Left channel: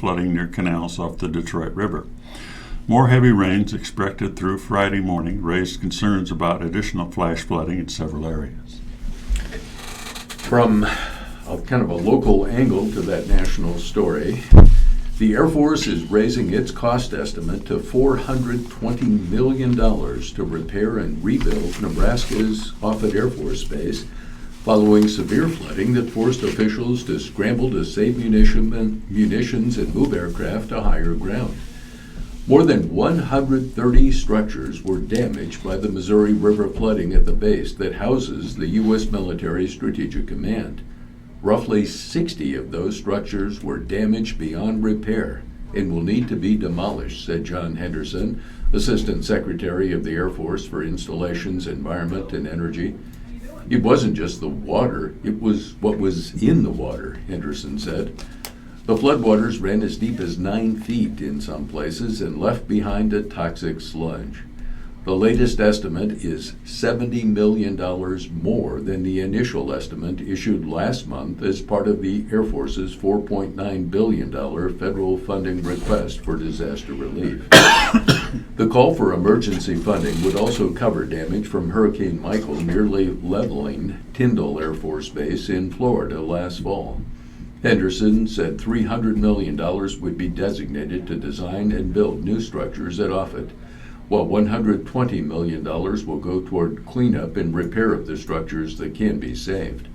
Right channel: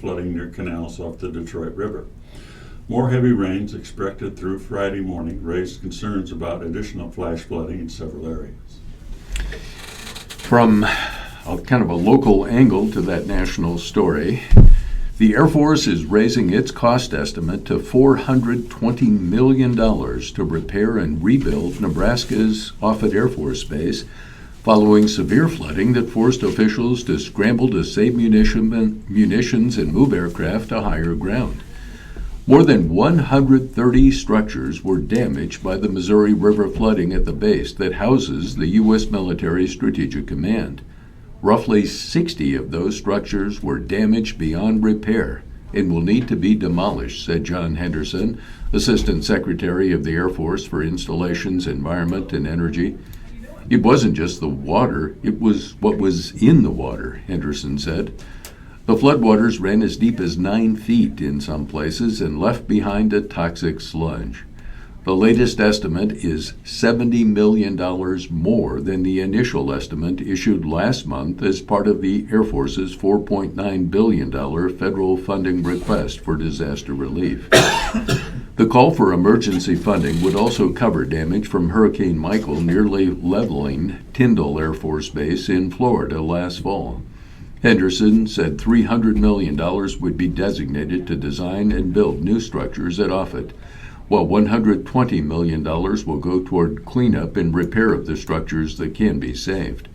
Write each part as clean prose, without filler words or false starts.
flooding near canals off the Detroit River. More heavy rains expected through Friday morning raised concerns about additional flash flooding in several areas. From kind of a local angle to that national story, the Air Force is raising its cost estimate to $420 million to repair and rebuild Nebraska's Offutt Air Force Base following severe flooding that forced officials to scramble to save munitions and move aircraft to higher ground. More than 130 structures were damaged by the Missouri River flooding at the base that houses the U.S. Military Strategic Command. Roughly 60 of those structures were damaged beyond repair and will need to be demolished, said John Henderson, Assistant Secretary of the Air Force for Installations, Environment, and Energy. It wasn't just the water, it was what was in the water, Henderson said. The floodwaters ran as deep as 9 feet in some places and left behind a toxic sludge. The latest estimate is $70 million more than the initial estimate issued last month as part of the Air Force's $4.9 billion federal funding request for disaster relief. The call for emergency funding would also cover damage from Hurricane Michael nearly leveling Tyndall Air Force Base in Florida last fall. Henderson said $300 million would be designated to design and build new structures at Offutt, while $120 million will go toward cleanup and repair of the structures that can be saved.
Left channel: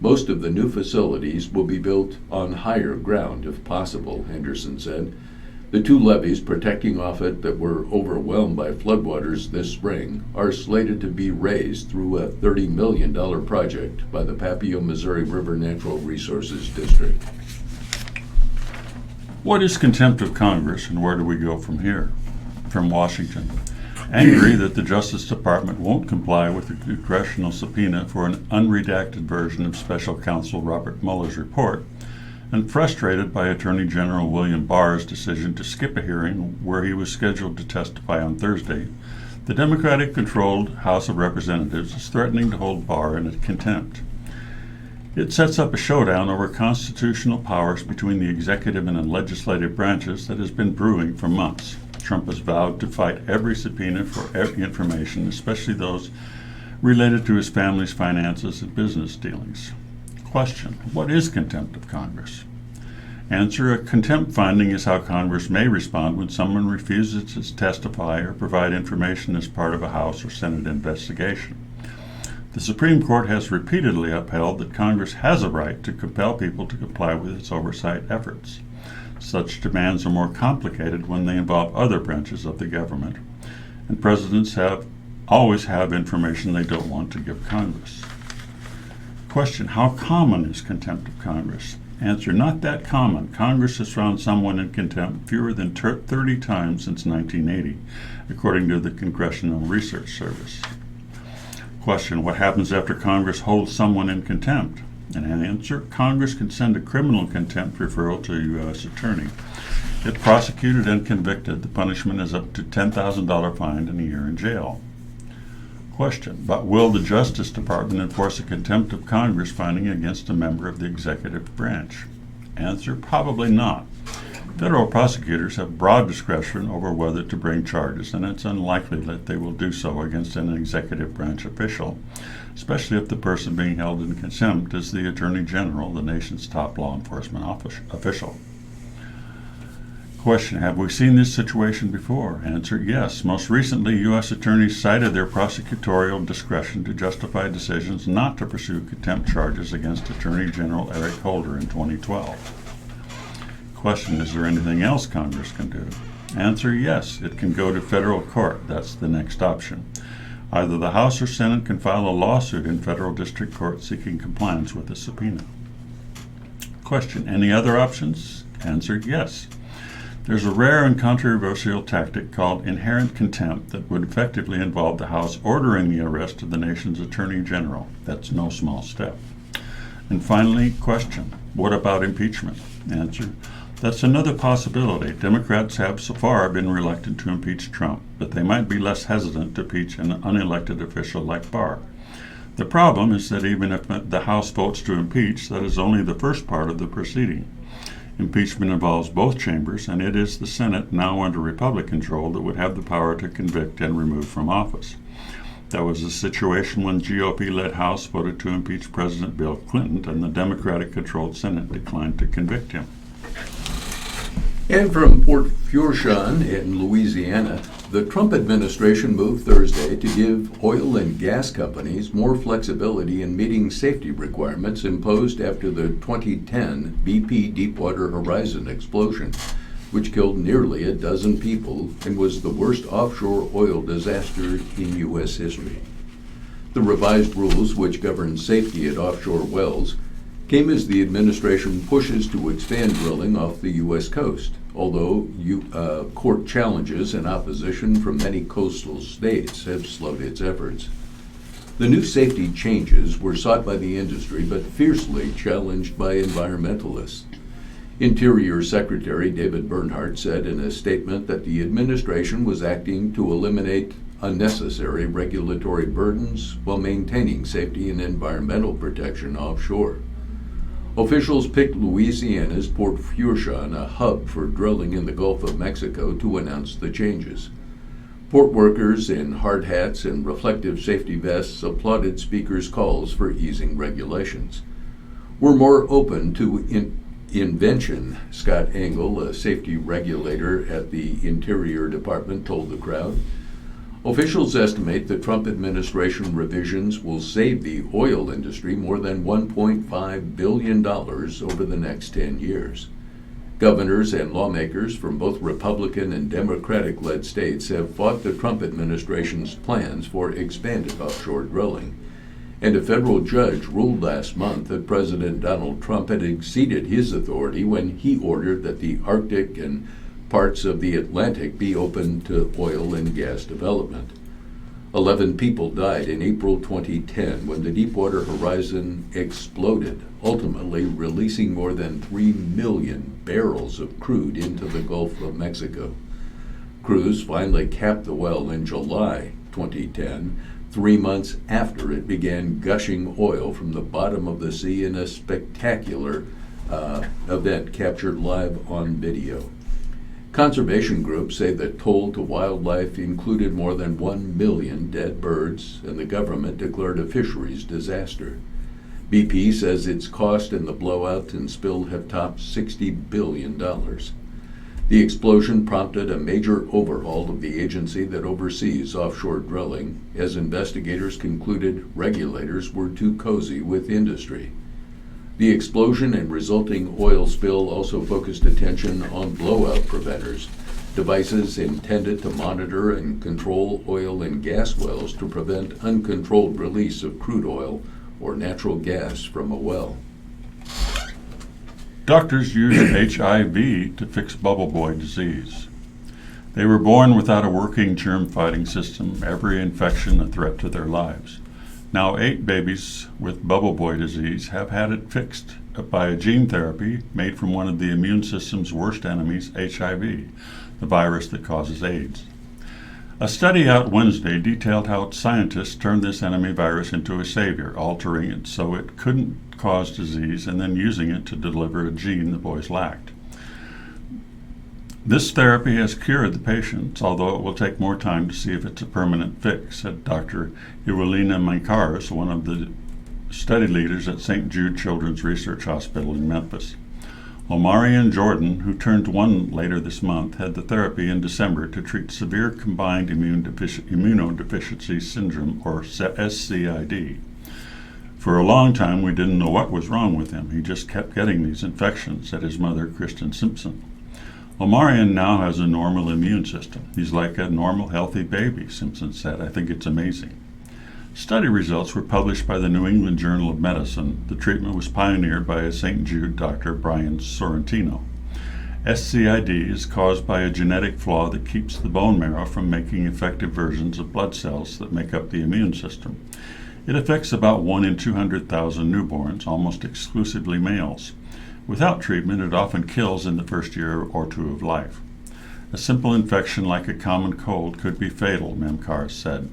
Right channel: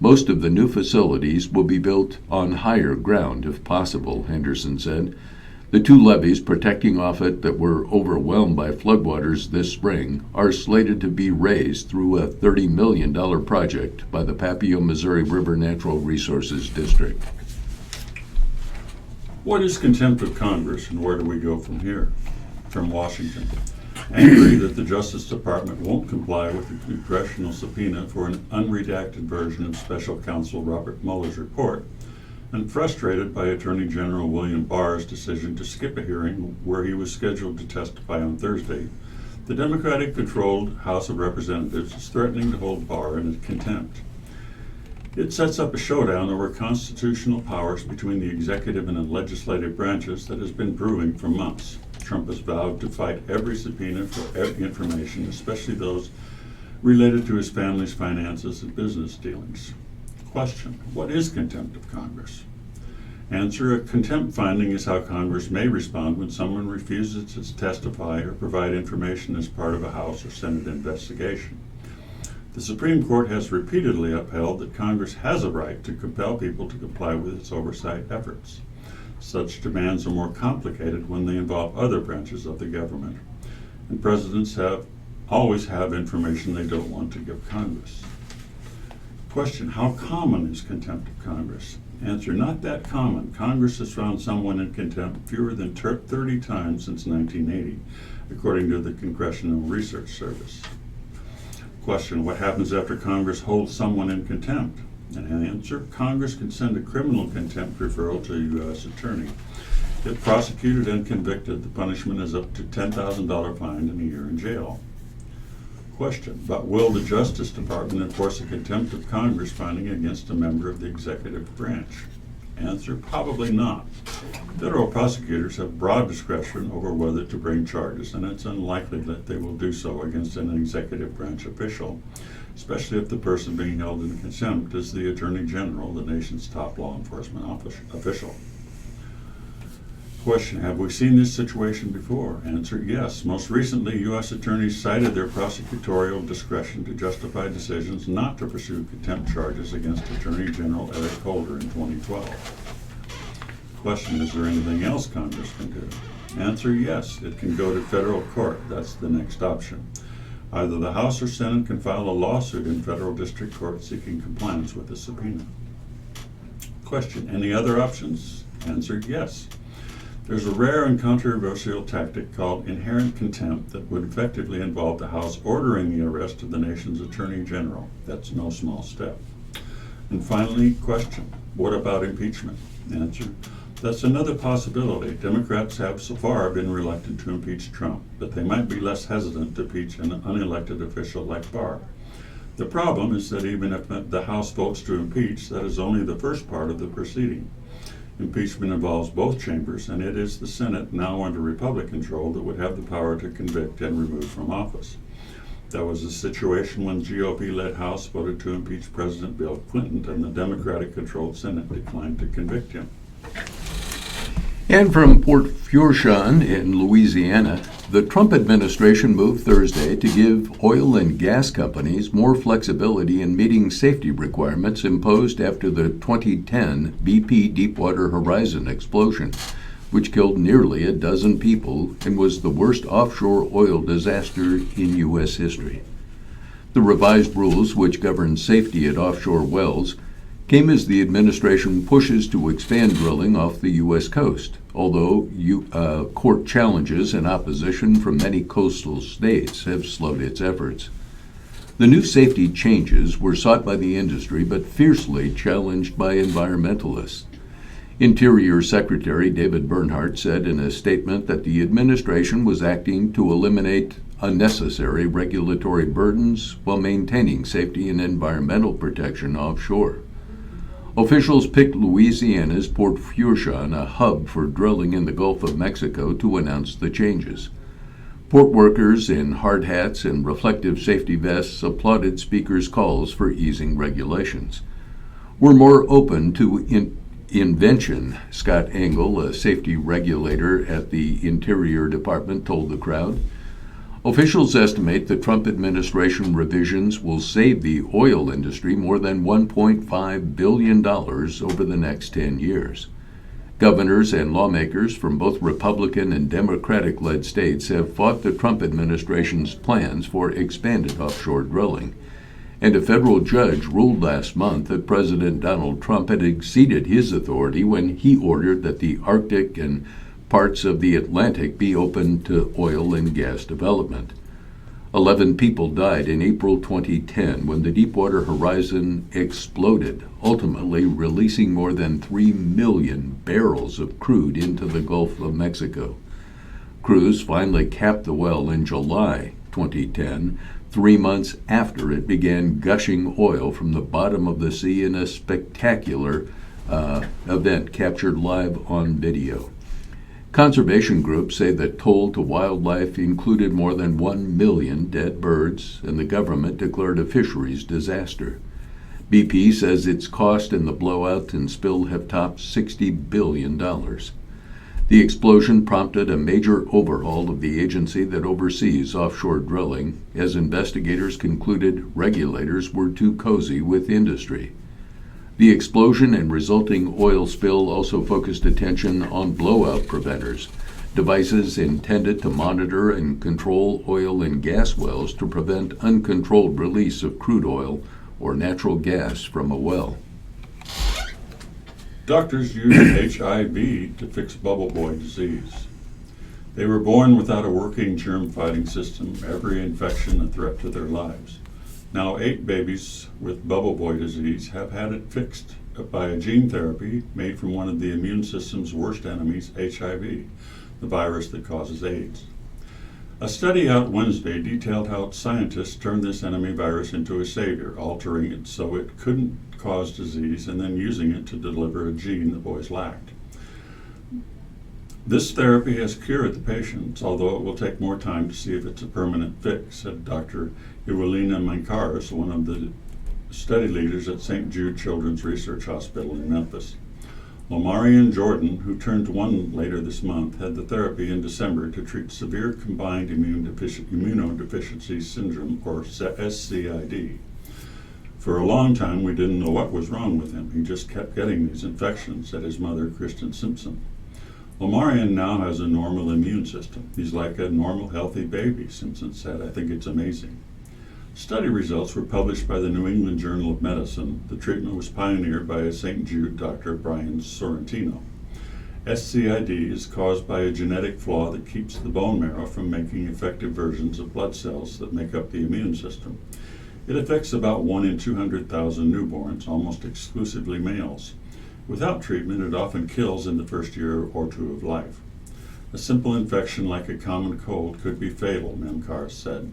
Most of the new facilities will be built on higher ground if possible, Henderson said. The 2 levees protecting Offutt that were overwhelmed by floodwaters this spring are slated to be raised through a $30 million project by the Papio Missouri River Natural Resources District. What is contempt of Congress and where do we go from here? From Washington. Angry that the Justice Department won't comply with the congressional subpoena for an unredacted version of Special Counsel Robert Mueller's report, and frustrated by Attorney General William Barr's decision to skip a hearing where he was scheduled to testify on Thursday, the Democratic-controlled House of Representatives is threatening to hold Barr in contempt. It sets up a showdown over constitutional powers between the executive and the legislative branches that has been brewing for months. Trump has vowed to fight every subpoena for every information, especially those related to his family's finances and business dealings. Question: what is contempt of Congress? Answer: a contempt finding is how Congress may respond when someone refuses to testify or provide information as part of a House or Senate investigation. The Supreme Court has repeatedly upheld that Congress has a right to compel people to comply with its oversight efforts. Such demands are more complicated when they involve other branches of the government, and presidents always have information they don't want to give Congress. Question: how common is contempt of Congress? Answer: not that common. Congress has found someone in contempt fewer than 30 times since 1980, according to the Congressional Research Service. Question: what happens after Congress holds someone in contempt? And answer: Congress can send a criminal contempt referral to a U.S. attorney. If prosecuted and convicted, the punishment is up to $10,000 fine and a year in jail. Question: but will the Justice Department enforce a contempt of Congress finding against a member of the executive branch? Answer: probably not. Federal prosecutors have broad discretion over whether to bring charges, and it's unlikely that they will do so against an executive branch official, especially if the person being held in contempt is the Attorney General, the nation's top law enforcement official. Question: have we seen this situation before? Answer: yes. Most recently, U.S. attorneys cited their prosecutorial discretion to justify decisions not to pursue contempt charges against Attorney General Eric Holder in 2012. Question: is there anything else Congress can do? Answer: yes. It can go to federal court. That's the next option. Either the House or Senate can file a lawsuit in federal district court seeking compliance with the subpoena. Question: any other options? Answer: yes. There's a rare and controversial tactic called inherent contempt that would effectively involve the House ordering the arrest of the nation's Attorney General. That's no small step. And finally, question: what about impeachment? Answer: that's another possibility. Democrats have so far been reluctant to impeach Trump, but they might be less hesitant to impeach an unelected official like Barr. The problem is that even if the House votes to impeach, that is only the first part of the proceeding. Impeachment involves both chambers, and it is the Senate, now under Republican control, that would have the power to convict and remove from office. That was the situation when GOP-led House voted to impeach President Bill Clinton, and the Democratic-controlled Senate declined to convict him. And from Port Fourchon in Louisiana, the Trump administration moved Thursday to give oil and gas companies more flexibility in meeting safety requirements imposed after the 2010 BP Deepwater Horizon explosion, which killed nearly a dozen people and was the worst offshore oil disaster in U.S. history. The revised rules, which govern safety at offshore wells, came as the administration pushes to expand drilling off the U.S. coast, although court challenges and opposition from many coastal states have slowed its efforts. The new safety changes were sought by the industry but fiercely challenged by environmentalists. Interior Secretary David Bernhardt said in a statement that the administration was acting to eliminate unnecessary regulatory burdens while maintaining safety and environmental protection offshore. Officials picked Louisiana's Port Fourchon, a hub for drilling in the Gulf of Mexico, to announce the changes. Port workers in hard hats and reflective safety vests applauded speakers' calls for easing regulations. We're more open to invention, Scott Engel, a safety regulator at the Interior Department, told the crowd. Officials estimate the Trump administration revisions will save the oil industry more than $1.5 billion over the next 10 years. Governors and lawmakers from both Republican and Democratic-led states have fought the Trump administration's plans for expanded offshore drilling. And a federal judge ruled last month that President Donald Trump had exceeded his authority when he ordered that the Arctic and parts of the Atlantic be open to oil and gas development. 11 people died in April 2010 when the Deepwater Horizon exploded, ultimately releasing more than 3 million barrels of crude into the Gulf of Mexico. Crews finally capped the well in July 2010, 3 months after it began gushing oil from the bottom of the sea in a spectacular event captured live on video. Conservation groups say the toll to wildlife included more than 1 million dead birds, and the government declared a fisheries disaster. BP says its cost in the blowout and spill have topped $60 billion. The explosion prompted a major overhaul of the agency that oversees offshore drilling, as investigators concluded regulators were too cozy with industry. The explosion and resulting oil spill also focused attention on blowout preventers, devices intended to monitor and control oil and gas wells to prevent uncontrolled release of crude oil or natural gas from a well. Doctors use HIV to fix bubble boy disease. They were born without a working germ-fighting system, every infection a threat to their lives. Now 8 babies with bubble boy disease have had it fixed by a gene therapy made from one of the immune system's worst enemies, HIV, the virus that causes AIDS. A study out Wednesday detailed how scientists turned this enemy virus into a savior, altering it so it couldn't cause disease and then using it to deliver a gene the boys lacked. This therapy has cured the patients, although it will take more time to see if it's a permanent fix, said Dr. Evelina Mancares, one of the study leaders at St. Jude Children's Research Hospital in Memphis. Omarion Jordan, who turned 1 later this month, had the therapy in December to treat severe combined immunodeficiency syndrome, or SCID. For a long time, we didn't know what was wrong with him. He just kept getting these infections, said his mother, Kristen Simpson. Omarion now has a normal immune system. He's like a normal, healthy baby, Simpson said. I think it's amazing. Study results were published by the New England Journal of Medicine. The treatment was pioneered by a St. Jude Dr. Brian Sorrentino. SCID is caused by a genetic flaw that keeps the bone marrow from making effective versions of blood cells that make up the immune system. It affects about 1 in 200,000 newborns, almost exclusively males. Without treatment, it often kills in the first year or 2 of life. A simple infection like a common cold could be fatal, Memcares said.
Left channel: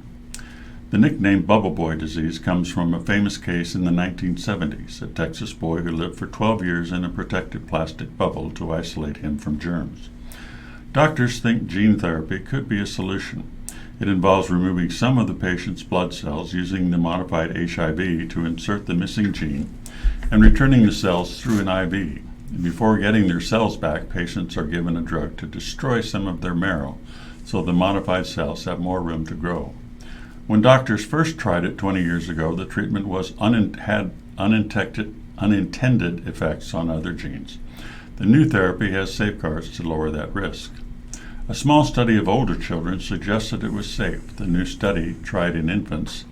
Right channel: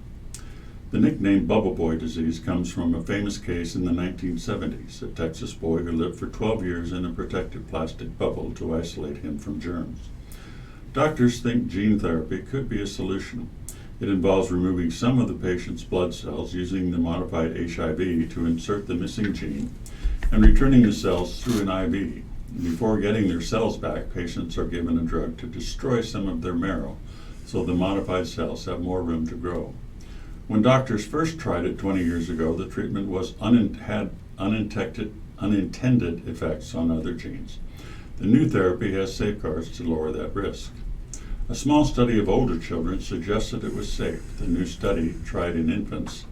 The nickname Bubble Boy disease comes from a famous case in the 1970s, a Texas boy who lived for 12 years in a protective plastic bubble to isolate him from germs. Doctors think gene therapy could be a solution. It involves removing some of the patient's blood cells using the modified HIV to insert the missing gene and returning the cells through an IV. Before getting their cells back, patients are given a drug to destroy some of their marrow so the modified cells have more room to grow. When doctors first tried it 20 years ago, the treatment had unintended effects on other genes. The new therapy has safeguards to lower that risk. A small study of older children suggested it was safe. The new study tried in infants,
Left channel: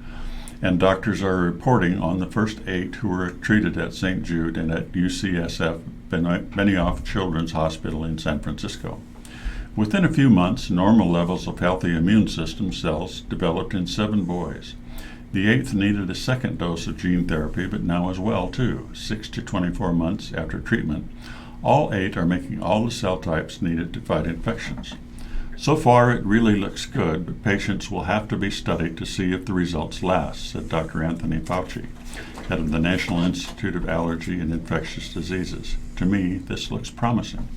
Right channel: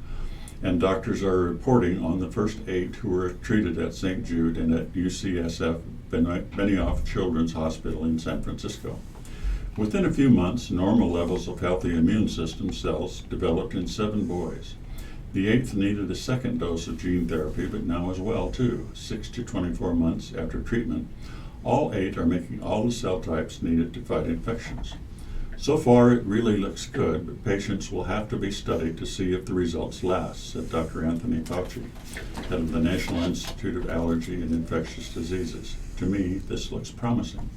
and doctors are reporting on the first 8 who were treated at St. Jude and at UCSF Benioff Children's Hospital in San Francisco. Within a few months, normal levels of healthy immune system cells developed in 7 boys. The 8th needed a second dose of gene therapy, but now is well too. 6 to 24 months after treatment, all 8 are making all the cell types needed to fight infections. So far, it really looks good, but patients will have to be studied to see if the results last, said Dr. Anthony Fauci, head of the National Institute of Allergy and Infectious Diseases. To me, this looks promising.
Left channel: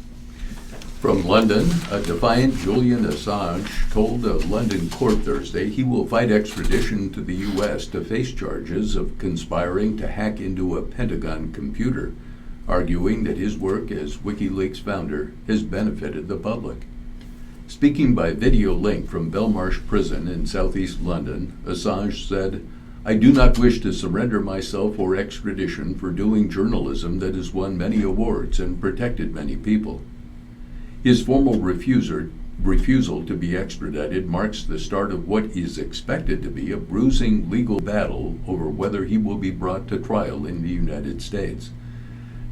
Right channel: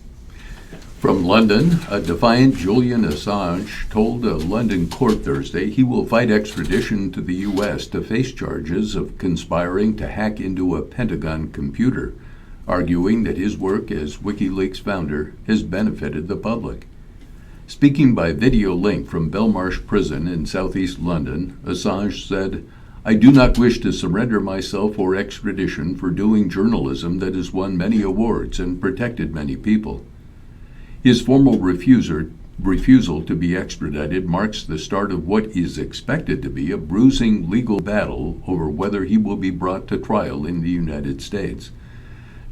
From London, a defiant Julian Assange told a London court Thursday he will fight extradition to the U.S. to face charges of conspiring to hack into a Pentagon computer, arguing that his work as WikiLeaks founder has benefited the public. Speaking by video link from Belmarsh Prison in southeast London, Assange said, "I do not wish to surrender myself for extradition for doing journalism that has won many awards and protected many people." His formal refusal to be extradited marks the start of what is expected to be a bruising legal battle over whether he will be brought to trial in the United States.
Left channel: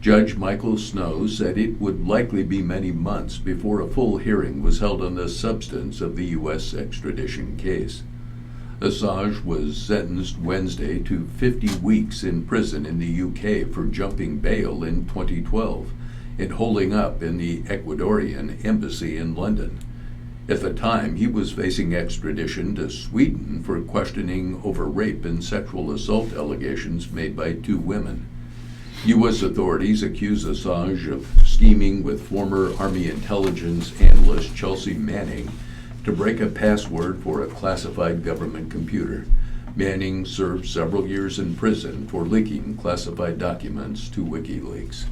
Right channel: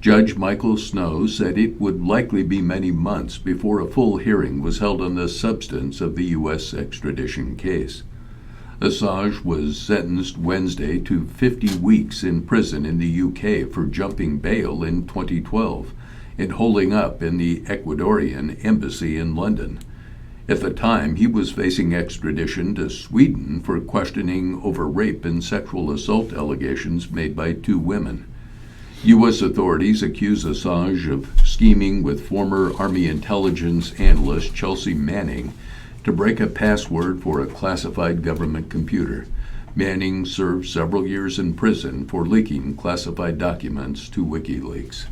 Judge Michael Snow said it would likely be many months before a full hearing was held on the substance of the U.S. extradition case. Assange was sentenced Wednesday to 50 weeks in prison in the UK for jumping bail in 2012 and holding up in the Ecuadorian embassy in London. At the time, he was facing extradition to Sweden for questioning over rape and sexual assault allegations made by 2 women. U.S. authorities accuse Assange of scheming with former Army intelligence analyst Chelsea Manning to break a password for a classified government computer. Manning served several years in prison for leaking classified documents to WikiLeaks.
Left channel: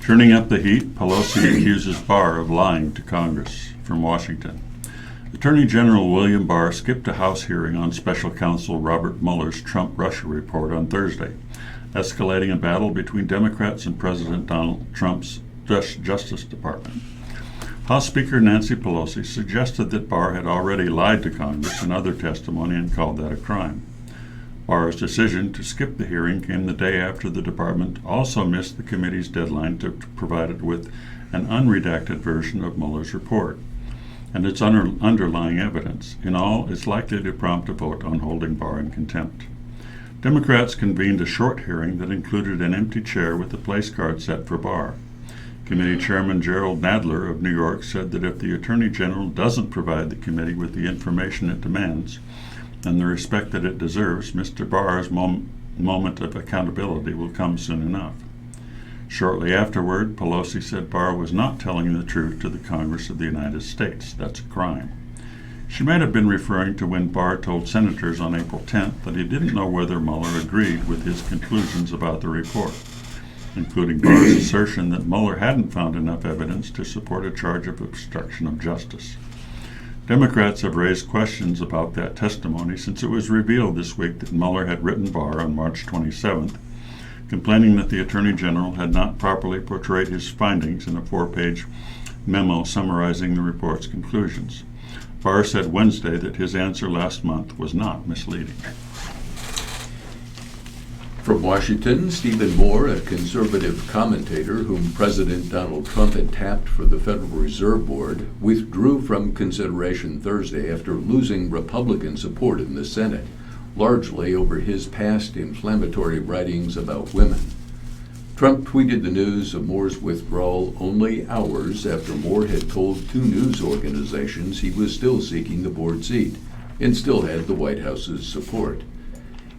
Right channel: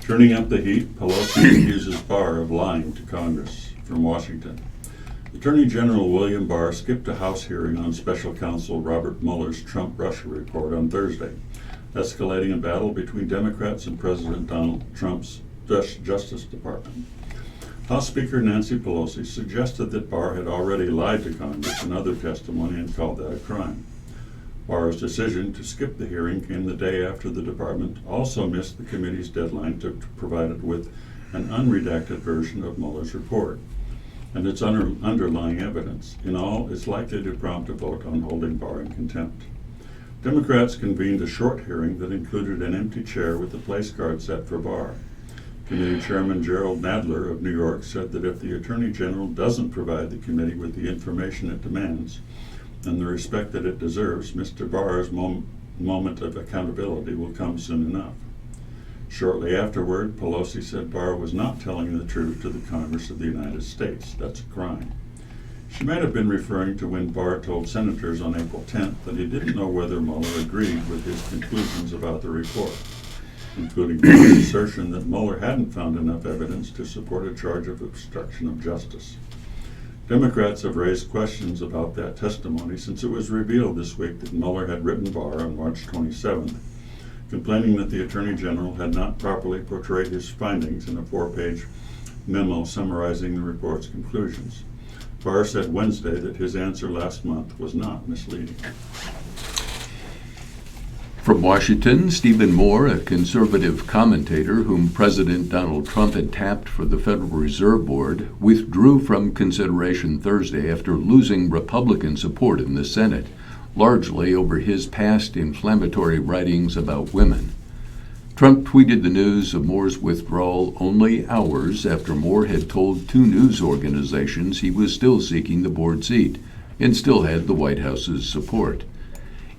Turning up the heat, Pelosi accuses Barr of lying to Congress. From Washington. Attorney General William Barr skipped a House hearing on Special Counsel Robert Mueller's Trump-Russia report on Thursday, escalating a battle between Democrats and President Donald Trump's Justice Department. House Speaker Nancy Pelosi suggested that Barr had already lied to Congress in other testimony and called that a crime. Barr's decision to skip the hearing came the day after the department also missed the committee's deadline to provide it with an unredacted version of Mueller's report and its underlying evidence. In all, it's likely to prompt a vote on holding Barr in contempt. Democrats convened a short hearing that included an empty chair with a place card set for Barr. Committee Chairman Gerald Nadler of New York said that if the Attorney General doesn't provide the committee with the information it demands and the respect that it deserves, Mr. Barr's moment of accountability will come soon enough. Shortly afterward, Pelosi said Barr was not telling the truth to the Congress of the United States. That's a crime. She might have been referring to when Barr told senators on April 10th that he didn't know whether Mueller agreed with his conclusions about the report, including Barr's assertion that Mueller hadn't found enough evidence to support a charge of obstruction of justice. Democrats have raised questions about that testimony since it was revealed this week that Mueller had written Barr on March 27th, complaining that the Attorney General had not properly portrayed his findings in a 4-page memo summarizing the report's conclusions. Barr said Wednesday that his answer last month was not misleading. From Washington, Stephen Moore, a conservative commentator whom President Donald Trump had tapped for the Federal Reserve Board, withdrew from consideration Thursday after losing Republican support in the Senate, largely over his past inflammatory writings about women. Trump tweeted the news of Moore's withdrawal only hours after Moore had told 2 news organizations he was still seeking the board seat, and still had the White House's support.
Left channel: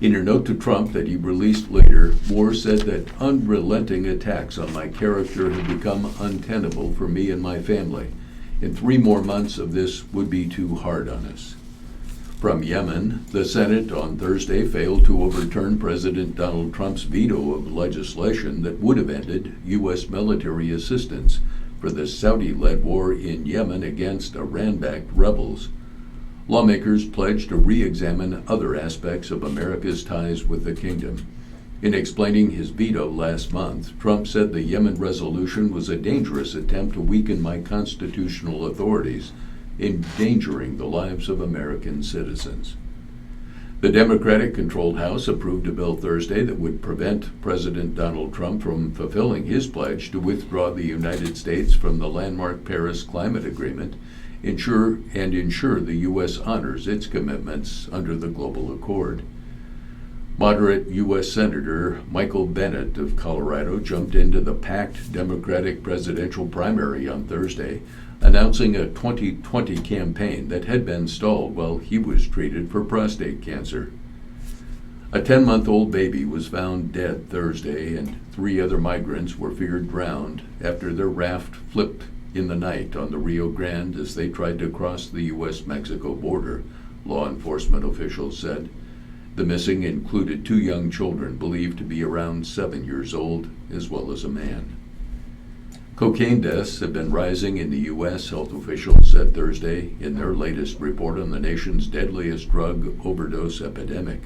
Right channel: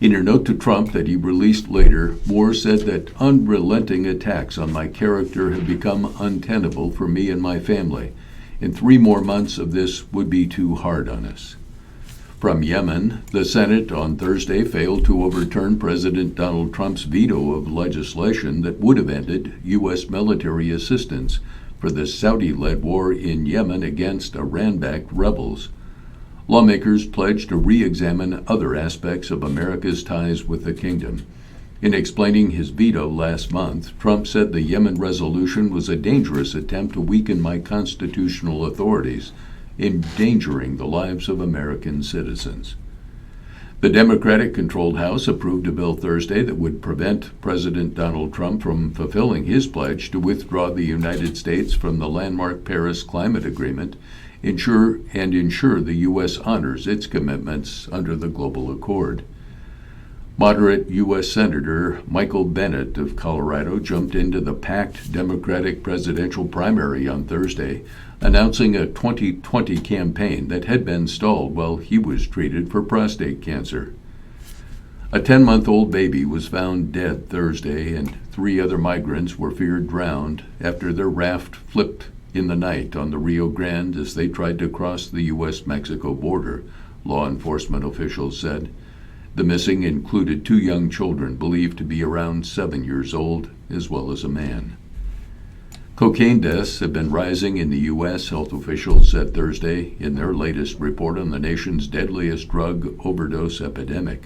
In her note to Trump that he released later, Moore said that unrelenting attacks on my character have become untenable for me and my family, and 3 more months of this would be too hard on us. From Yemen, the Senate on Thursday failed to overturn President Donald Trump's veto of legislation that would have ended U.S. military assistance for the Saudi-led war in Yemen against Iran-backed rebels. Lawmakers pledged to re-examine other aspects of America's ties with the kingdom. In explaining his veto last month, Trump said the Yemen resolution was a dangerous attempt to weaken my constitutional authorities, endangering the lives of American citizens. The Democratic-controlled House approved a bill Thursday that would prevent President Donald Trump from fulfilling his pledge to withdraw the United States from the landmark Paris Climate Agreement, ensure the U.S. honors its commitments under the Global Accord. Moderate U.S. Senator Michael Bennet of Colorado jumped into the packed Democratic presidential primary on Thursday, announcing a 2020 campaign that had been stalled while he was treated for prostate cancer. A 10-month-old baby was found dead Thursday, and 3 other migrants were feared drowned after their raft flipped in the night on the Rio Grande as they tried to cross the U.S.-Mexico border, law enforcement officials said. The missing included 2 young children believed to be around 7 years old, as well as a man. Cocaine deaths have been rising in the U.S., health officials said Thursday in their latest report on the nation's deadliest drug overdose epidemic.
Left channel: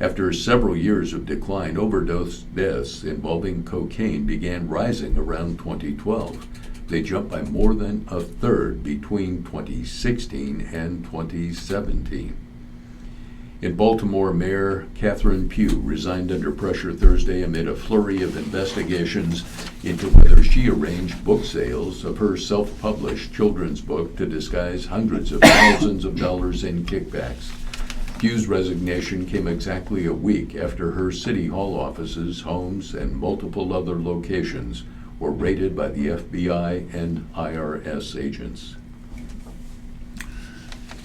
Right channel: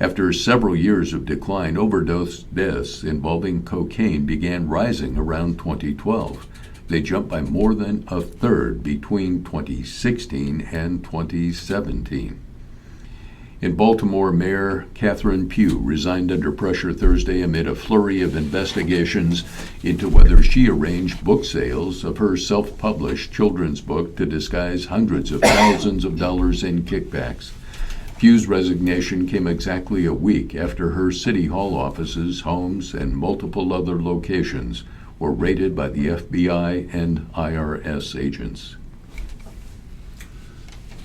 After several years of decline, overdose deaths involving cocaine began rising around 2012. They jumped by more than a third between 2016 and 2017. In Baltimore, Mayor Catherine Pugh resigned under pressure Thursday amid a flurry of investigations into whether she arranged book sales of her self-published children's book to disguise hundreds of thousands of dollars in kickbacks. Pugh's resignation came exactly a week after her City Hall offices, homes, and multiple other locations were raided by the FBI and IRS agents.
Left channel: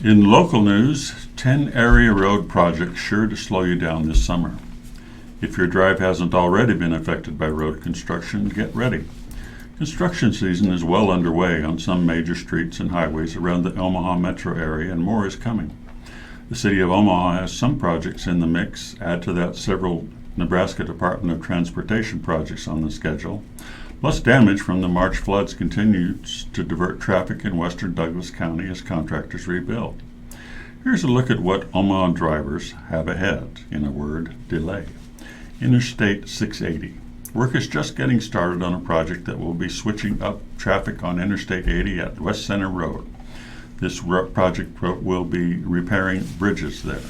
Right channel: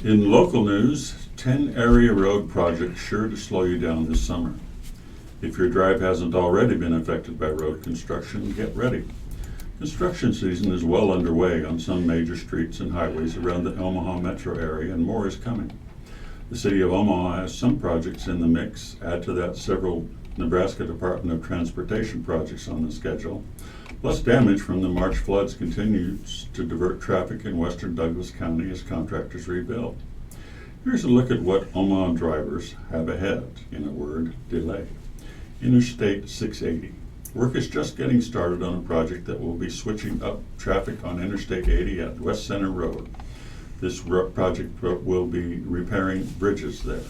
In local news, 10 area road projects sure to slow you down this summer. If your drive hasn't already been affected by road construction, get ready. Construction season is well underway on some major streets and highways around the Omaha metro area, and more is coming. The city of Omaha has some projects in the mix. Add to that several Nebraska Department of Transportation projects on the schedule. Plus, damage from the March floods continues to divert traffic in western Douglas County as contractors rebuild. Here's a look at what Omaha drivers have ahead. In a word, delay. Interstate 680. Work is just getting started on a project that will be switching up traffic on Interstate 80 at West Center Road. This project will be repairing bridges there.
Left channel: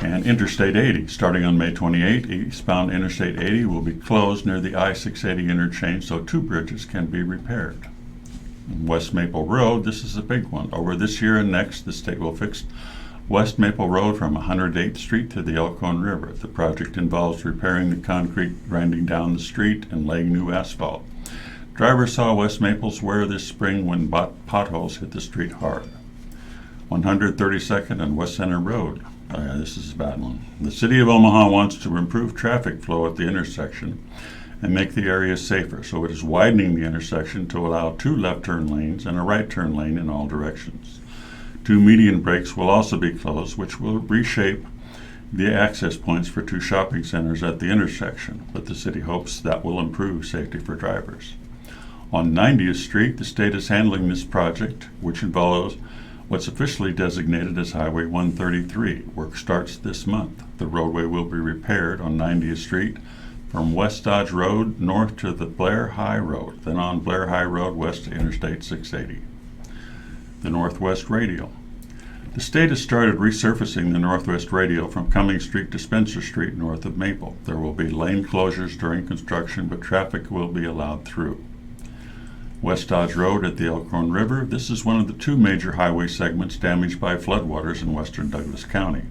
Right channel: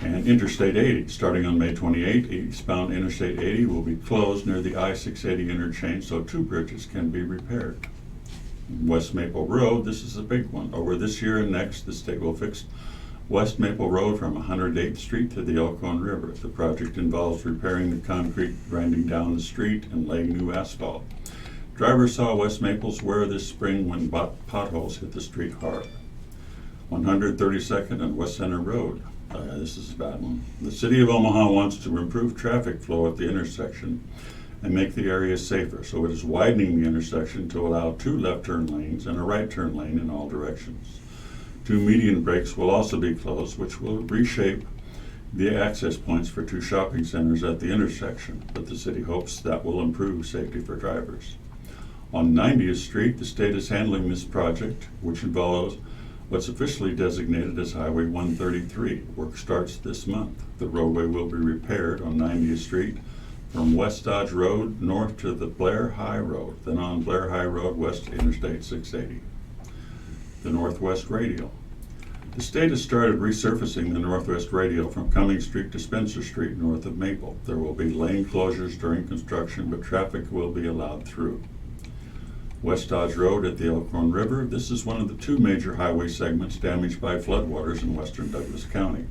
And Interstate 80, starting on May 28, eastbound Interstate 80 will be closed near the I-680 interchange so 2 bridges can be repaired. West Maple Road, this is a big one. Over this year and next, the state will fix West Maple Road from 108th Street to the Elkhorn River. The project involves repairing the concrete grinding down the street and laying new asphalt. Drivers saw West Maples wear this spring when potholes hit the street hard. 132nd and West Center Road. This is a bad one. The city of Omaha wants to improve traffic flow at the intersection and make the area safer, so it is widening the intersection to allow 2 left turn lanes and a right turn lane in all directions. 2 median breaks will also be closed, which will reshape the access points for 2 shopping centers at the intersection, but the city hopes that will improve safety for drivers. On 90th Street, the state is handling this project, which involves what's officially designated as Highway 133. Work starts this month. The roadway will be repaired on 90th Street from West Dodge Road north to the Blair High Road, then on Blair High Road west to Interstate 680. The Northwest Radial. The state has started resurfacing the Northwest Radial from Cummings Street to Spencer Street north of Maple. There will be lane closures during construction, but traffic will be allowed through. West Dodge Road at the Elkhorn River. This is one of the 2 major highway segments damaged by floodwaters in western Douglas County.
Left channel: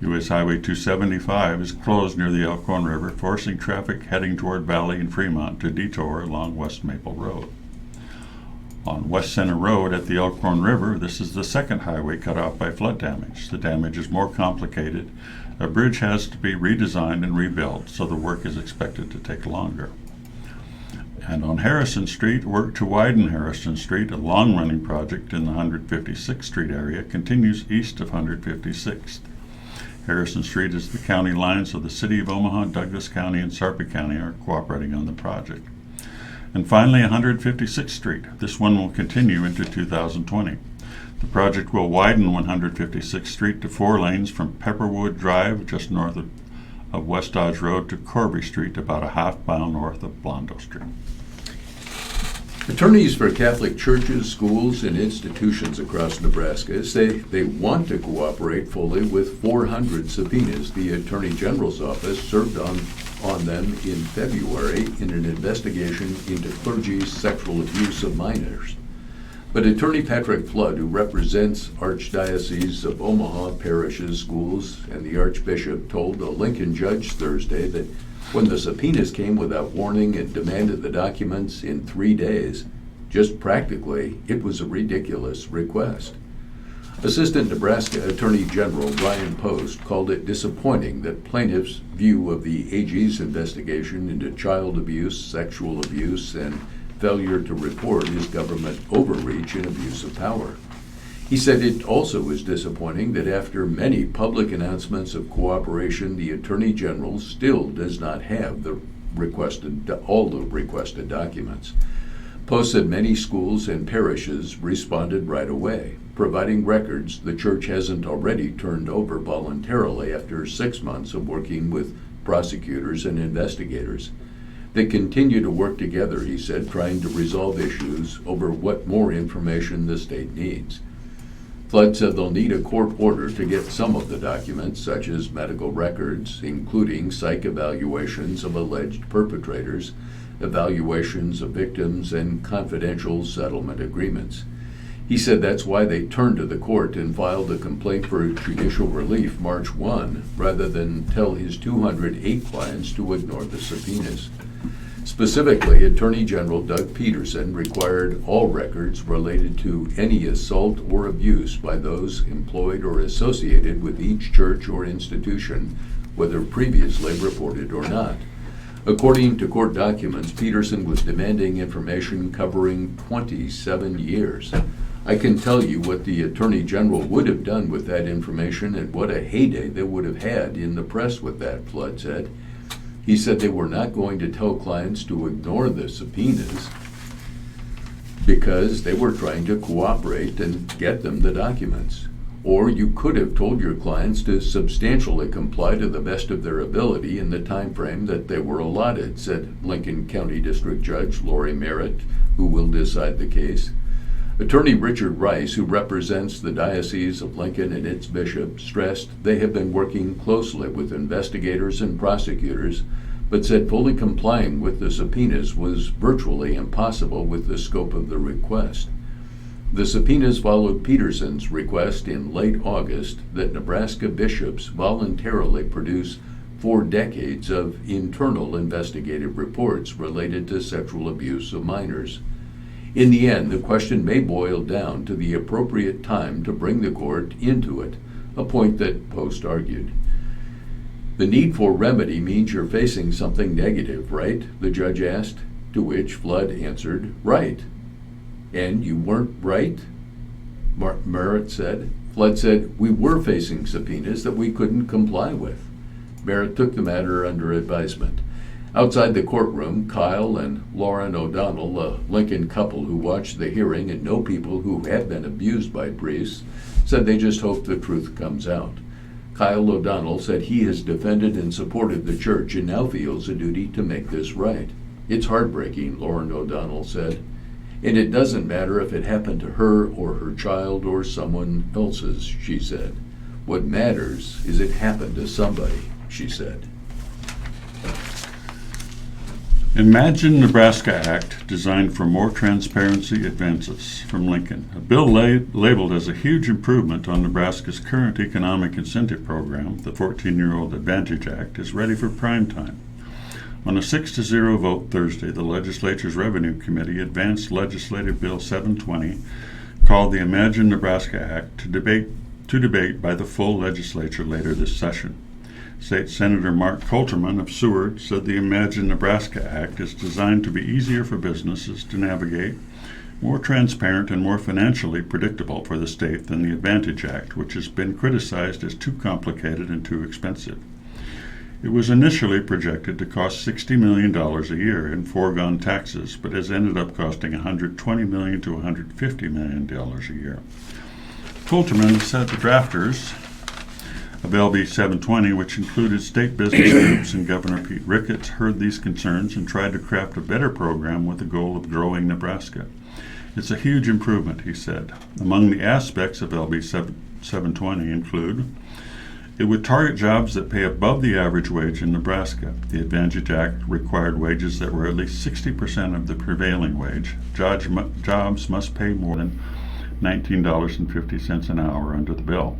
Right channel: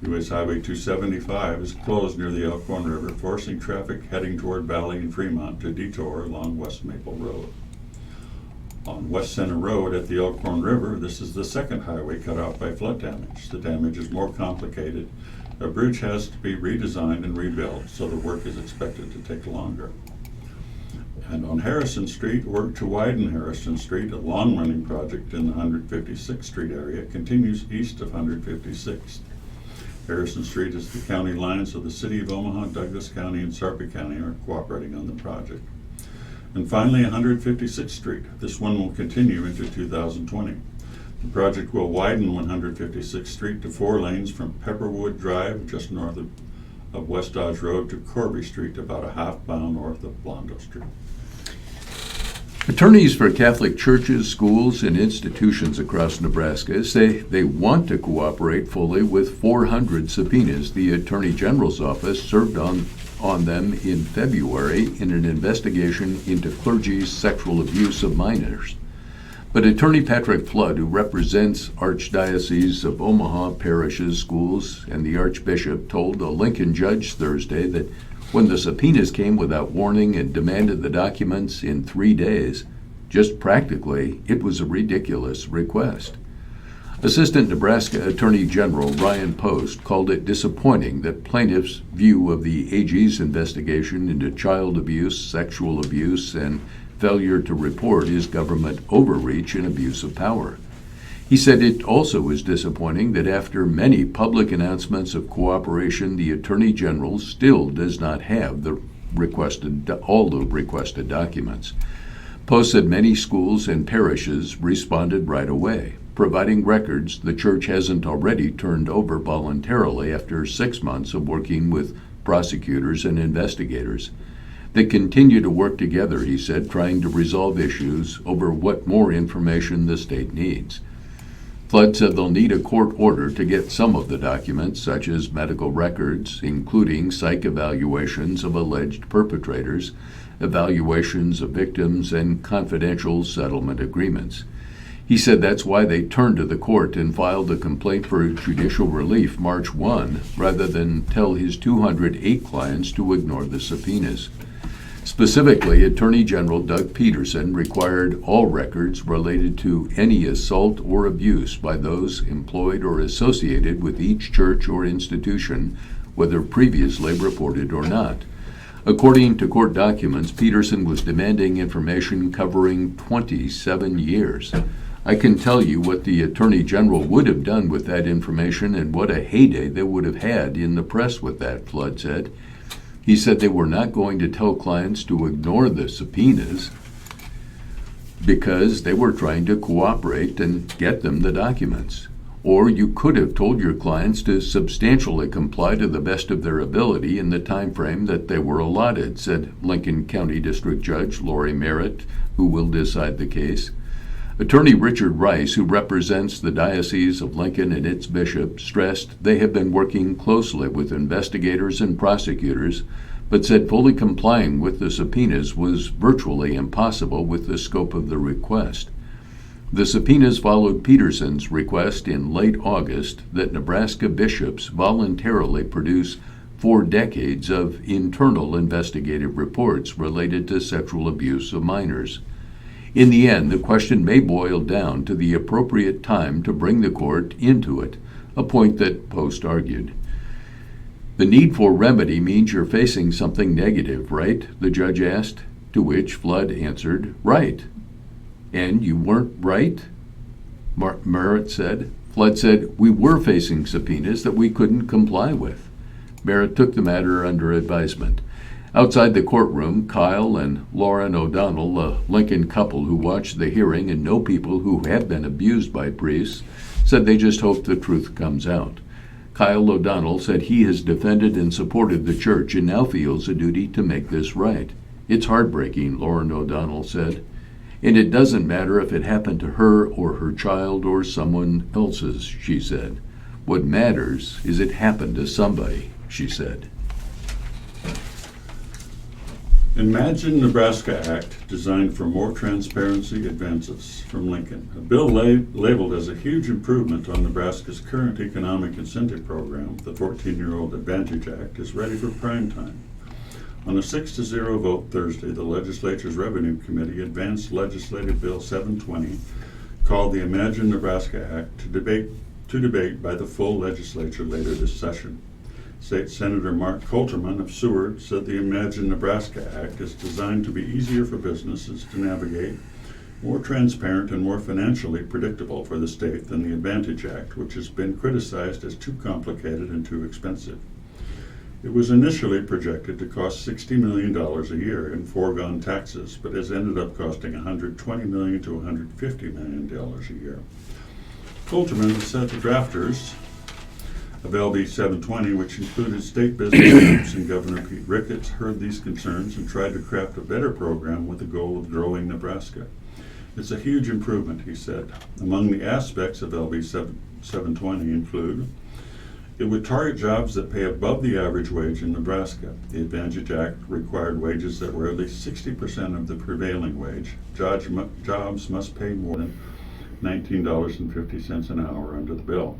U.S. Highway 275 is closed near the Elkhorn River, forcing traffic heading toward Valley and Fremont to detour along West Maple Road. On West Center Road at the Elkhorn River, this is the second highway cut off by flood damage. The damage is more complicated. A bridge has to be redesigned and rebuilt, so the work is expected to take longer. And on Harrison Street, work to widen Harrison Street, a long-running project in the 156th Street area, continues east of 156th. Harrison Street is the county line, so the City of Omaha, Douglas County, and Sarpy County are cooperating on the project. And finally, 156th Street. This one will continue into 2020. The project will widen 156th Street to 4 lanes from Pepperwood Drive, just north of West Dodge Road, to Corby Street, about a half-mile north of Blondo Street. Attorneys for Catholic churches, schools, and institutions across Nebraska say they want to cooperate fully with 400 subpoenas the Attorney General's office served on them in February in an investigation into clergy's sexual abuse of minors. But Attorney Patrick Flood, who represents Archdiocese of Omaha parishes, schools, and the Archbishop, told a Lincoln judge Thursday that when the subpoenas came without warning and demanded the documents in 3 days, just practically, it was a ridiculous request. Assistant Nebraska Attorney General Ryan Post called it disappointing that plaintiffs' view of the AG's investigation into child abuse, sexual abuse, and failure to report is government overreach and abuse of power. He said it also is disappointing that after many public announcements of cooperation, the Attorney General still does not have all the requested documents. Post said many schools and parishes responded right away, providing records the church hasn't already turned over voluntarily after 6 months of working with prosecutors and investigators. They continue to work together, he said, trying to resolve issues over what more information the state needs. Flood said they'll need a court order to get some of the documents, such as medical records, including psych evaluations of alleged perpetrators, evaluations of victims, and confidential settlement agreements. He said that's why they turned to the court and filed a complaint for judicial relief March 1, rather than tell his 208 clients to ignore the subpoenas. Specifically, Attorney General Doug Peterson required all records related to any assault or abuse by those employed or associated with each church or institution, whether previously reported or not. According to court documents, Peterson was demanding information covering 27 years. I can tell you what the Attorney General would have done with that information and what a heyday they would have had in the press with that, Flood said. He said they were not going to tell clients to ignore the subpoenas because they were trying to cooperate and get them the documents. Or you could have told your clients to substantially comply to the best of their ability in the time frame that they were allotted, said Lincoln County District Judge Lori Merritt, who will decide the case. Attorney Richard Rice, who represents the Diocese of Lincoln and its bishop, stressed they have been working closely with investigators and prosecutors, but said fully complying with the subpoenas was virtually impossible with the scope of the request. The subpoenas followed Peterson's request in late August that Nebraska bishops voluntarily produce 4 decades of internal investigative reports related to sexual abuse of minors. In the end, the question may boil down to the appropriate time to bring the court into it, a point that Post argued. The need for remedy means you're facing something negative, right? The judge asked, to which Flood answered, right. And you weren't right? Merritt said. Flood said, we were facing subpoenas that we couldn't comply with. Merritt took the matter under advisement. Outside the courtroom, Kyle and Lauren O'Donnell, a Lincoln couple who watched the hearing and know people who have been abused by priests, said they just hope the truth comes out. Kyle O'Donnell said he has defended and supported the church and now feels a duty to make this right. It's heartbreaking, Lauren O'Donnell said. And it doesn't matter if it happened to her or her child or someone else's, she said. What matters is it happened to somebody, she said. Imagine Nebraska Act designed for more transparency advances from Lincoln. A bill labeled as a huge improvement on Nebraska's current economic incentive program, the 14-year-old Advantage Act, is ready for prime time. On a 6-0 vote Thursday, the legislature's Revenue Committee advanced Legislative Bill 720, called the Imagine Nebraska Act, to debate by the full legislature later this session. State Senator Mark Coulterman of Seward said the Imagine Nebraska Act is designed to be easier for businesses to navigate, more transparent and more financially predictable for the state than the Advantage Act, which has been criticized as too complicated and too expensive. It was initially projected to cost $60 million a year in foregone taxes, but has ended up costing $120 million to $150 million a year. Coulterman said the drafters of LB 720, which included state business groups and Governor Pete Ricketts, heard these concerns and tried to craft a better program with the goal of growing Nebraska. It's a huge improvement, he said. Among the aspects of LB 720 include: it would target jobs that pay above the average wage in Nebraska. The Advantage Act required wages that were at least 60% of the prevailing wage. Jobs must pay more than $19.50 an hour under the bill.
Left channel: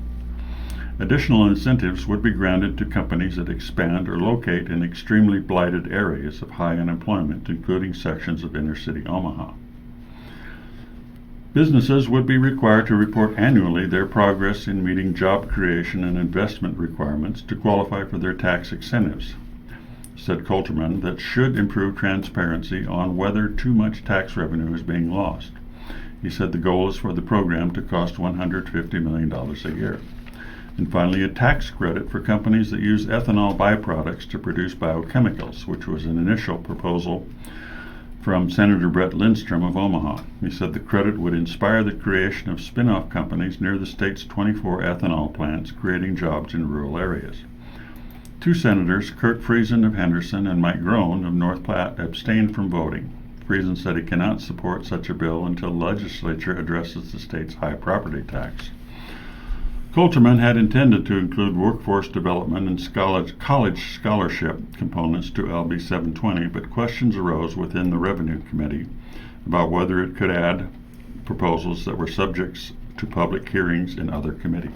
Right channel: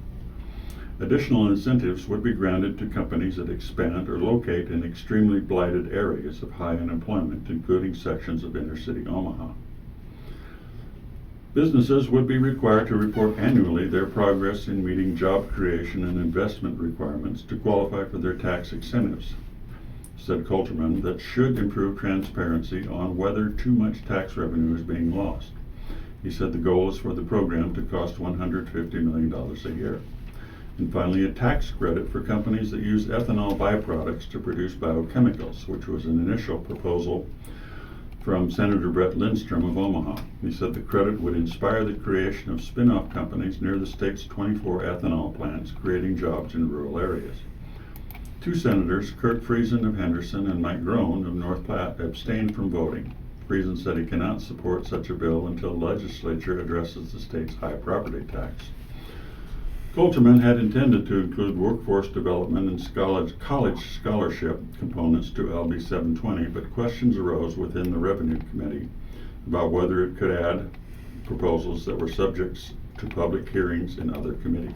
Additional incentives would be granted to companies that expand or locate in extremely blighted areas of high unemployment, including sections of inner-city Omaha. Businesses would be required to report annually their progress in meeting job creation and investment requirements to qualify for their tax incentives, said Coulterman. That should improve transparency on whether too much tax revenue is being lost. He said the goal is for the program to cost $150 million a year. And finally, a tax credit for companies that use ethanol byproducts to produce biochemicals, which was an initial proposal from Senator Brett Lindstrom of Omaha. He said the credit would inspire the creation of spin-off companies near the state's 24 ethanol plants, creating jobs in rural areas. Two senators, Kurt Friesen of Henderson and Mike Groen of North Platte, abstained from voting. Friesen said he cannot support such a bill until the legislature addresses the state's high property tax. Coulterman had intended to include workforce development and college scholarship components to LB 720, but questions arose within the Revenue Committee about whether it could add proposals that were subject to public hearings in other committees.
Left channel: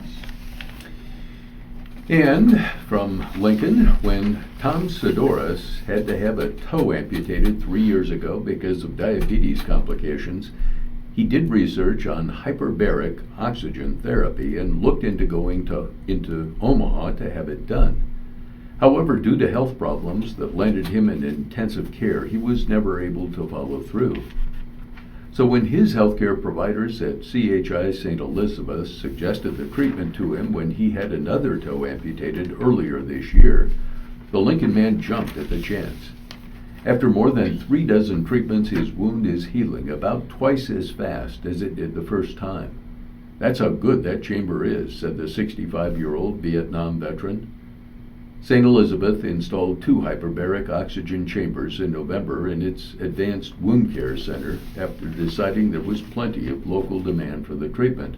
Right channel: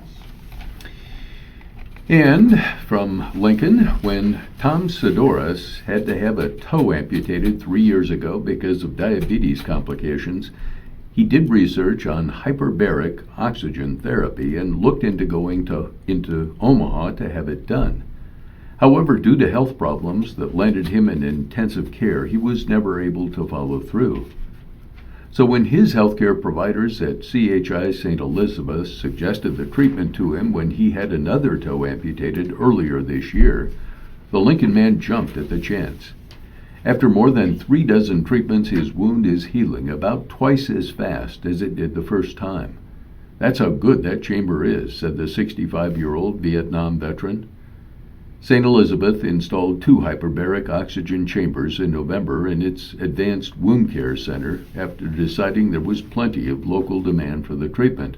And from Lincoln, when Tom Sidoris had to have a toe amputated 3 years ago because of diabetes complications, he did research on hyperbaric oxygen therapy and looked into going into Omaha to have it done. However, due to health problems that landed him in intensive care, he was never able to follow through. So when his healthcare providers at CHI St. Elizabeth suggested the treatment to him when he had another toe amputated earlier this year, the Lincoln man jumped at the chance. After more than 3 dozen treatments, his wound is healing about twice as fast as it did the first time. That's how good that chamber is, said the 65-year-old Vietnam veteran. St. Elizabeth installed 2 hyperbaric oxygen chambers in November in its Advanced Wound Care Center after deciding there was plenty of local demand for the treatment.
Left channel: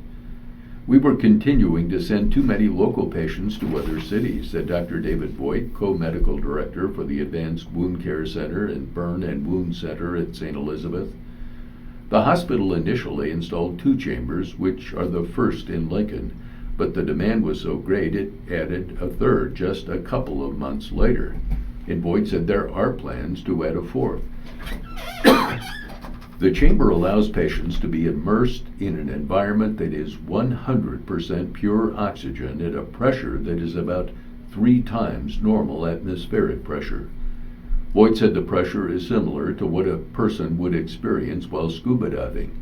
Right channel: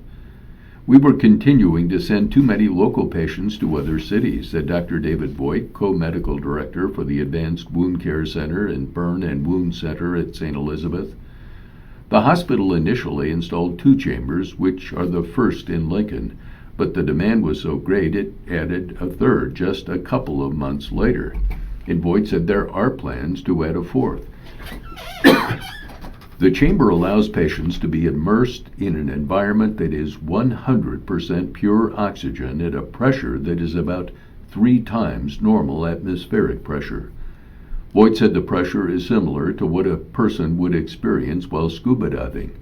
We were continuing to send too many local patients to other cities, said Dr. David Voigt, co-medical director for the Advanced Wound Care Center and Burn and Wound Center at St. Elizabeth. The hospital initially installed 2 chambers, which are the first in Lincoln, but the demand was so great it added a third just a couple of months later. And Voigt said there are plans to add a 4th. The chamber allows patients to be immersed in an environment that is 100% pure oxygen at a pressure that is about 3 times normal atmospheric pressure. Voigt said the pressure is similar to what a person would experience while scuba diving,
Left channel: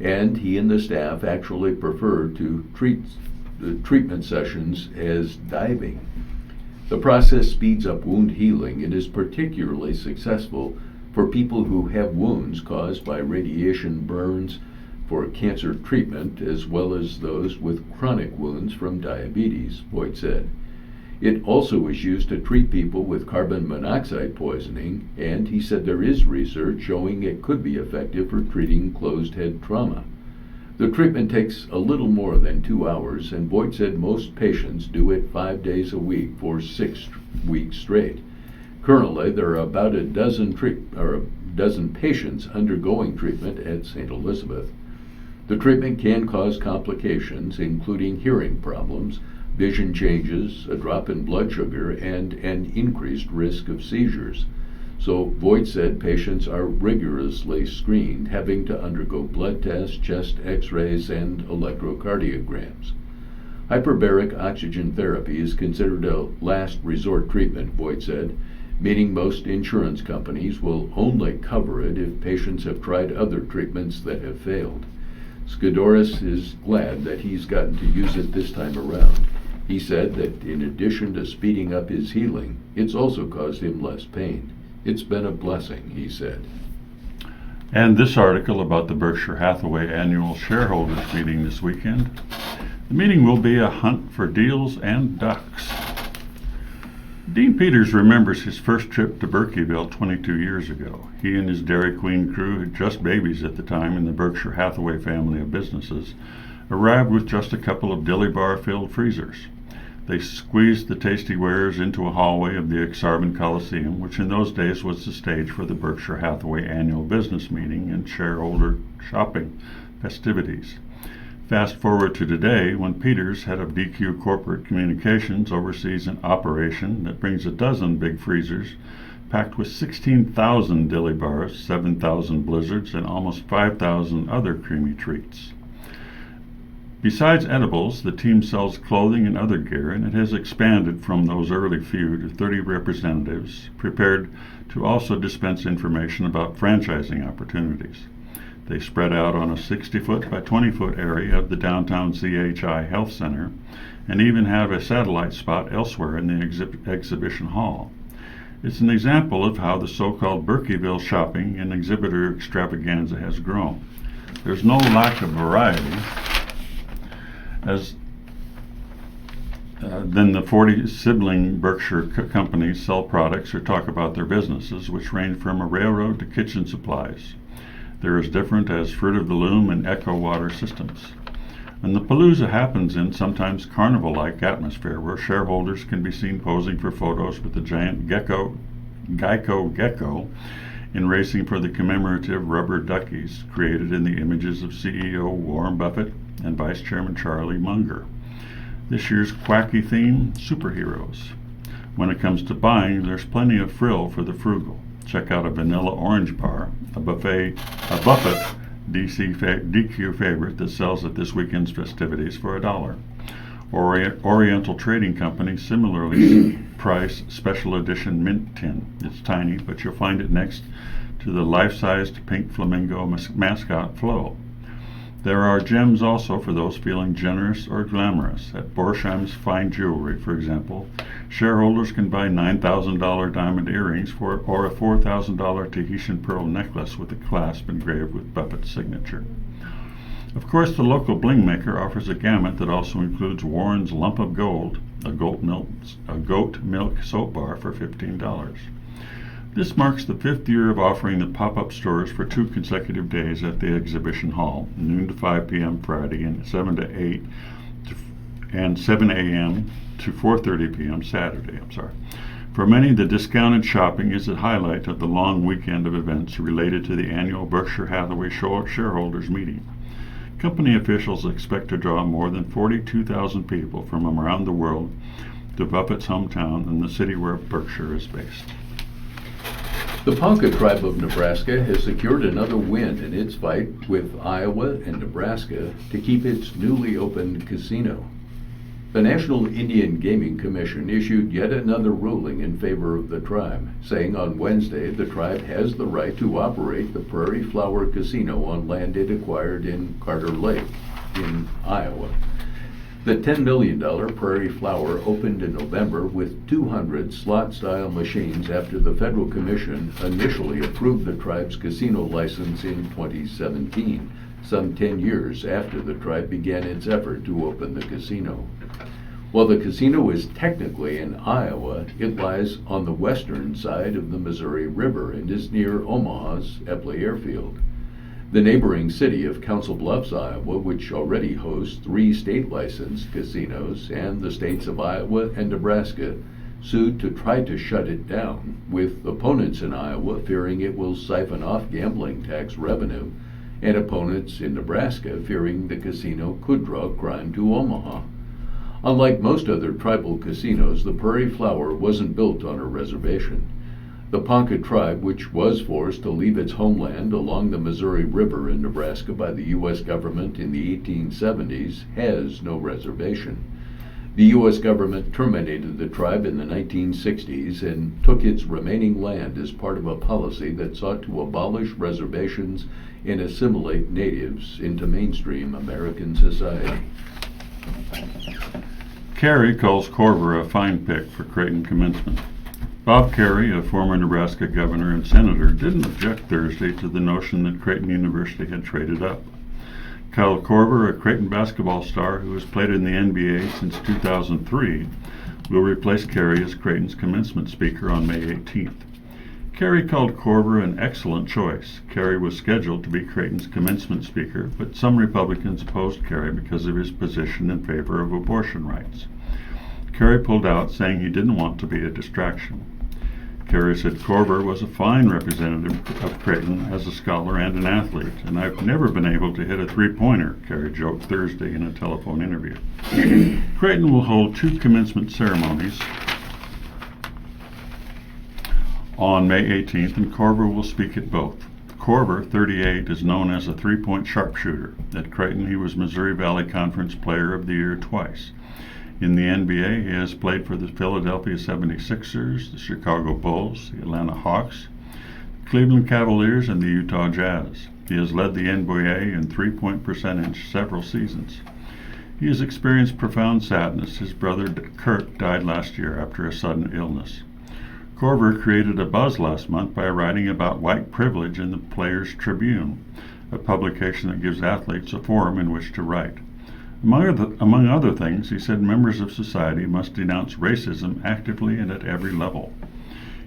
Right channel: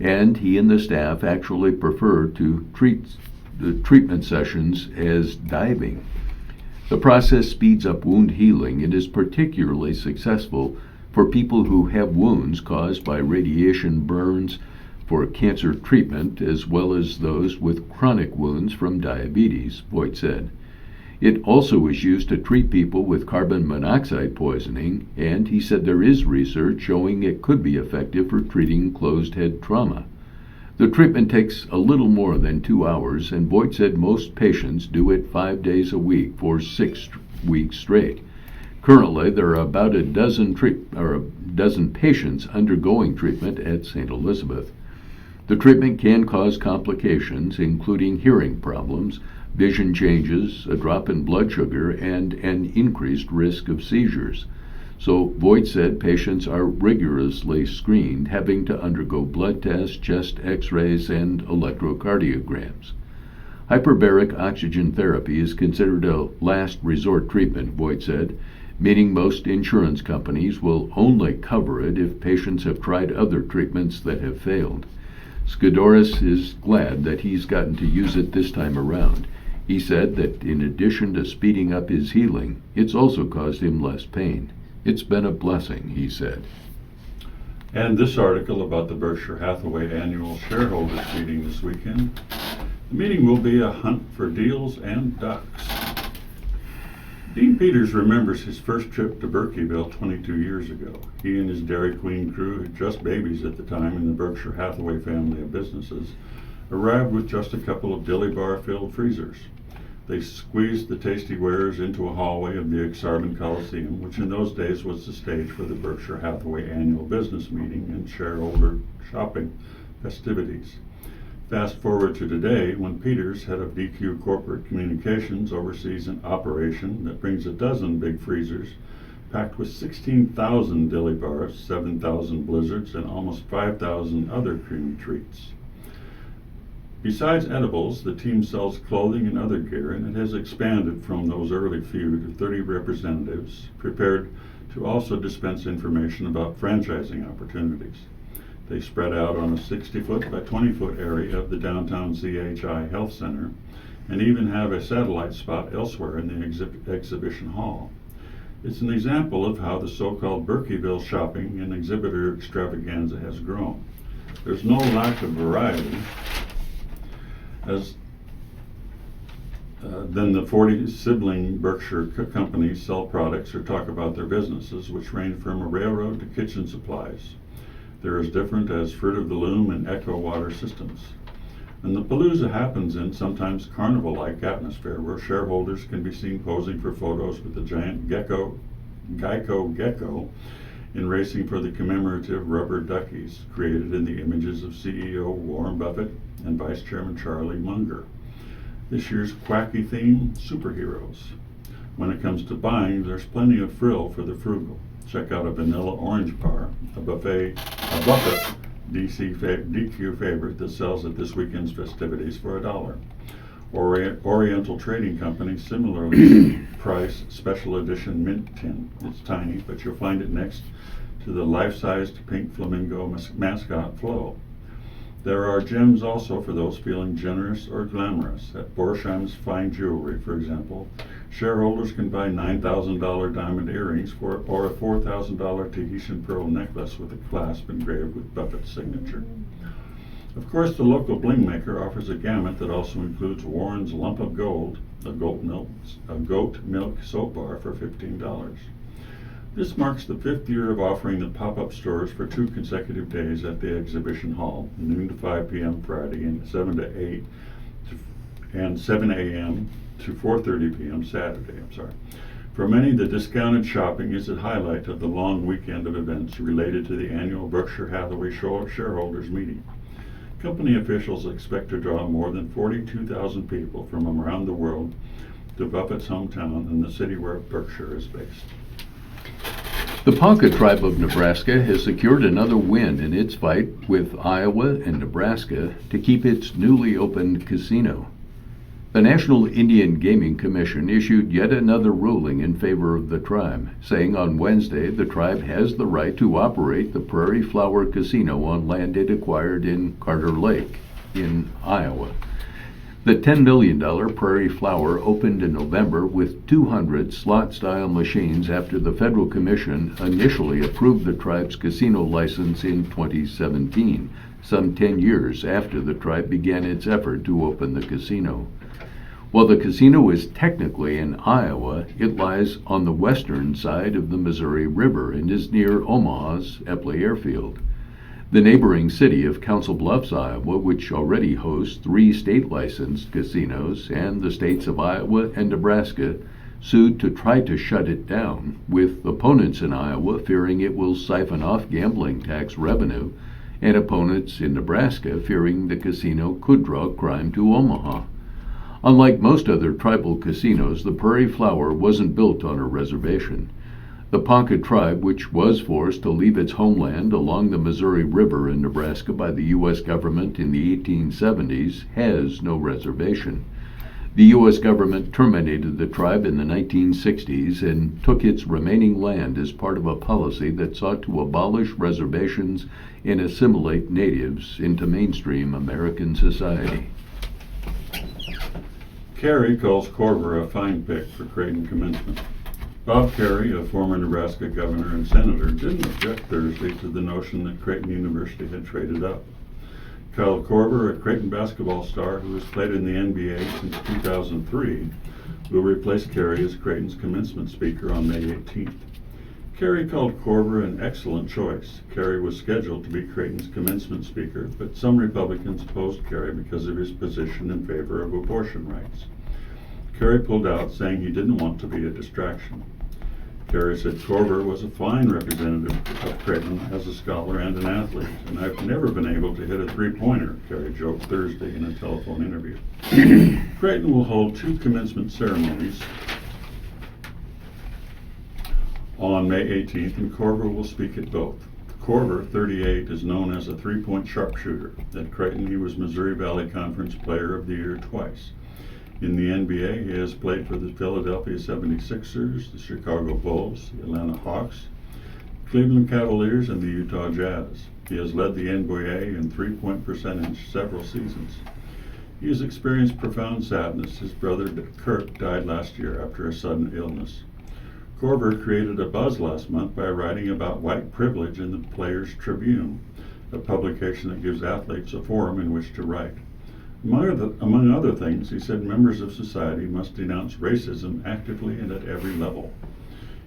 and he and the staff actually prefer to treat the treatment sessions as diving. The process speeds up wound healing and is particularly successful for people who have wounds caused by radiation burns for cancer treatment, as well as those with chronic wounds from diabetes, Voigt said. It also is used to treat people with carbon monoxide poisoning, and he said there is research showing it could be effective for treating closed head trauma. The treatment takes a little more than 2 hours, and Voigt said most patients do it 5 days a week for 6 weeks straight. Currently, there are about a dozen patients undergoing treatment at St. Elizabeth. The treatment can cause complications, including hearing problems, vision changes, a drop in blood sugar, and an increased risk of seizures. So Voigt said patients are rigorously screened, having to undergo blood tests, chest x-rays, and electrocardiograms. Hyperbaric oxygen therapy is considered a last resort treatment, Voigt said, meaning most insurance companies will only cover it if patients have tried other treatments that have failed. Skidoris is glad that he's gotten to use it this time around. He said that in addition to speeding up his healing, it's also caused him less pain. It's been a blessing, he said. And this article about the Berkshire Hathaway annual shareholders meeting this weekend. The meeting will be a hunt for deals and ducks. Dean Peters remembers his first trip to Berkeyville 22 years ago. He and his Dairy Queen crew, just babies at the time in the Berkshire Hathaway family of businesses, arrived with just a couple of dilly bar-filled freezers. They squeezed the tasty wares into a hallway of the Exarban Coliseum, which in those days was the stage for the Berkshire Hathaway annual business meeting and shareholder shopping festivities. Fast forward to today, when Peters, head of DQ Corporate Communications, oversees an operation that brings a dozen big freezers packed with 16,000 dilly bars, 7,000 blizzards, and almost 5,000 other creamy treats. Besides edibles, the team sells clothing and other gear, and it has expanded from those early few to 30 representatives prepared to also dispense information about franchising opportunities. They spread out on a 60-foot by 20-foot area of the downtown CHI Health Center and even have a satellite spot elsewhere in the exhibition hall. It's an example of how the so-called Berkeyville shopping and exhibitor extravaganza has grown. There's no lack of variety than the 40 sibling Berkshire companies sell products or talk about their businesses, which range from a railroad to kitchen supplies. They're as different as Fruit of the Loom and Echo Water Systems. And the palooza happens in sometimes carnival-like atmosphere where shareholders can be seen posing for photos with the giant Geico gecko in racing for the commemorative rubber duckies created in the images of CEO Warren Buffett and Vice Chairman Charlie Munger. This year's quacky theme, superheroes. When it comes to buying, there's plenty of frill for the frugal. Check out a vanilla orange bar, a Buffett DQ favorite that sells at this weekend's festivities for $1. Oriental Trading Company similarly price special edition mint tin. It's tiny, but you'll find it next to the life-sized pink flamingo mascot Flo. There are gems also for those feeling generous or glamorous. At Borsheim's Fine Jewelry, for example, shareholders can buy $9,000 diamond earrings or a $4,000 Tahitian pearl necklace with a clasp engraved with Buffett's signature. Of course, the local bling maker offers a gamut that also includes Warren's Lump of Gold, a goat milk soap bar for $15. This marks the 5th year of offering the pop-up stores for 2 consecutive days at the exhibition hall, noon to 5 p.m. Friday and 7 a.m. to 4:30 p.m. Saturday. For many, the discounted shopping is a highlight of the long weekend of events related to the annual Berkshire Hathaway shareholders meeting. Company officials expect to draw more than 42,000 people from around the world to Buffett's hometown and the city where Berkshire is based. The Ponca tribe of Nebraska has secured another win in its fight with Iowa and Nebraska to keep its newly opened casino. The National Indian Gaming Commission issued yet another ruling in favor of the tribe, saying on Wednesday the tribe has the right to operate the Prairie Flower Casino on land it acquired in Carter Lake in Iowa. The $10 million Prairie Flower opened in November with 200 slot-style machines after the Federal Commission initially approved the tribe's casino license in 2017, some 10 years after the tribe began its effort to open the casino. While the casino is technically in Iowa, it lies on the western side of the Missouri River and is near Omaha's Epley Airfield. The neighboring city of Council Bluffs, Iowa, which already hosts 3 state-licensed casinos, and the states of Iowa and Nebraska, sued to try to shut it down, with opponents in Iowa fearing it will siphon off gambling tax revenue, and opponents in Nebraska fearing the casino could draw crime to Omaha. Unlike most other tribal casinos, the Prairie Flower wasn't built on a reservation. The Ponca tribe, which was forced to leave its homeland along the Missouri River in Nebraska by the U.S. government in the 1870s, has no reservation. The U.S. government terminated the tribe in the 1960s and took its remaining land as part of a policy that sought to abolish reservations and assimilate natives into mainstream American society. Carey calls Corver a fine pick for Creighton commencement. Bob Carey, a former Nebraska governor and senator, didn't object Thursday to the notion that Creighton University had traded up. Kyle Korver, a Creighton basketball star who has played in the NBA since 2003, will replace Carey as Creighton's commencement speaker on May 18th. Carey called Korver an excellent choice. Carey was scheduled to be Creighton's commencement speaker, but some Republicans opposed Carey because of his position in favor of abortion rights. Carey pulled out, saying he didn't want to be a distraction. Carey said Korver was a fine representative of Creighton as a scholar and an athlete, and I've never been able to hit a three-pointer, Carey joked Thursday in a telephone interview. Creighton will hold 2 commencement ceremonies on May 18th, and Korver will speak at both. Korver, 38, is known as a three-point sharpshooter. At Creighton, he was Missouri Valley Conference Player of the Year twice. In the NBA, he has played for the Philadelphia 76ers, the Chicago Bulls, the Atlanta Hawks, Cleveland Cavaliers, and the Utah Jazz. He has led the NBA in three-point percentage several seasons. He has experienced profound sadness. His brother Kurt died last year after a sudden illness. Korver created a buzz last month by writing about white privilege in the Players Tribune, a publication that gives athletes a forum in which to write. Among other things, he said members of society must denounce racism actively and at every level.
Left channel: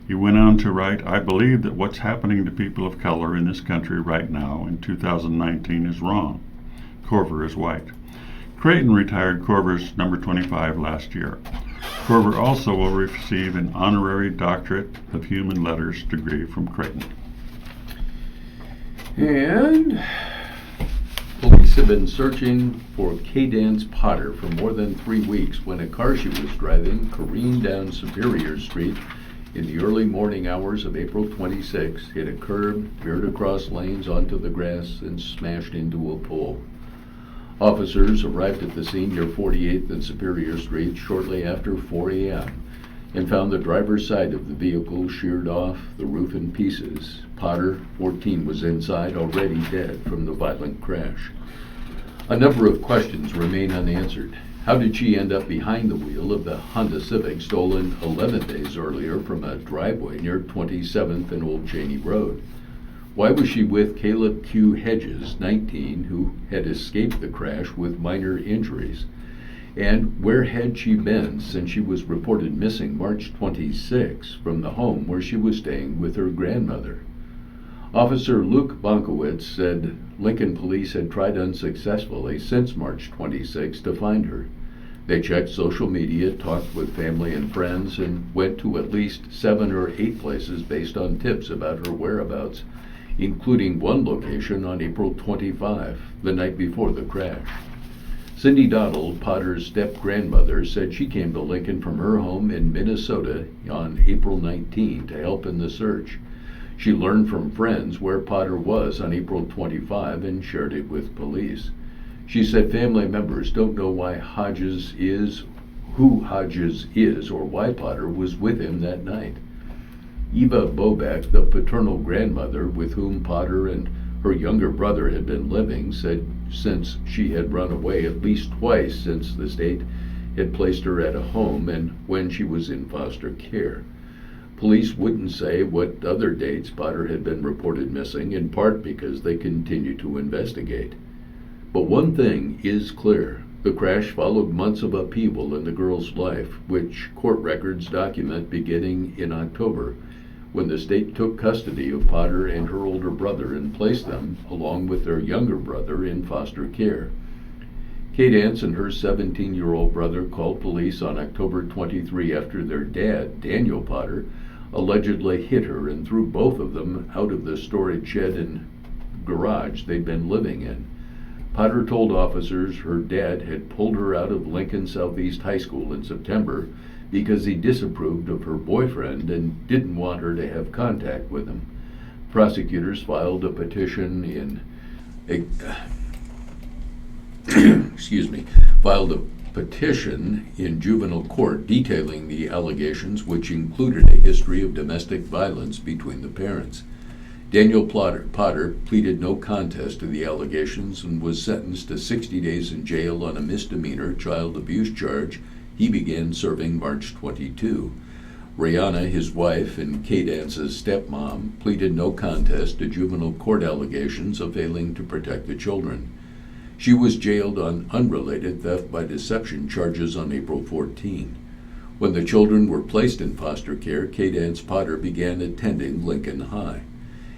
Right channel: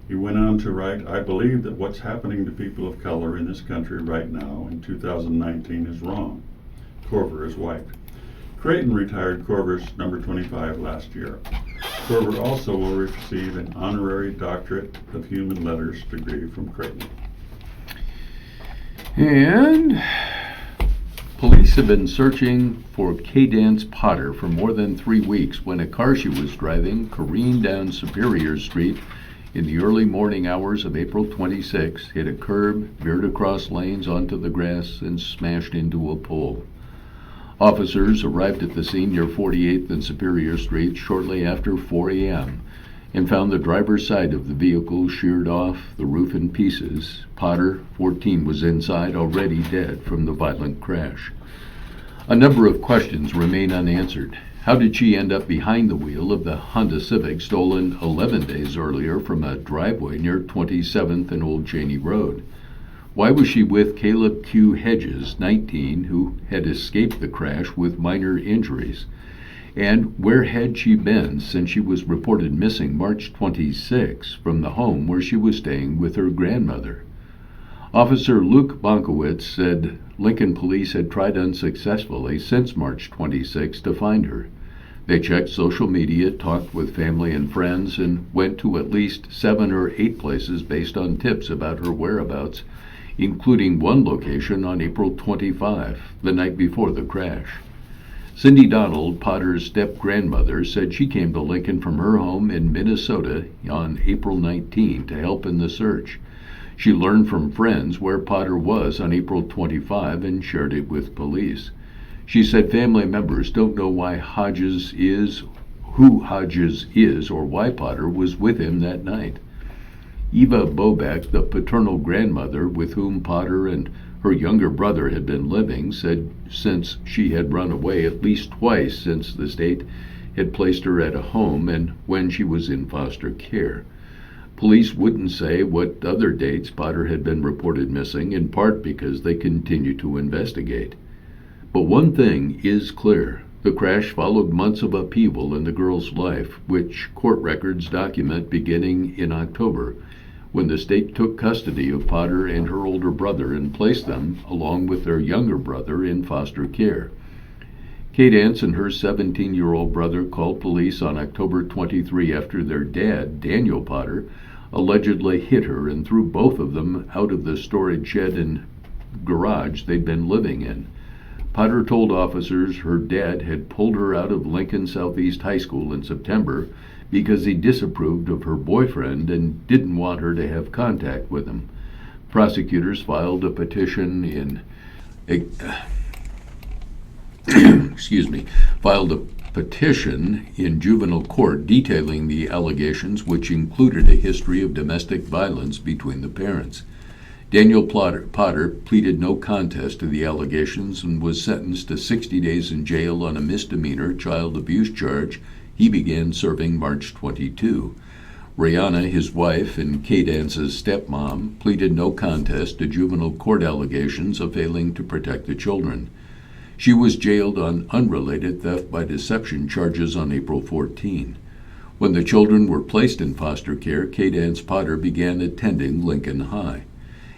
He went on to write, I believe that what's happening to people of color in this country right now in 2019 is wrong. Korver is white. Creighton retired Korver's number 25 last year. Korver also will receive an honorary doctorate of human letters degree from Creighton. And police have been searching for Cadence Potter for more than 3 weeks when a car she was driving careened down Superior Street in the early morning hours of April 26, hit a curb, veered across lanes onto the grass, and smashed into a pole. Officers arrived at the scene near 48th and Superior Street shortly after 4 a.m. and found the driver's side of the vehicle sheared off, the roof in pieces. Potter, 14, was inside, already dead from the violent crash. A number of questions remain unanswered. How did she end up behind the wheel of the Honda Civic stolen 11 days earlier from a driveway near 27th and Old Cheney Road? Why was she with Caleb Q. Hedges, 19, who had escaped the crash with minor injuries? And where had she been since she was reported missing March 26 from the home where she was staying with her grandmother? Officer Luke Bonkowitz said Lincoln police had tried unsuccessfully since March 26 to find her. They checked social media, talked with family and friends, and went to at least 7 or 8 places based on tips about her whereabouts, including one location on April 25, the night before the crash. Cindy Donald, Potter's step-grandmother, said she came to Lincoln from her home in Minnesota on April 19 to help in the search. She learned from friends where Potter was on April 25 and shared it with police. She said family members don't know who Hodges is, or why Potter was with him that night. Eva Bobeck, the paternal grandmother with whom Potter and her younger brother had been living, said since she had run away at least twice since the state had placed her at a home and when she was in foster care. Police wouldn't say what other dates Potter had been reported missing, in part because they continue to investigate. But one thing is clear. The crash followed months of upheaval in the girl's life, which court records document beginning in October, when the state took custody of Potter and her older brother and placed them, along with their younger brother, in foster care. Cadence and her 17-year-old brother called police on October 23 after their dad, Daniel Potter, allegedly hit her and threw both of them out of the storage shed and garage they'd been living in. Potter told officers her dad had pulled her out of Lincoln Southeast High School in September because he disapproved of her boyfriend and didn't want her to have contact with him. Prosecutors filed a petition in juvenile court detailing the allegations, which included a history of domestic violence between the parents. Daniel Potter pleaded no contest to the allegations and was sentenced to 60 days in jail on a misdemeanor child abuse charge he began serving March 22. Rihanna, his wife and K-Dance's stepmom, pleaded no contest to juvenile court allegations of failing to protect the children. She was jailed on unrelated theft by deception charges on April 14. When the children were placed in foster care, K-Dance Potter began attending Lincoln High.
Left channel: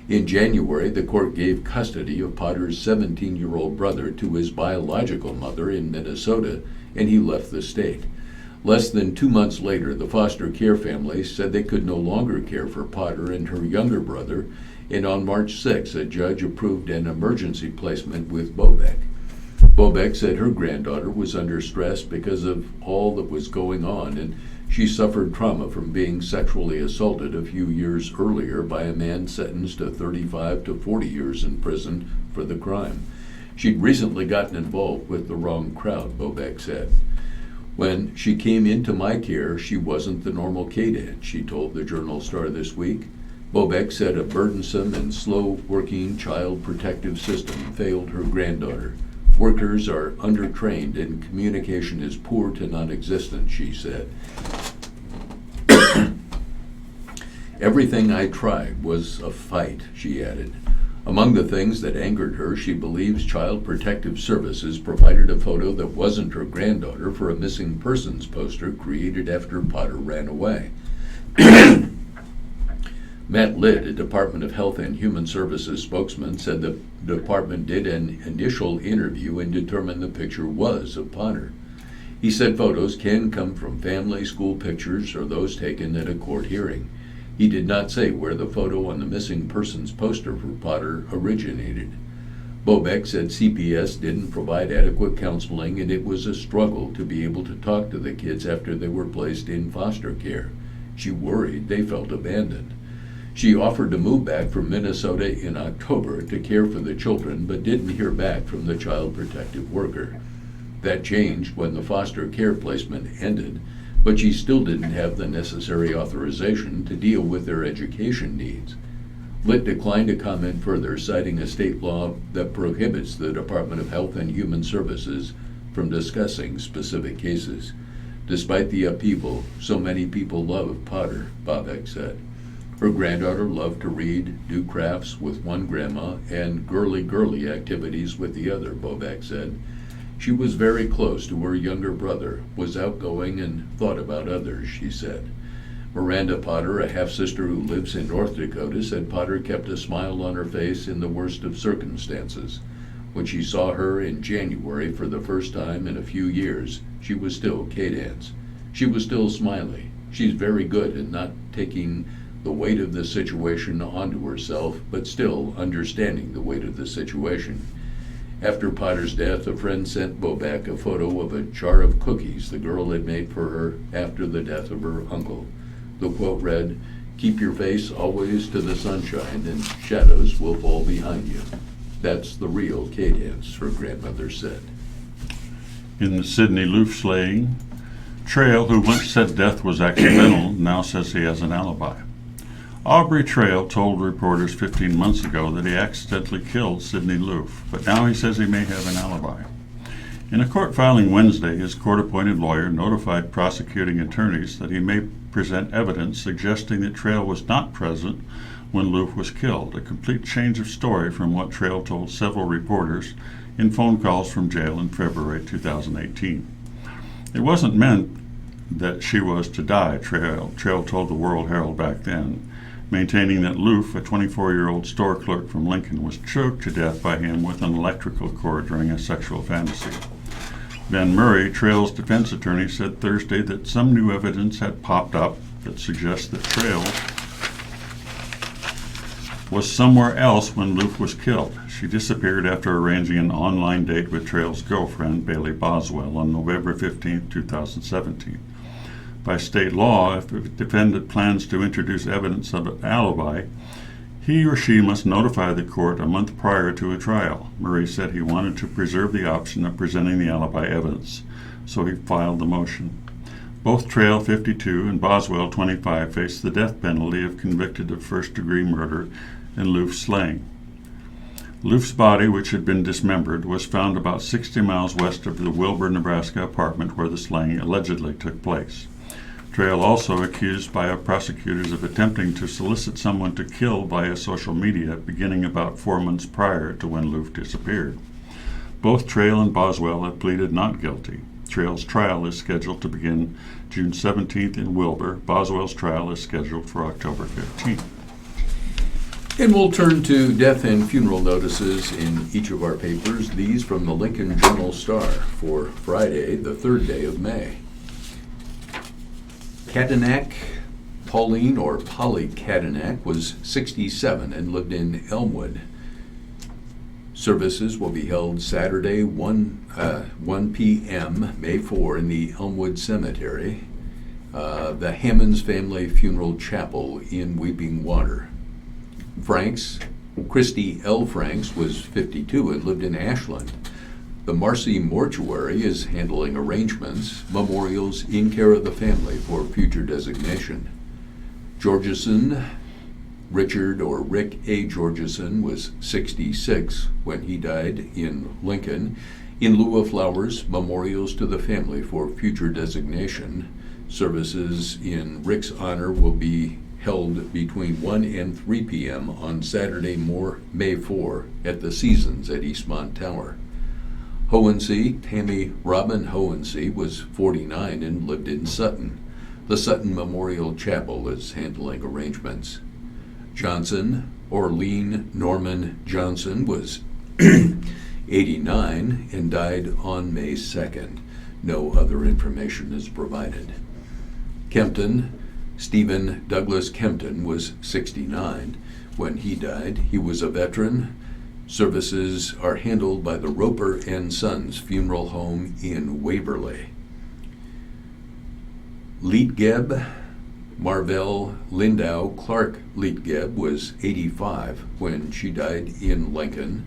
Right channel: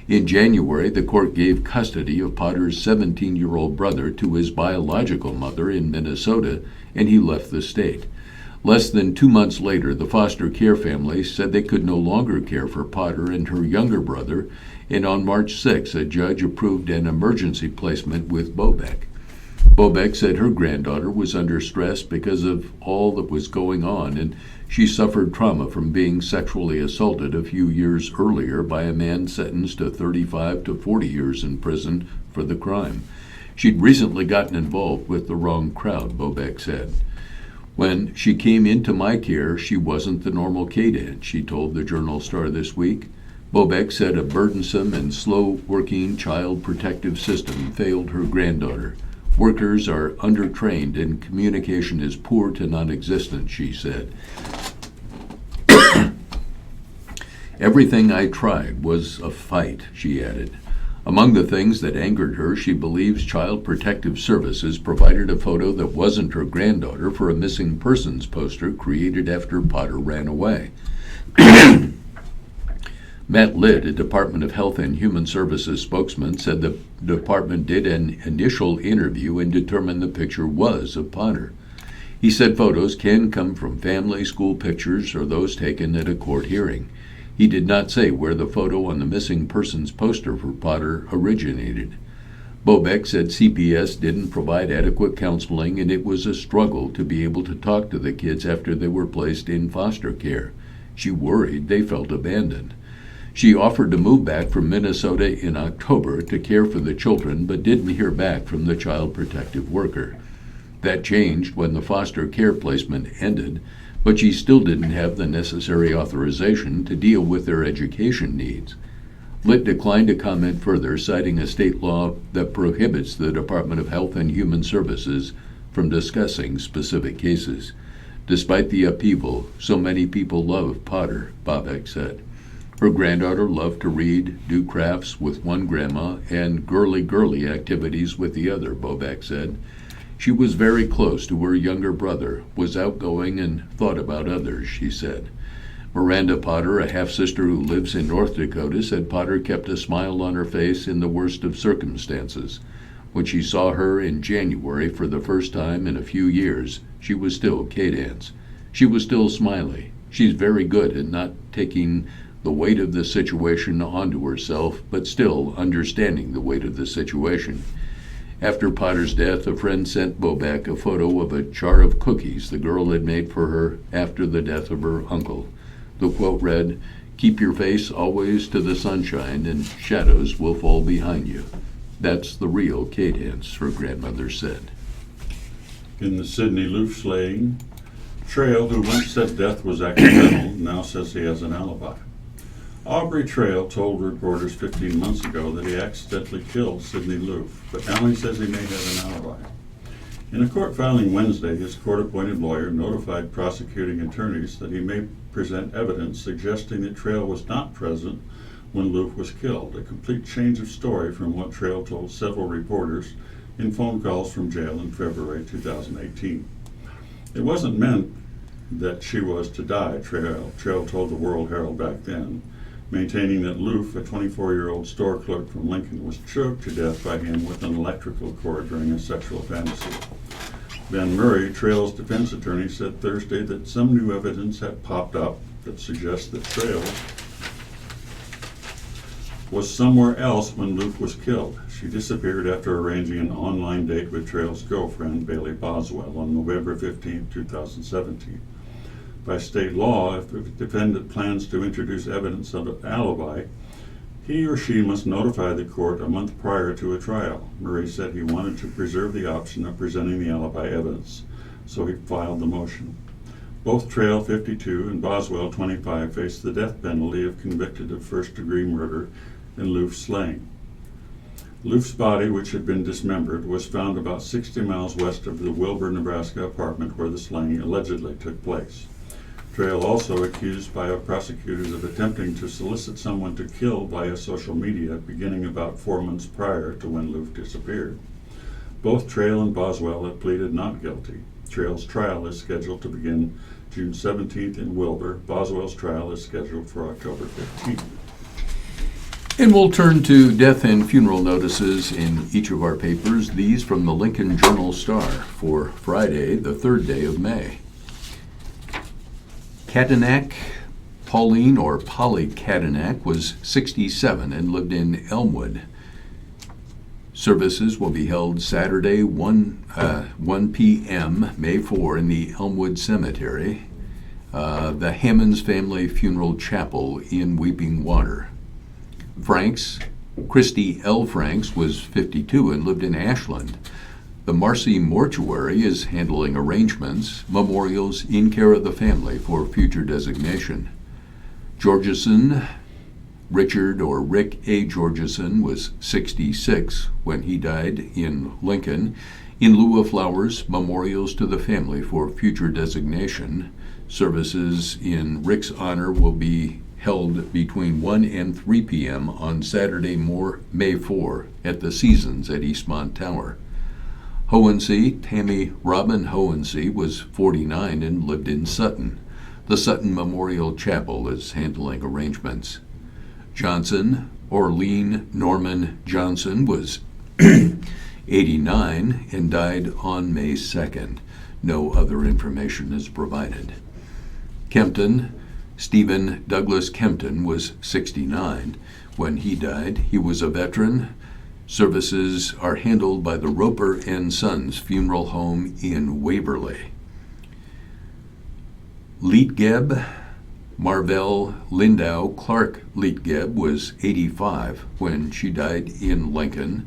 In January, the court gave custody of Potter's 17-year-old brother to his biological mother in Minnesota, and he left the state. Less than 2 months later, the foster care family said they could no longer care for Potter and her younger brother, and on March 6, a judge approved an emergency placement with Bobek. Bobek said her granddaughter was under stress because of all that was going on, and she suffered trauma from being sexually assaulted a few years earlier by a man sentenced to 35 to 40 years in prison for the crime. She'd recently gotten involved with the wrong crowd, Bobek said. When she came into my care, she wasn't the normal K-Dance, she told the Journal-Star this week. Bobek said a burdensome and slow-working child protective system failed her granddaughter. Workers are undertrained and communication is poor to non-existent, she said. Everything I tried was a fight, she added. Among the things that angered her, she believes Child Protective Services provided a photo that wasn't her granddaughter for a missing persons poster created after Potter ran away. Matt Litt, a Department of Health and Human Services spokesman, said the department did an initial interview and determined the picture was of Potter. He said photos can come from family, school pictures, or those taken at a court hearing. He did not say where the photo on the missing persons poster for Potter originated. Bobek said CPS didn't provide adequate counseling, and it was a struggle to be able to talk to the kids after they were placed in foster care. She worried they felt abandoned. She offered to move back from Minnesota in October to care for the children, but didn't hear back from the child protective worker. That changed when the foster care placement ended, but she still didn't have the necessary authorization to deal with their education needs. Litt declined to comment further, citing a state law that prohibits the Department of Health and Human Services from discussing specific cases. Despite the upheaval, so many people love Potter, Bobek said. Her granddaughter loved to read, do crafts with one grandma, and girly activities with the other, Bobek said. She was very close to her younger brother, was outgoing, and thought about others, she said. Miranda Potter, a half-sister who lives in North Dakota, said Potter kept a smile on her face in the worst of circumstances. When she saw her in January for the first time in a few years, she was still K-Dance. She was still smiley. She's very good at not taking the weight of the situation onto herself, but still understanding the weight of the situation. After Potter's death, a friend sent Bobek a photo of a jar of cookies the girl had made for her after the death of her uncle. The quote read, "Keep your face always to the sunshine and shadows will fall behind you. That's the real K-Dance," her grandmother said. In the Sidney Loof slaying, Trail, who once said death was accidental, now says he has an alibi. Aubrey Trail told reporters 15 months ago that he accidentally killed Sidney Loof, but now he says he may have an alibi. In a court filing Wednesday, his court-appointed lawyer notified prosecuting attorneys that he may present evidence suggesting that Trail was not present when Loof was killed, a complete change of story from what Trail told several reporters in phone calls from jail in February 2018. It wasn't meant that she was to die, Trail told the World Herald back then, maintaining that Loof, a 24-year-old store clerk from Lincoln, was choked to death by him with an electrical cord during a sexual fantasy. Ben Murray, Trail's defense attorney, said Thursday that some new evidence had popped up that suggests that Trail was somewhere else when Loof was killed. She disappeared after arranging an online date with Trail's girlfriend, Bailey Boswell, on November 15, 2017. By state law, if a defendant plans to introduce evidence of an alibi, he or she must notify the court a month prior to a trial. Murray said he wanted to preserve the option of presenting the alibi evidence, so he filed the motion. Both Trail 52 and Boswell 25 faced the death penalty if convicted of first-degree murder in Loof's slaying. Loof's body, which had been dismembered, was found about 60 miles west of the Wilbur, Nebraska apartment where the slaying allegedly took place. Trail also accused by prosecutors of attempting to solicit someone to kill via social media beginning about 4 months prior to when Loof disappeared. Both Trail and Boswell have pleaded not guilty. Trail's trial is scheduled to begin June 17th in Wilbur. Boswell's trial is scheduled for October 15th. And we'll turn to death and funeral notices in each of our papers. These from the Lincoln Journal-Star for Friday, the 3rd day of May. Katanak Pauline, or Polly Katanak, was 67 and lived in Elmwood. Services will be held Saturday, 1 p.m., May 4, in the Elmwood Cemetery, the Hammonds Family Funeral Chapel in Weeping Water. Franks, Christy L. Franks, was 52 and lived in Ashland. The Marcy Mortuary is handling arrangements, memorials in care of the family for future designation. Georgeson, Richard or Rick A. Georgeson, was 66 when he died in Lincoln. In lieu of flowers, memorials to the family for future designation. Services in Rick's honor will be held between 1 and 3 p.m. on Saturday, May 4, at the Seasons at Eastmont Tower. Hohensee, Tammy Robin Hohensee, was 49 and lived in Sutton. The Sutton Memorial Chapel is handling arrangements. Johnson, Orlean Norman Johnson, was 89 and died on May 2nd. No other information is provided. Kempton, Stephen Douglas Kempton, was 69 when he died. He was a veteran. Services are handled by the Roper and Sons Funeral Home in Waverly. Leetgeb, Marvell Lindau Clark Leetgeb, was 85 when she died in Lincoln.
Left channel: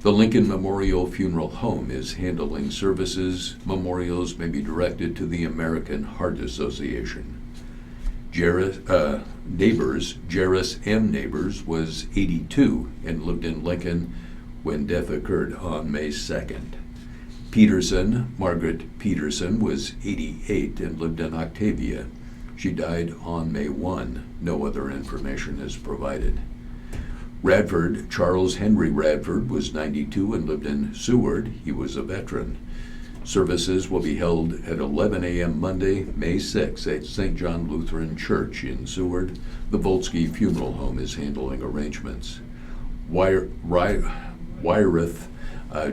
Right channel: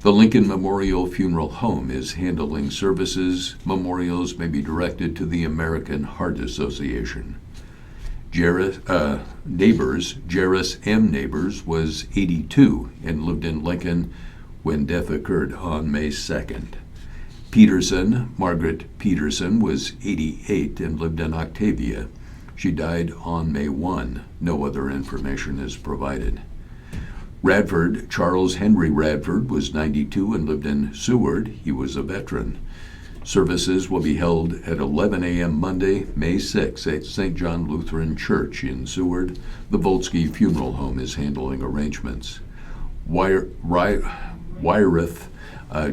The Lincoln Memorial Funeral Home is handling services. Memorials may be directed to the American Heart Association. Jairus M. Neighbors, was 82 and lived in Lincoln when death occurred on May 2nd. Peterson, Margaret Peterson, was 88 and lived in Octavia. She died on May 1. No other information is provided. Radford, Charles Henry Radford, was 92 and lived in Seward. He was a veteran. Services will be held at 11 a.m. Monday, May 6 at St. John Lutheran Church in Seward. The Volsky Funeral Home is handling arrangements. Wyruth,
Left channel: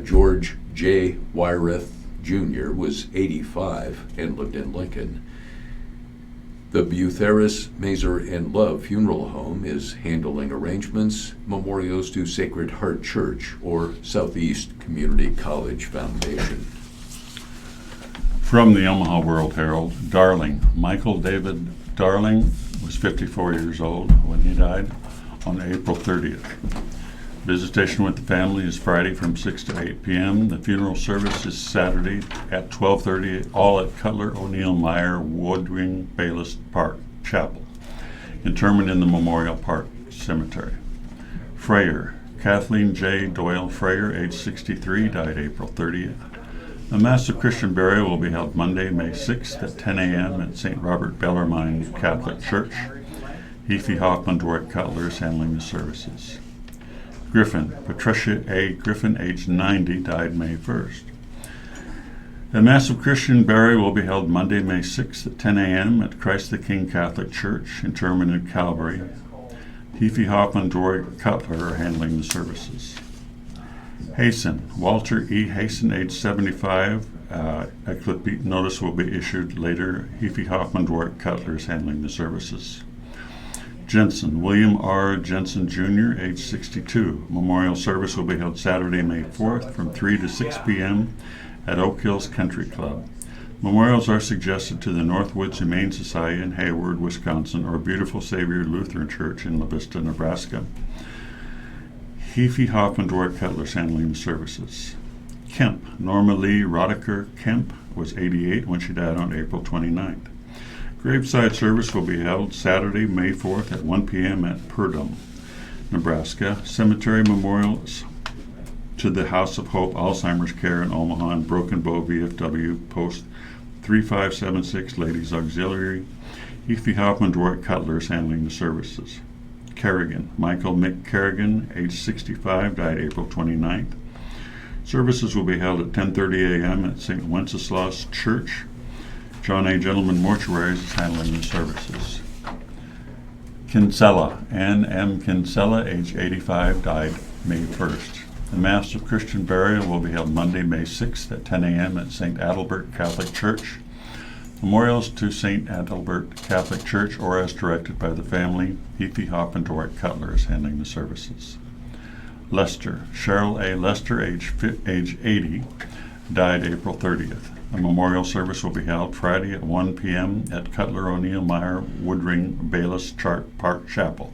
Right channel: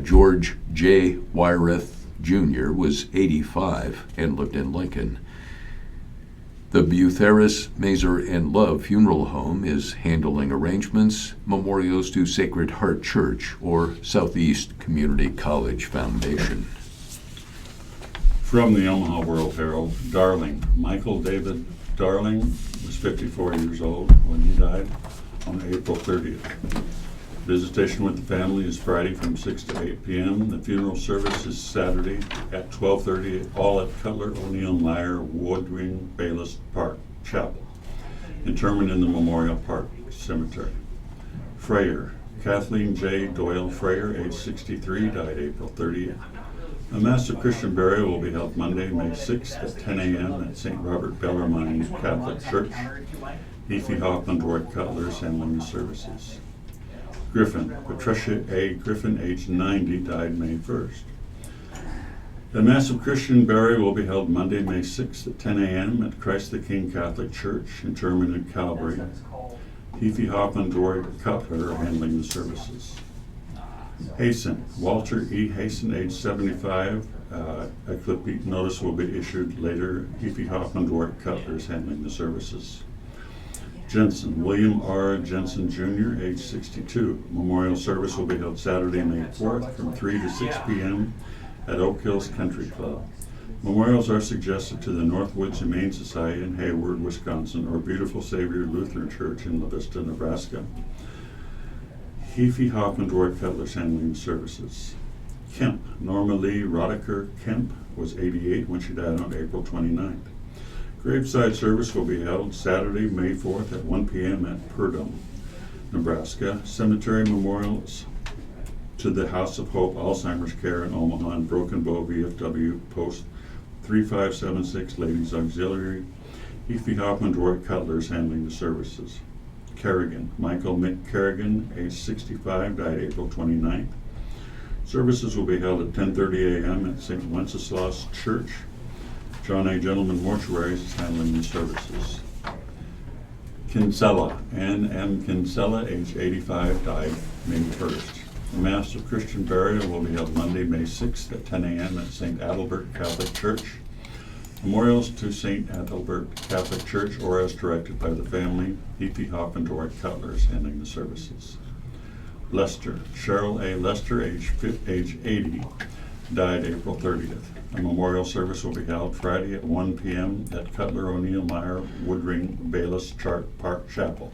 George J. Wyruth Jr. was 85 and lived in Lincoln. The Butheris, Mazer, and Love Funeral Home is handling arrangements. Memorials to Sacred Heart Church or Southeast Community College Foundation. From the Omaha World Herald, Darling. Michael David Darling was 54 years old when he died on April 30th. Visitation with the family is Friday from 6 to 8 p.m. The funeral service is Saturday at 12:30, all at Cutler O'Neill Meyer Woodring Bayless Park Chapel. Interment in the Memorial Park Cemetery. Freyer. Kathleen J. Doyle Freyer, age 63, died April 30th. A massive Christian burial will be held Monday, May 6th at 10 a.m. at St. Robert Bellarmine Catholic Church. Heafy Hoffman, Dwight Cutler is handling the services. Griffin. Patricia A. Griffin, age 90, died May 1st. A massive Christian burial will be held Monday, May 6th at 10 a.m. at Christ the King Catholic Church, interment in Calvary. Heafy Hoffman, Dwight Cutler are handling the services. Hasten. Walter E. Hasten, age 75. A notice will be issued later. Heafy Hoffman, Dwight Cutler is handling the services. Jensen. William R. Jensen Jr., age 62. Memorial service will be held Saturday, May 4th from 3 to 6 p.m. at Oak Hills Country Club. Memorials are suggested to the Northwoods Humane Society in Hayward, Wisconsin, or Beautiful Savior Lutheran Church in La Vista, Nebraska. Heafy Hoffman Dwart Cutler's handling the services. Kemp, Norma Lee Rodeker Kemp, was 88 when she died on April 29th. Graveside service will be held Saturday, May 4th at 1 p.m. at Purdom, Nebraska. Cemetery memorials to the House of Hope Alzheimer's Care in Omaha and Broken Bow VFW Post 3576 Ladies Auxiliary. Heafy Hoffman Dwart Cutler is handling the services. Kerrigan, Michael Mick Kerrigan, age 65, died April 29th. Services will be held at 10:30 a.m. at St. Wenceslaus Church. John A. Gentleman Mortuaries is handling the services. Kinsella, Ann M. Kinsella, age 85, died May 1st. The Mass of Christian Burial will be held Monday, May 6th at 10 a.m. at St. Adalbert Catholic Church. Memorials to St. Adalbert Catholic Church or as directed by the family. Heafy Hoffman Dwart Cutler is handling the services. Lester, Cheryl A. Lester, age 80, died April 30th. A memorial service will be held Friday at 1 p.m. at Cutler O'Neill Meyer Woodring Bayless Park Chapel.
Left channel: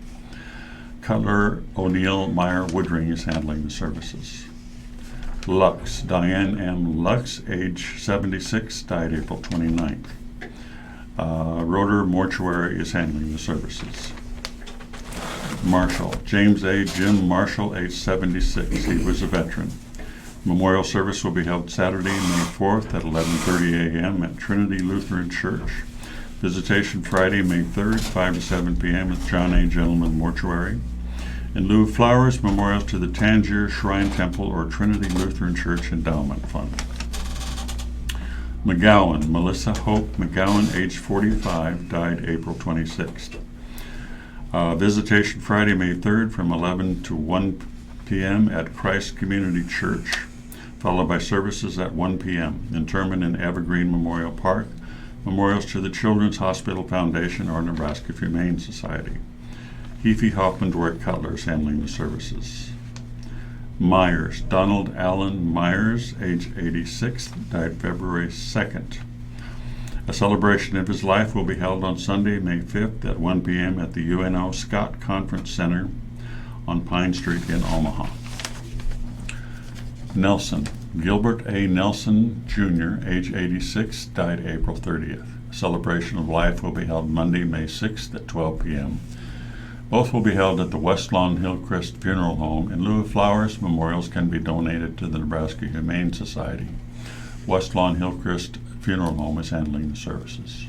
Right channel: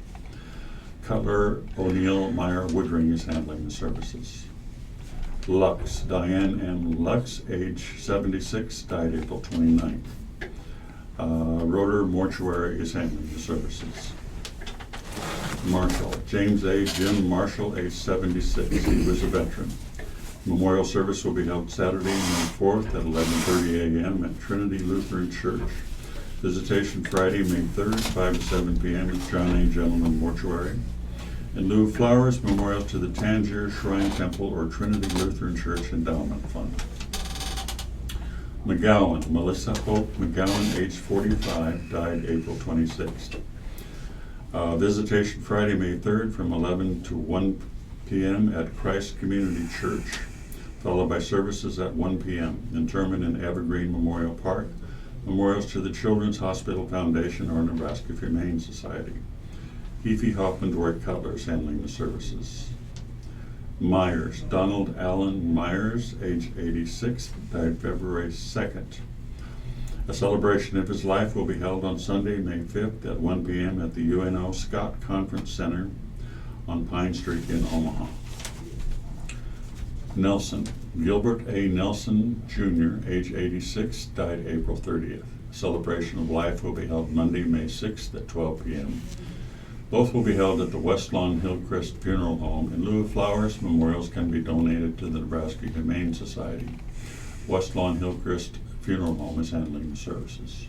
Cutler O'Neill Meyer Woodring is handling the services. Lux, Diane M. Lux, age 76, died April 29th. Roeder Mortuary is handling the services. Marshall, James A. Jim Marshall, age 76. He was a veteran. Memorial service will be held Saturday, May 4th at 11:30 a.m. at Trinity Lutheran Church. Visitation Friday, May 3rd, 5 to 7 p.m. at John A. Gentleman Mortuary. In lieu of flowers, memorials to the Tangier Shrine Temple or Trinity Lutheran Church Endowment Fund. McGowan, Melissa Hope McGowan, age 45, died April 26th. Visitation Friday, May 3rd from 11 to 1 p.m. at Christ Community Church, followed by services at 1 p.m. Interment in Evergreen Memorial Park. Memorials to the Children's Hospital Foundation or Nebraska Humane Society. Heafy Hoffman Dwart Cutler is handling the services. Myers, Donald Allen Myers, age 86, died February 2nd. A celebration of his life will be held on Sunday, May 5th at 1 p.m. at the UNO Scott Conference Center on Pine Street in Omaha. Nelson, Gilbert A. Nelson, Jr., age 86, died April 30th. A celebration of life will be held Monday, May 6th at 12 p.m. Both will be held at the West Lawn Hillcrest Funeral Home. In lieu of flowers, memorials can be donated to the Nebraska Humane Society. West Lawn Hillcrest Funeral Home is handling the services.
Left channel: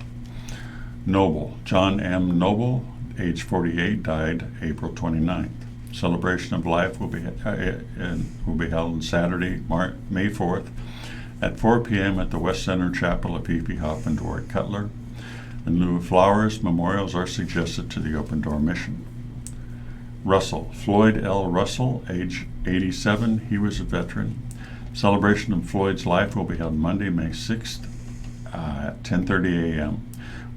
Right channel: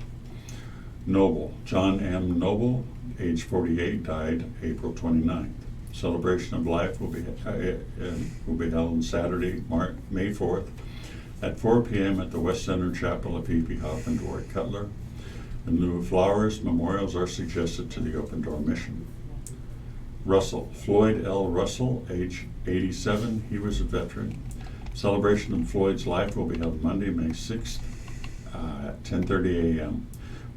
Noble, John M. Noble, age 48, died April 29th. Celebration of life will be held on Saturday, May 4th at 4 p.m. at the West Center Chapel of Heafy Hoffman Dwart Cutler. In lieu of flowers, memorials are suggested to the Open Door Mission. Russell, Floyd L. Russell, age 87, he was a veteran. Celebration of Floyd's life will be held Monday, May 6th at 10:30 a.m.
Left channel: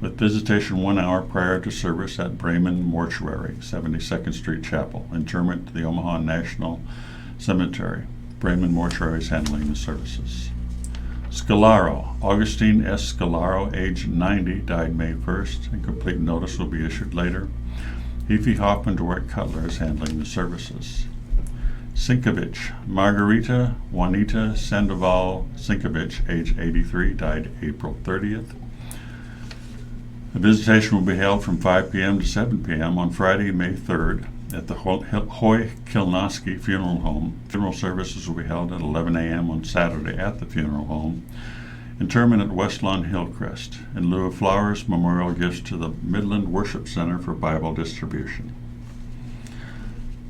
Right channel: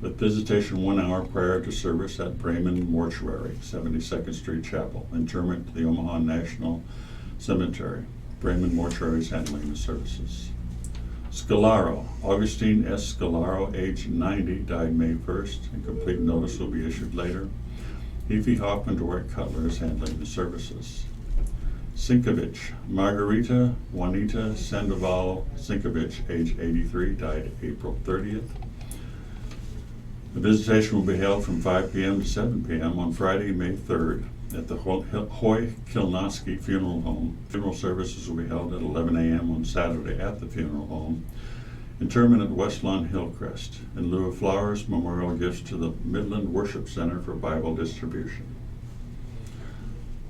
with visitation 1 hour prior to service at Bremen Mortuary, 72nd Street Chapel. Interment to the Omaha National Cemetery. Bremen Mortuary is handling the services. Scalaro, Augustine S. Scalaro, age 90, died May 1st, and complete notice will be issued later. Heafy Hoffman Dwart Cutler is handling the services. Sinkovich, Margarita Juanita Sandoval Sinkovich, age 83, died April 30th. The visitation will be held from 5 p.m. to 7 p.m. on Friday, May 3rd at the Hoy Kilnoski Funeral Home. Funeral services will be held at 11 a.m. on Saturday at the funeral home. Interment at West Lawn Hillcrest. In lieu of flowers, memorial gifts to the Midland Worship Center for Bible distribution.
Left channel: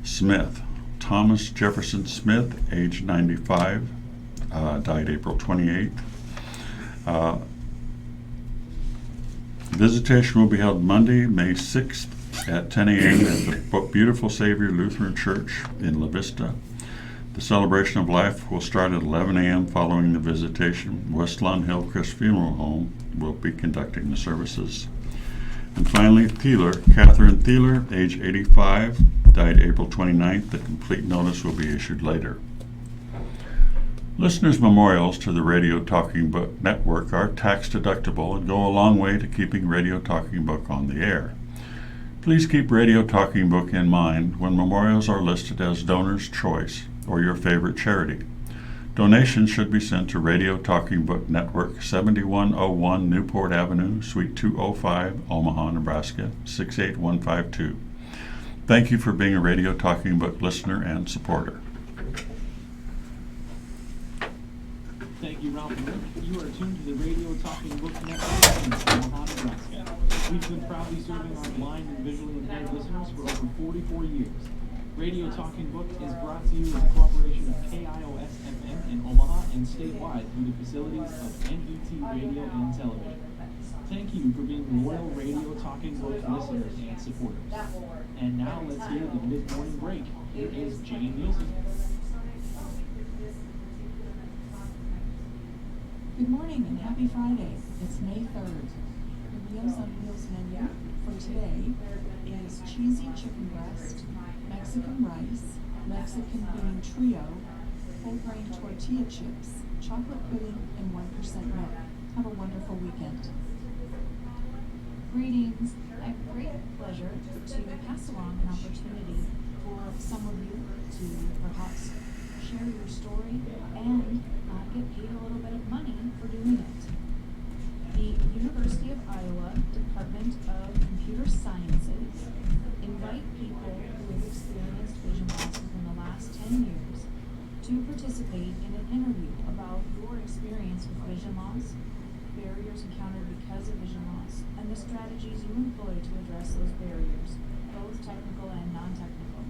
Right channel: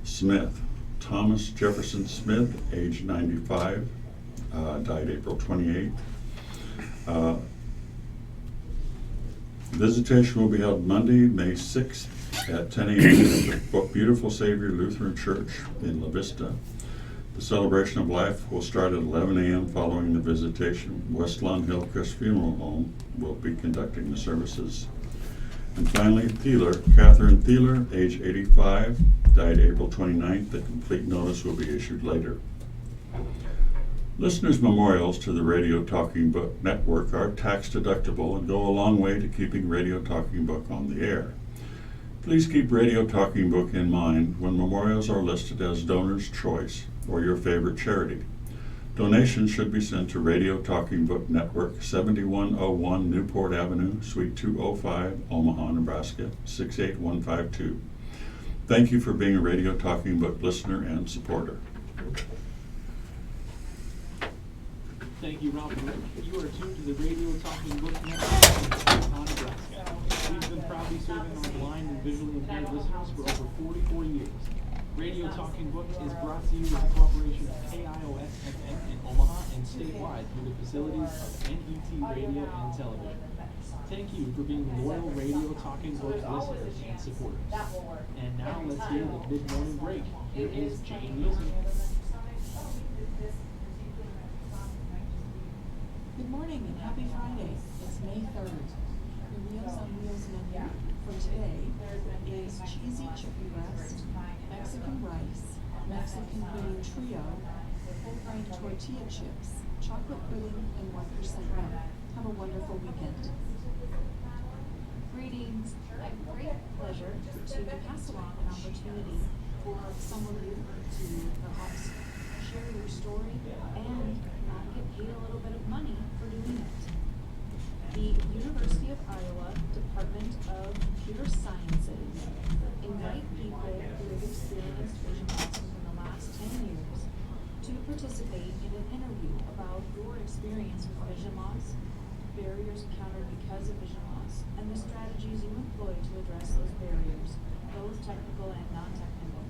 Smith, Thomas Jefferson Smith, age 95, died April 28th. Visitation will be held Monday, May 6th at 10 a.m. at the Beautiful Savior Lutheran Church in La Vista. The celebration of life will start at 11 a.m. following the visitation. West Lawn Hillcrest Funeral Home will be conducting the services. And finally, Thieler, Catherine Thieler, age 85, 'died April 29th. The complete notice will be issued later. And finally, Thieler, Catherine Thieler, age 85, died April 29th. The complete notice will be issued later. And finally, Thieler, Catherine Thieler, age 85, died April 29th. The complete notice will be issued later. Listeners' memorials to the Radio Talking Book Network are tax deductible and go a long way to keeping Radio Talking Book on the air. Please keep Radio Talking Book in mind when memorials are listed as donor's choice or your favorite charity. Donations should be sent to Radio Talking Book Network, 7101 Newport Avenue, Suite 205, Omaha, Nebraska, 68152. Thank you for being a Radio Talking Book listener and supporter. Thank you, Ralph and Rick. You are tuned to the Radio Talking Book Network in Omaha, Nebraska. We've been proudly serving our blind and visually impaired listeners for over 44 years. Radio Talking Book is brought to you in cooperation with KIOS-FM in Omaha and statewide through the facilities of NET Radio and Television. Thank you for being loyal Radio Talking Book listeners and supporters. And now let's hear the mid-morning break. Here is Jane Nielsen. Good morning and happy Friday. It's May 3rd. The Meals on Wheels menu for today is cheesy chicken breast, Mexican rice, Mexican pudding trio, whole grain tortilla chips, chocolate pudding, and 1% milk. Have a wonderful weekend. Greetings. I have great pleasure to pass along an opportunity for some of you to perhaps share your story and get paid a little bit of money for doing it. The University of Iowa Department of Computer Sciences invite people who have experienced vision loss within the last 10 years to participate in an interview about your experience with vision loss, barriers encountered because of vision loss, and the strategies you employ to address those barriers, both technical and non-technical.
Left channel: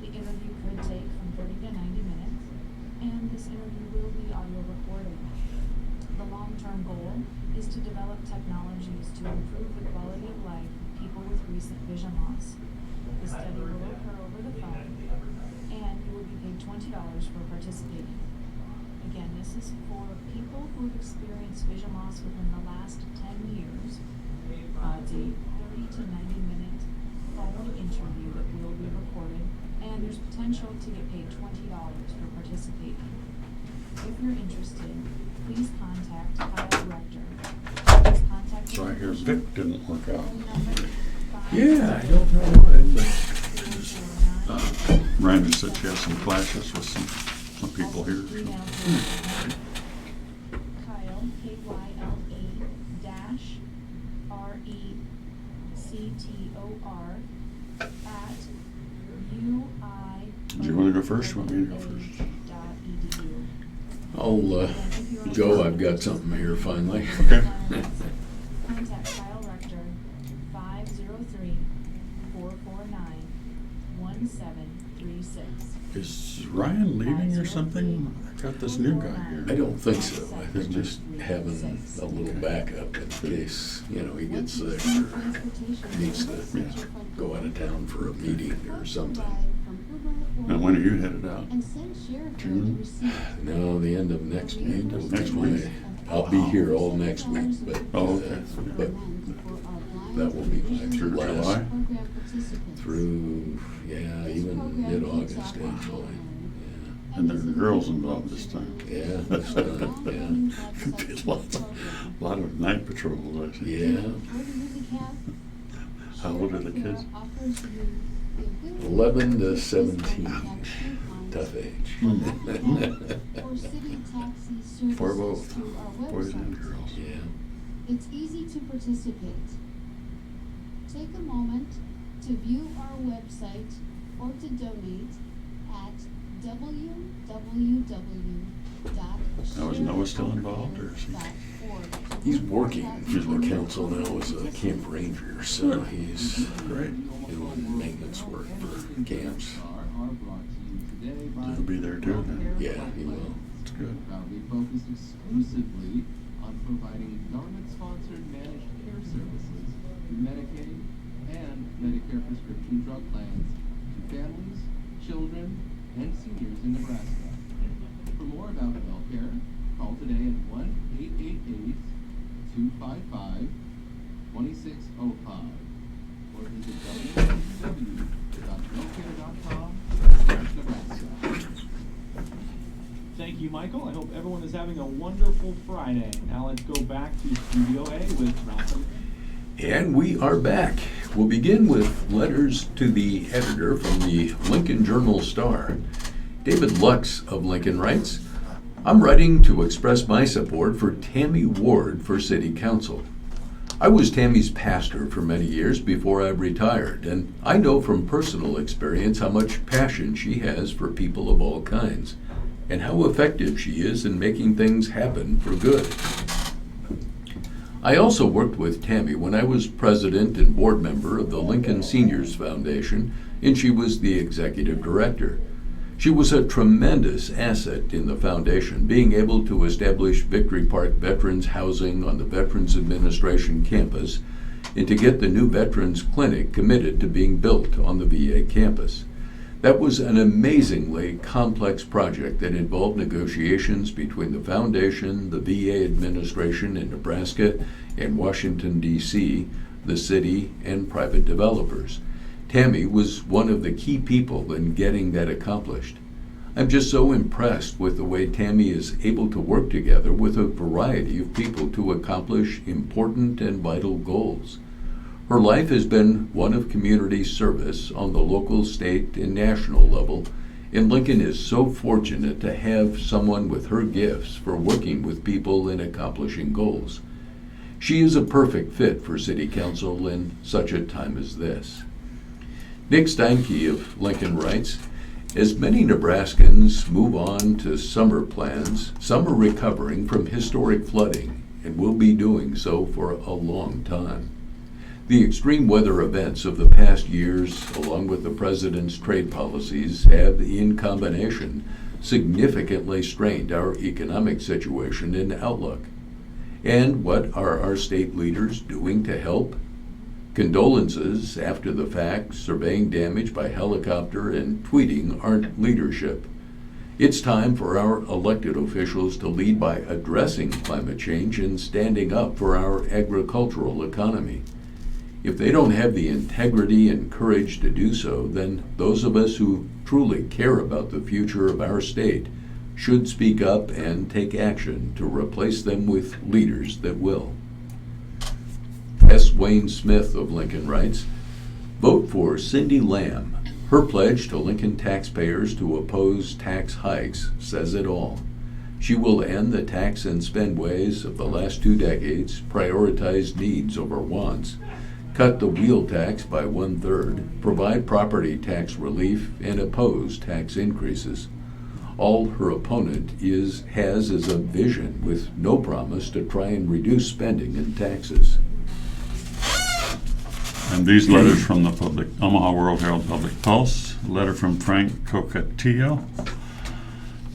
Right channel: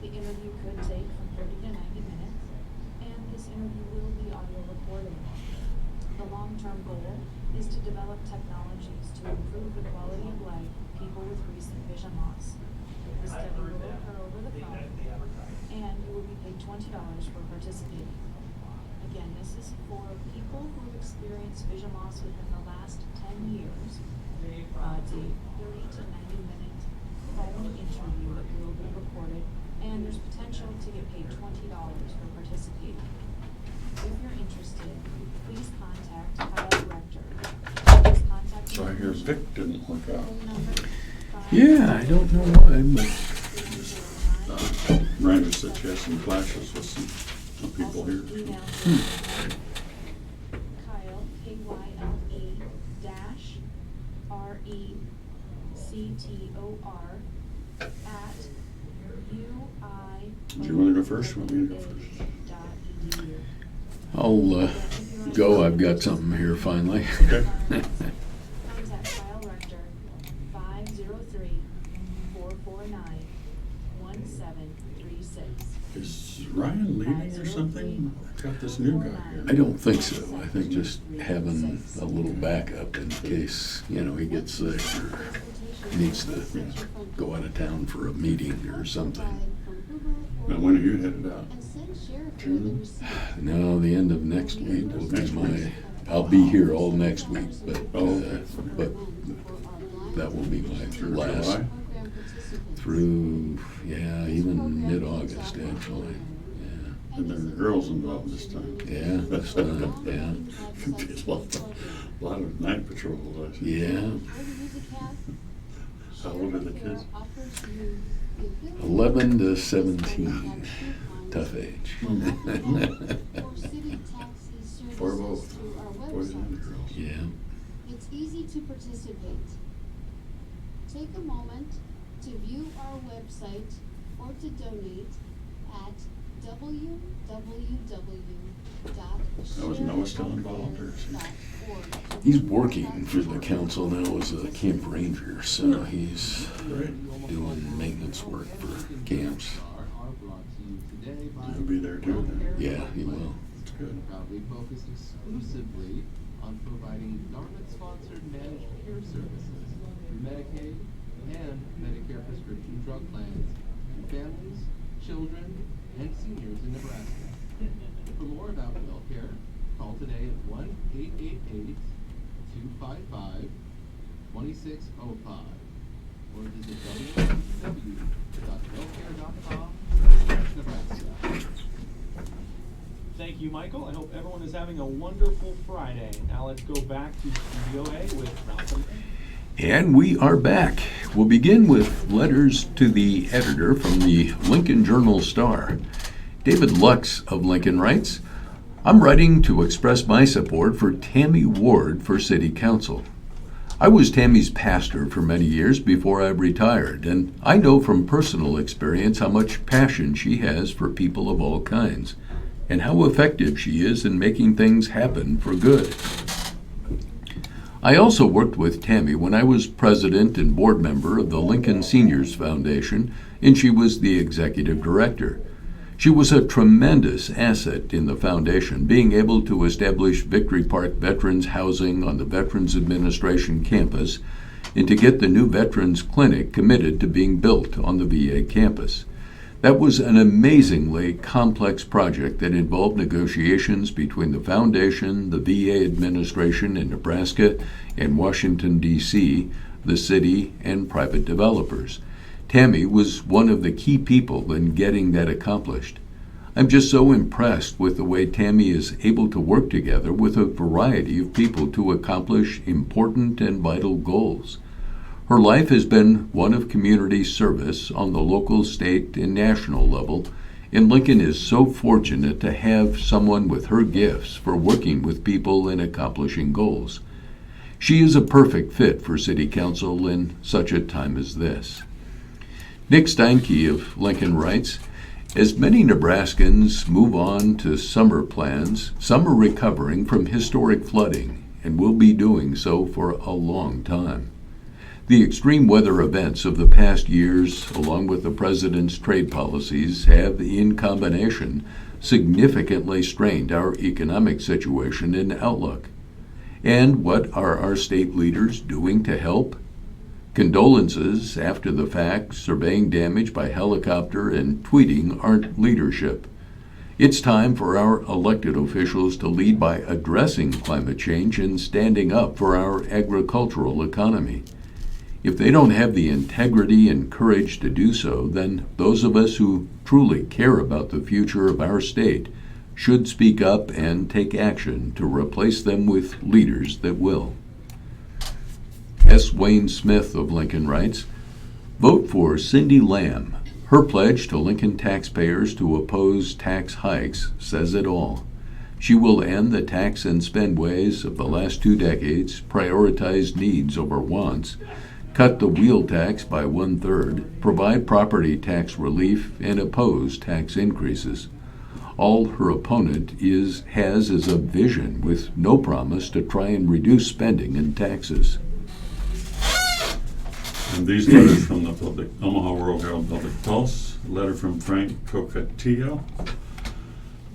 The interview could take from 30 to 90 minutes, and this interview will be audio recorded. The long-term goal is to develop technologies to improve the quality of life of people with recent vision loss. The study will occur over the phone, and you will be paid $20 for participating. Again, this is for people who have experienced vision loss within the last 10 years. It's a 30 to 90 minute phone interview that will be recorded, and there's potential to get paid $20 for participating. If you're interested, please contact Kyle Rector. His contact So I hear Vic didn't work out. Yeah, I don't know why, but Miranda said she has some clashes with some people here. Kyle, KYLE dash RECTOR at UI. Do you want to go first? You want me to go first? I'll go. I've got something here finally. Okay. Contact Kyle Rector, 503-449-1736. Is Ryan leaving or something? I got this new guy here. I don't think so. I think just having a little backup in case, he gets sick or needs to go out of town for a meeting or something. Now, when are you headed out? June? No, the end of next week will be Next week? I'll be here all next week, but Okay. but that will be my Through last July? through even mid-August actually. Yeah. And there are girls involved this time. Yeah, this time, A lot of night patrols, I see. yeah. How old are the kids? 11 to 17, tough age. For both, boys and girls. Yeah. It's easy to participate. Take a moment to view our website or to donate at Now, is Noah still involved, or is he? He's working for the council now as a camp ranger, so he's Great. doing maintenance work for camps. He'll be there too then. Yeah, he will. That's good. Proudly focused exclusively on providing government-sponsored managed care services through Medicaid and Medicare prescription drug plans to families, children, and seniors in Nebraska. For more about WellCare, call today at 1-888-255-2605 or visit www.wellcare.com/Nebraska. Thank you, Michael. I hope everyone is having a wonderful Friday. Now let's go back to Studio A with Ralph and Rick. And we are back. We'll begin with letters to the editor from the Lincoln Journal-Star. David Lux of Lincoln writes, I'm writing to express my support for Tammy Ward for City Council. I was Tammy's pastor for many years before I retired, and I know from personal experience how much passion she has for people of all kinds, and how effective she is in making things happen for good. I also worked with Tammy when I was president and board member of the Lincoln Seniors Foundation, and she was the executive director. She was a tremendous asset in the foundation, being able to establish Victory Park Veterans Housing on the Veterans Administration campus and to get the new Veterans Clinic committed to being built on the VA campus. That was an amazingly complex project that involved negotiations between the foundation, the VA administration in Nebraska and Washington, D.C., the city, and private developers. Tammy was one of the key people in getting that accomplished. I'm just so impressed with the way Tammy is able to work together with a variety of people to accomplish important and vital goals. Her life has been one of community service on the local, state, and national level, and Lincoln is so fortunate to have someone with her gifts for working with people and accomplishing goals. She is a perfect fit for City Council in such a time as this. Nick Steinke of Lincoln writes, as many Nebraskans move on to summer plans, some are recovering from historic flooding and will be doing so for a long time. The extreme weather events of the past years, along with the president's trade policies, have, in combination, significantly strained our economic situation and outlook. And what are our state leaders doing to help? Condolences after the fact, surveying damage by helicopter, and tweeting aren't leadership. It's time for our elected officials to lead by addressing climate change and standing up for our agricultural economy. If they don't have the integrity and courage to do so, then those of us who truly care about the future of our state should speak up and take action to replace them with leaders that will. S. Wayne Smith of Lincoln writes, vote for Cindy Lamb. Her pledge to Lincoln taxpayers to oppose tax hikes says it all. She will end the tax and spend ways of the last 2 decades, prioritize needs over wants, cut the wheel tax by 1/3, provide property tax relief, and oppose tax increases. All her opponent has is a vision with no promise to try and reduce spending and taxes. And these letters from the Omaha World Herald Public Pulse, a letter from Frank Cocatillo.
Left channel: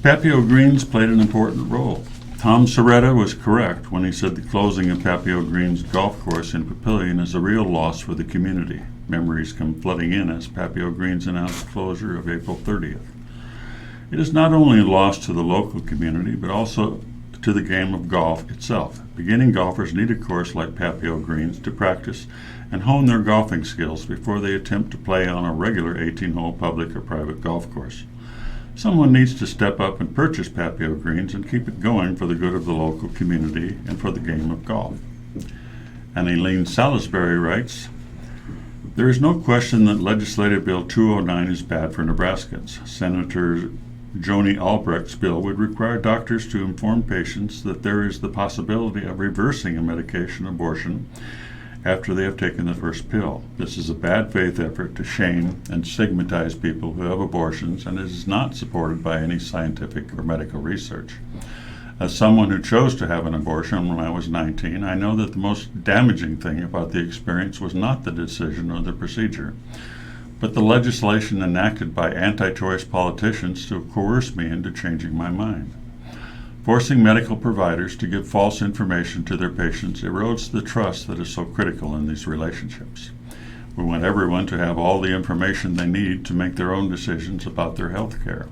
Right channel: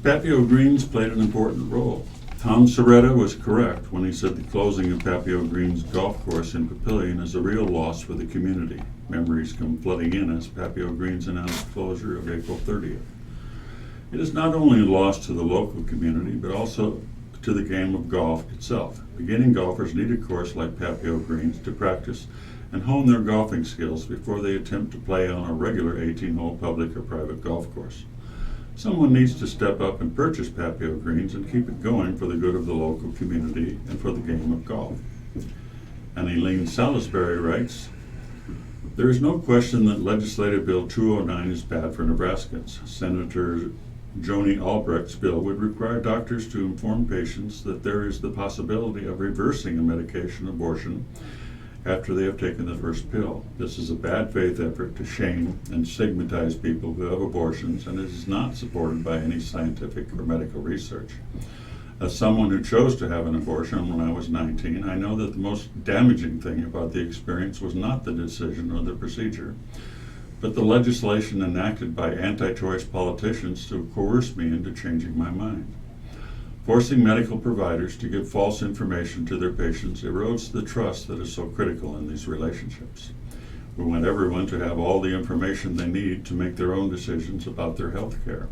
Papio Greens played an important role. Tom Soretta was correct when he said the closing of Papio Greens golf course in Papillion is a real loss for the community. Memories come flooding in as Papio Greens announced closure of April 30th. It is not only a loss to the local community, but also to the game of golf itself. Beginning golfers need a course like Papio Greens to practice and hone their golfing skills before they attempt to play on a regular 18-hole public or private golf course. Someone needs to step up and purchase Papio Greens and keep it going for the good of the local community and for the game of golf. And Elaine Salisbury writes, there is no question that Legislative Bill 209 is bad for Nebraskans. Senator Joni Albrecht's bill would require doctors to inform patients that there is the possibility of reversing a medication abortion after they have taken the first pill. This is a bad faith effort to shame and stigmatize people who have abortions, and it is not supported by any scientific or medical research. As someone who chose to have an abortion when I was 19, I know that the most damaging thing about the experience was not the decision or the procedure, but the legislation enacted by anti-choice politicians to coerce me into changing my mind. Forcing medical providers to give false information to their patients erodes the trust that is so critical in these relationships. We want everyone to have all the information they need to make their own decisions about their health care.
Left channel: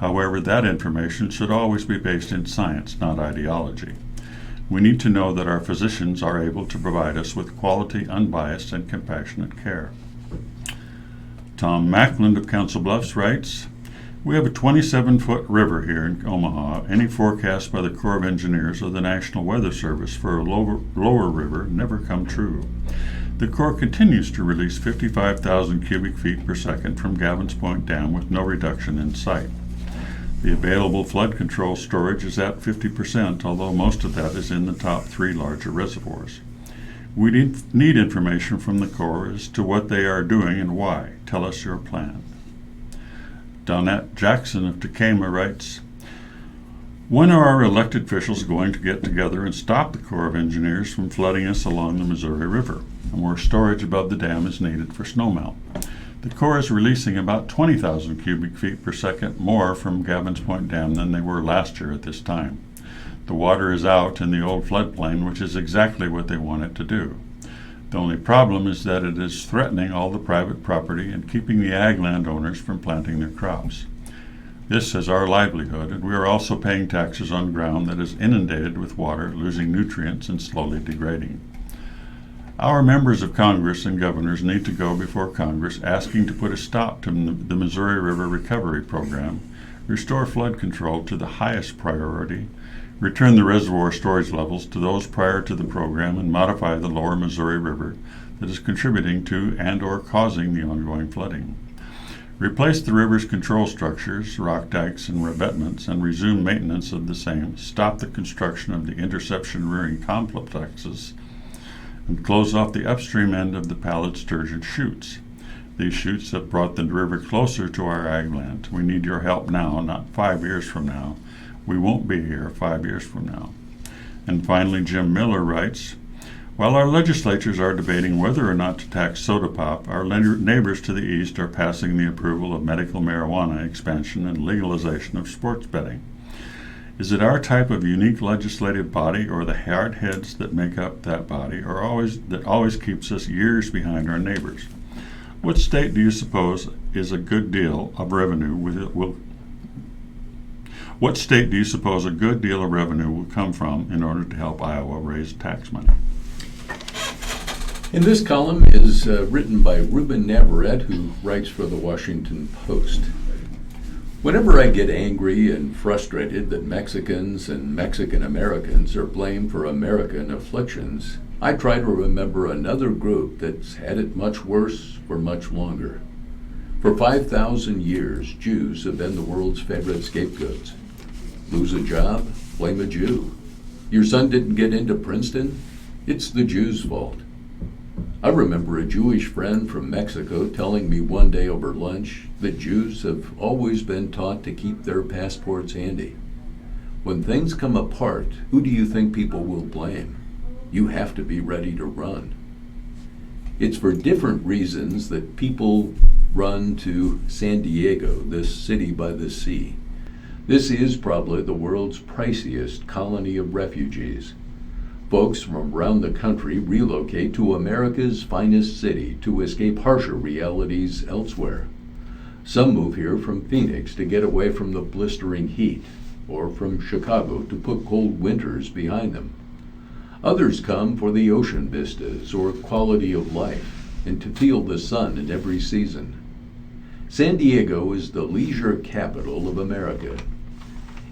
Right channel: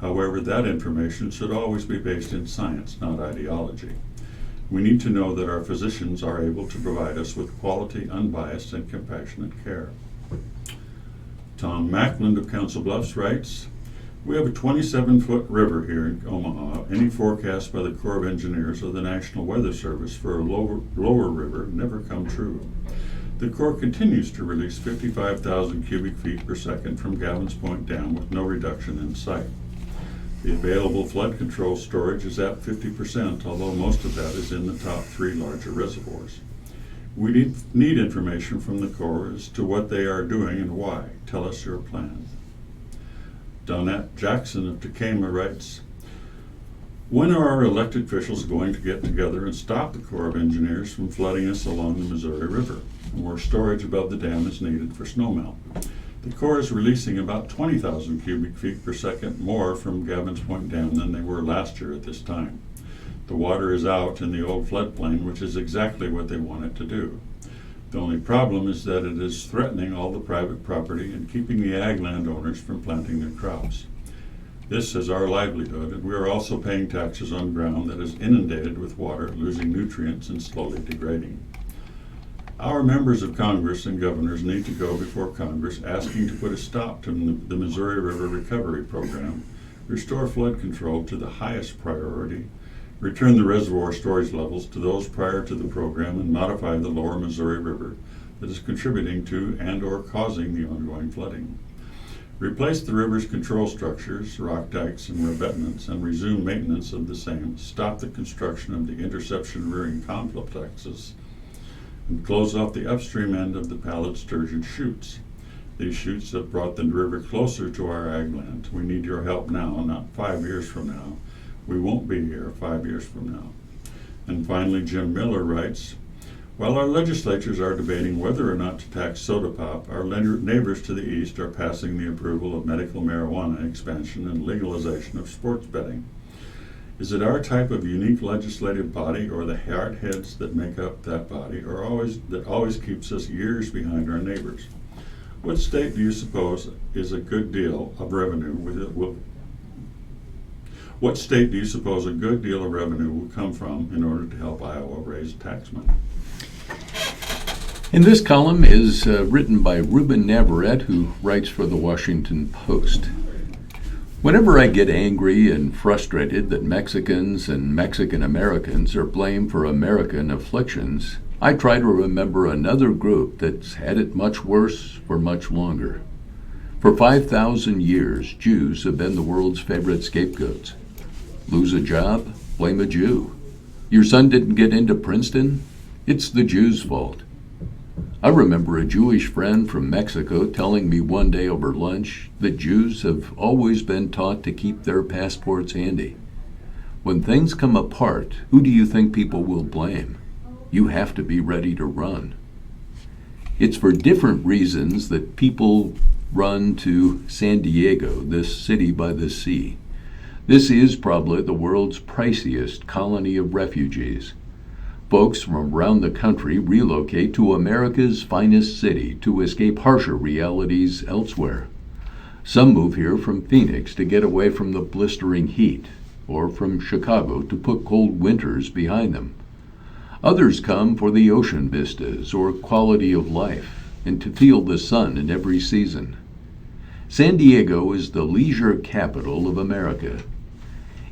However, that information should always be based in science, not ideology. We need to know that our physicians are able to provide us with quality, unbiased, and compassionate care. Tom Macklin of Council Bluffs writes, We have a 27-foot river here in Omaha. Any forecast by the Corps of Engineers or the National Weather Service for a lower river never come true. The Corps continues to release 55,000 cubic feet per second from Gavin's Point Dam with no reduction in sight. The available flood control storage is at 50%, although most of that is in the top 3 larger reservoirs. We need information from the Corps as to what they are doing and why. Tell us your plan. Donette Jackson of Tacoma writes, when are our elected officials going to get together and stop the Corps of Engineers from flooding us along the Missouri River? More storage above the dam is needed for snowmelt. The Corps is releasing about 20,000 cubic feet per second more from Gavin's Point Dam than they were last year at this time. The water is out in the old floodplain, which is exactly what they want it to do. The only problem is that it is threatening all the private property and keeping the ag landowners from planting their crops. This is our livelihood, and we are also paying taxes on ground that is inundated with water, losing nutrients and slowly degrading. Our members of Congress and governors need to go before Congress asking to put a stop to the Missouri River Recovery Program, restore flood control to the highest priority, return the reservoir storage levels to those prior to the program, and modify the lower Missouri River that is contributing to and or causing the ongoing flooding. Replace the river's control structures, rock dikes and revetments, and resume maintenance of the same. Stop the construction of the interception rearing complexes, and close off the upstream end of the pallid sturgeon chutes. These chutes have brought the river closer to our ag land. We need your help now, not 5 years from now. We won't be here 5 years from now. And finally, Jim Miller writes, while our legislatures are debating whether or not to tax soda pop, our neighbors to the east are passing the approval of medical marijuana expansion and legalization of sports betting. Is it our type of unique legislative body or the hard heads that make up that body that always keeps us years behind our neighbors? What state do you suppose is a good deal of revenue What state do you suppose a good deal of revenue will come from in order to help Iowa raise tax money? And this column is written by Ruben Navarrete, who writes for the Washington Post. Whenever I get angry and frustrated that Mexicans and Mexican Americans are blamed for American afflictions, I try to remember another group that's had it much worse for much longer. For 5,000 years, Jews have been the world's favorite scapegoats. Lose a job? Blame a Jew. Your son didn't get into Princeton? It's the Jews' fault. I remember a Jewish friend from Mexico telling me one day over lunch that Jews have always been taught to keep their passports handy. When things come apart, who do you think people will blame? You have to be ready to run. It's for different reasons that people run to San Diego, this city by the sea. This is probably the world's priciest colony of refugees. Folks from around the country relocate to America's finest city to escape harsher realities elsewhere. Some move here from Phoenix to get away from the blistering heat, or from Chicago to put cold winters behind them. Others come for the ocean vistas or quality of life, and to feel the sun in every season. San Diego is the leisure capital of America.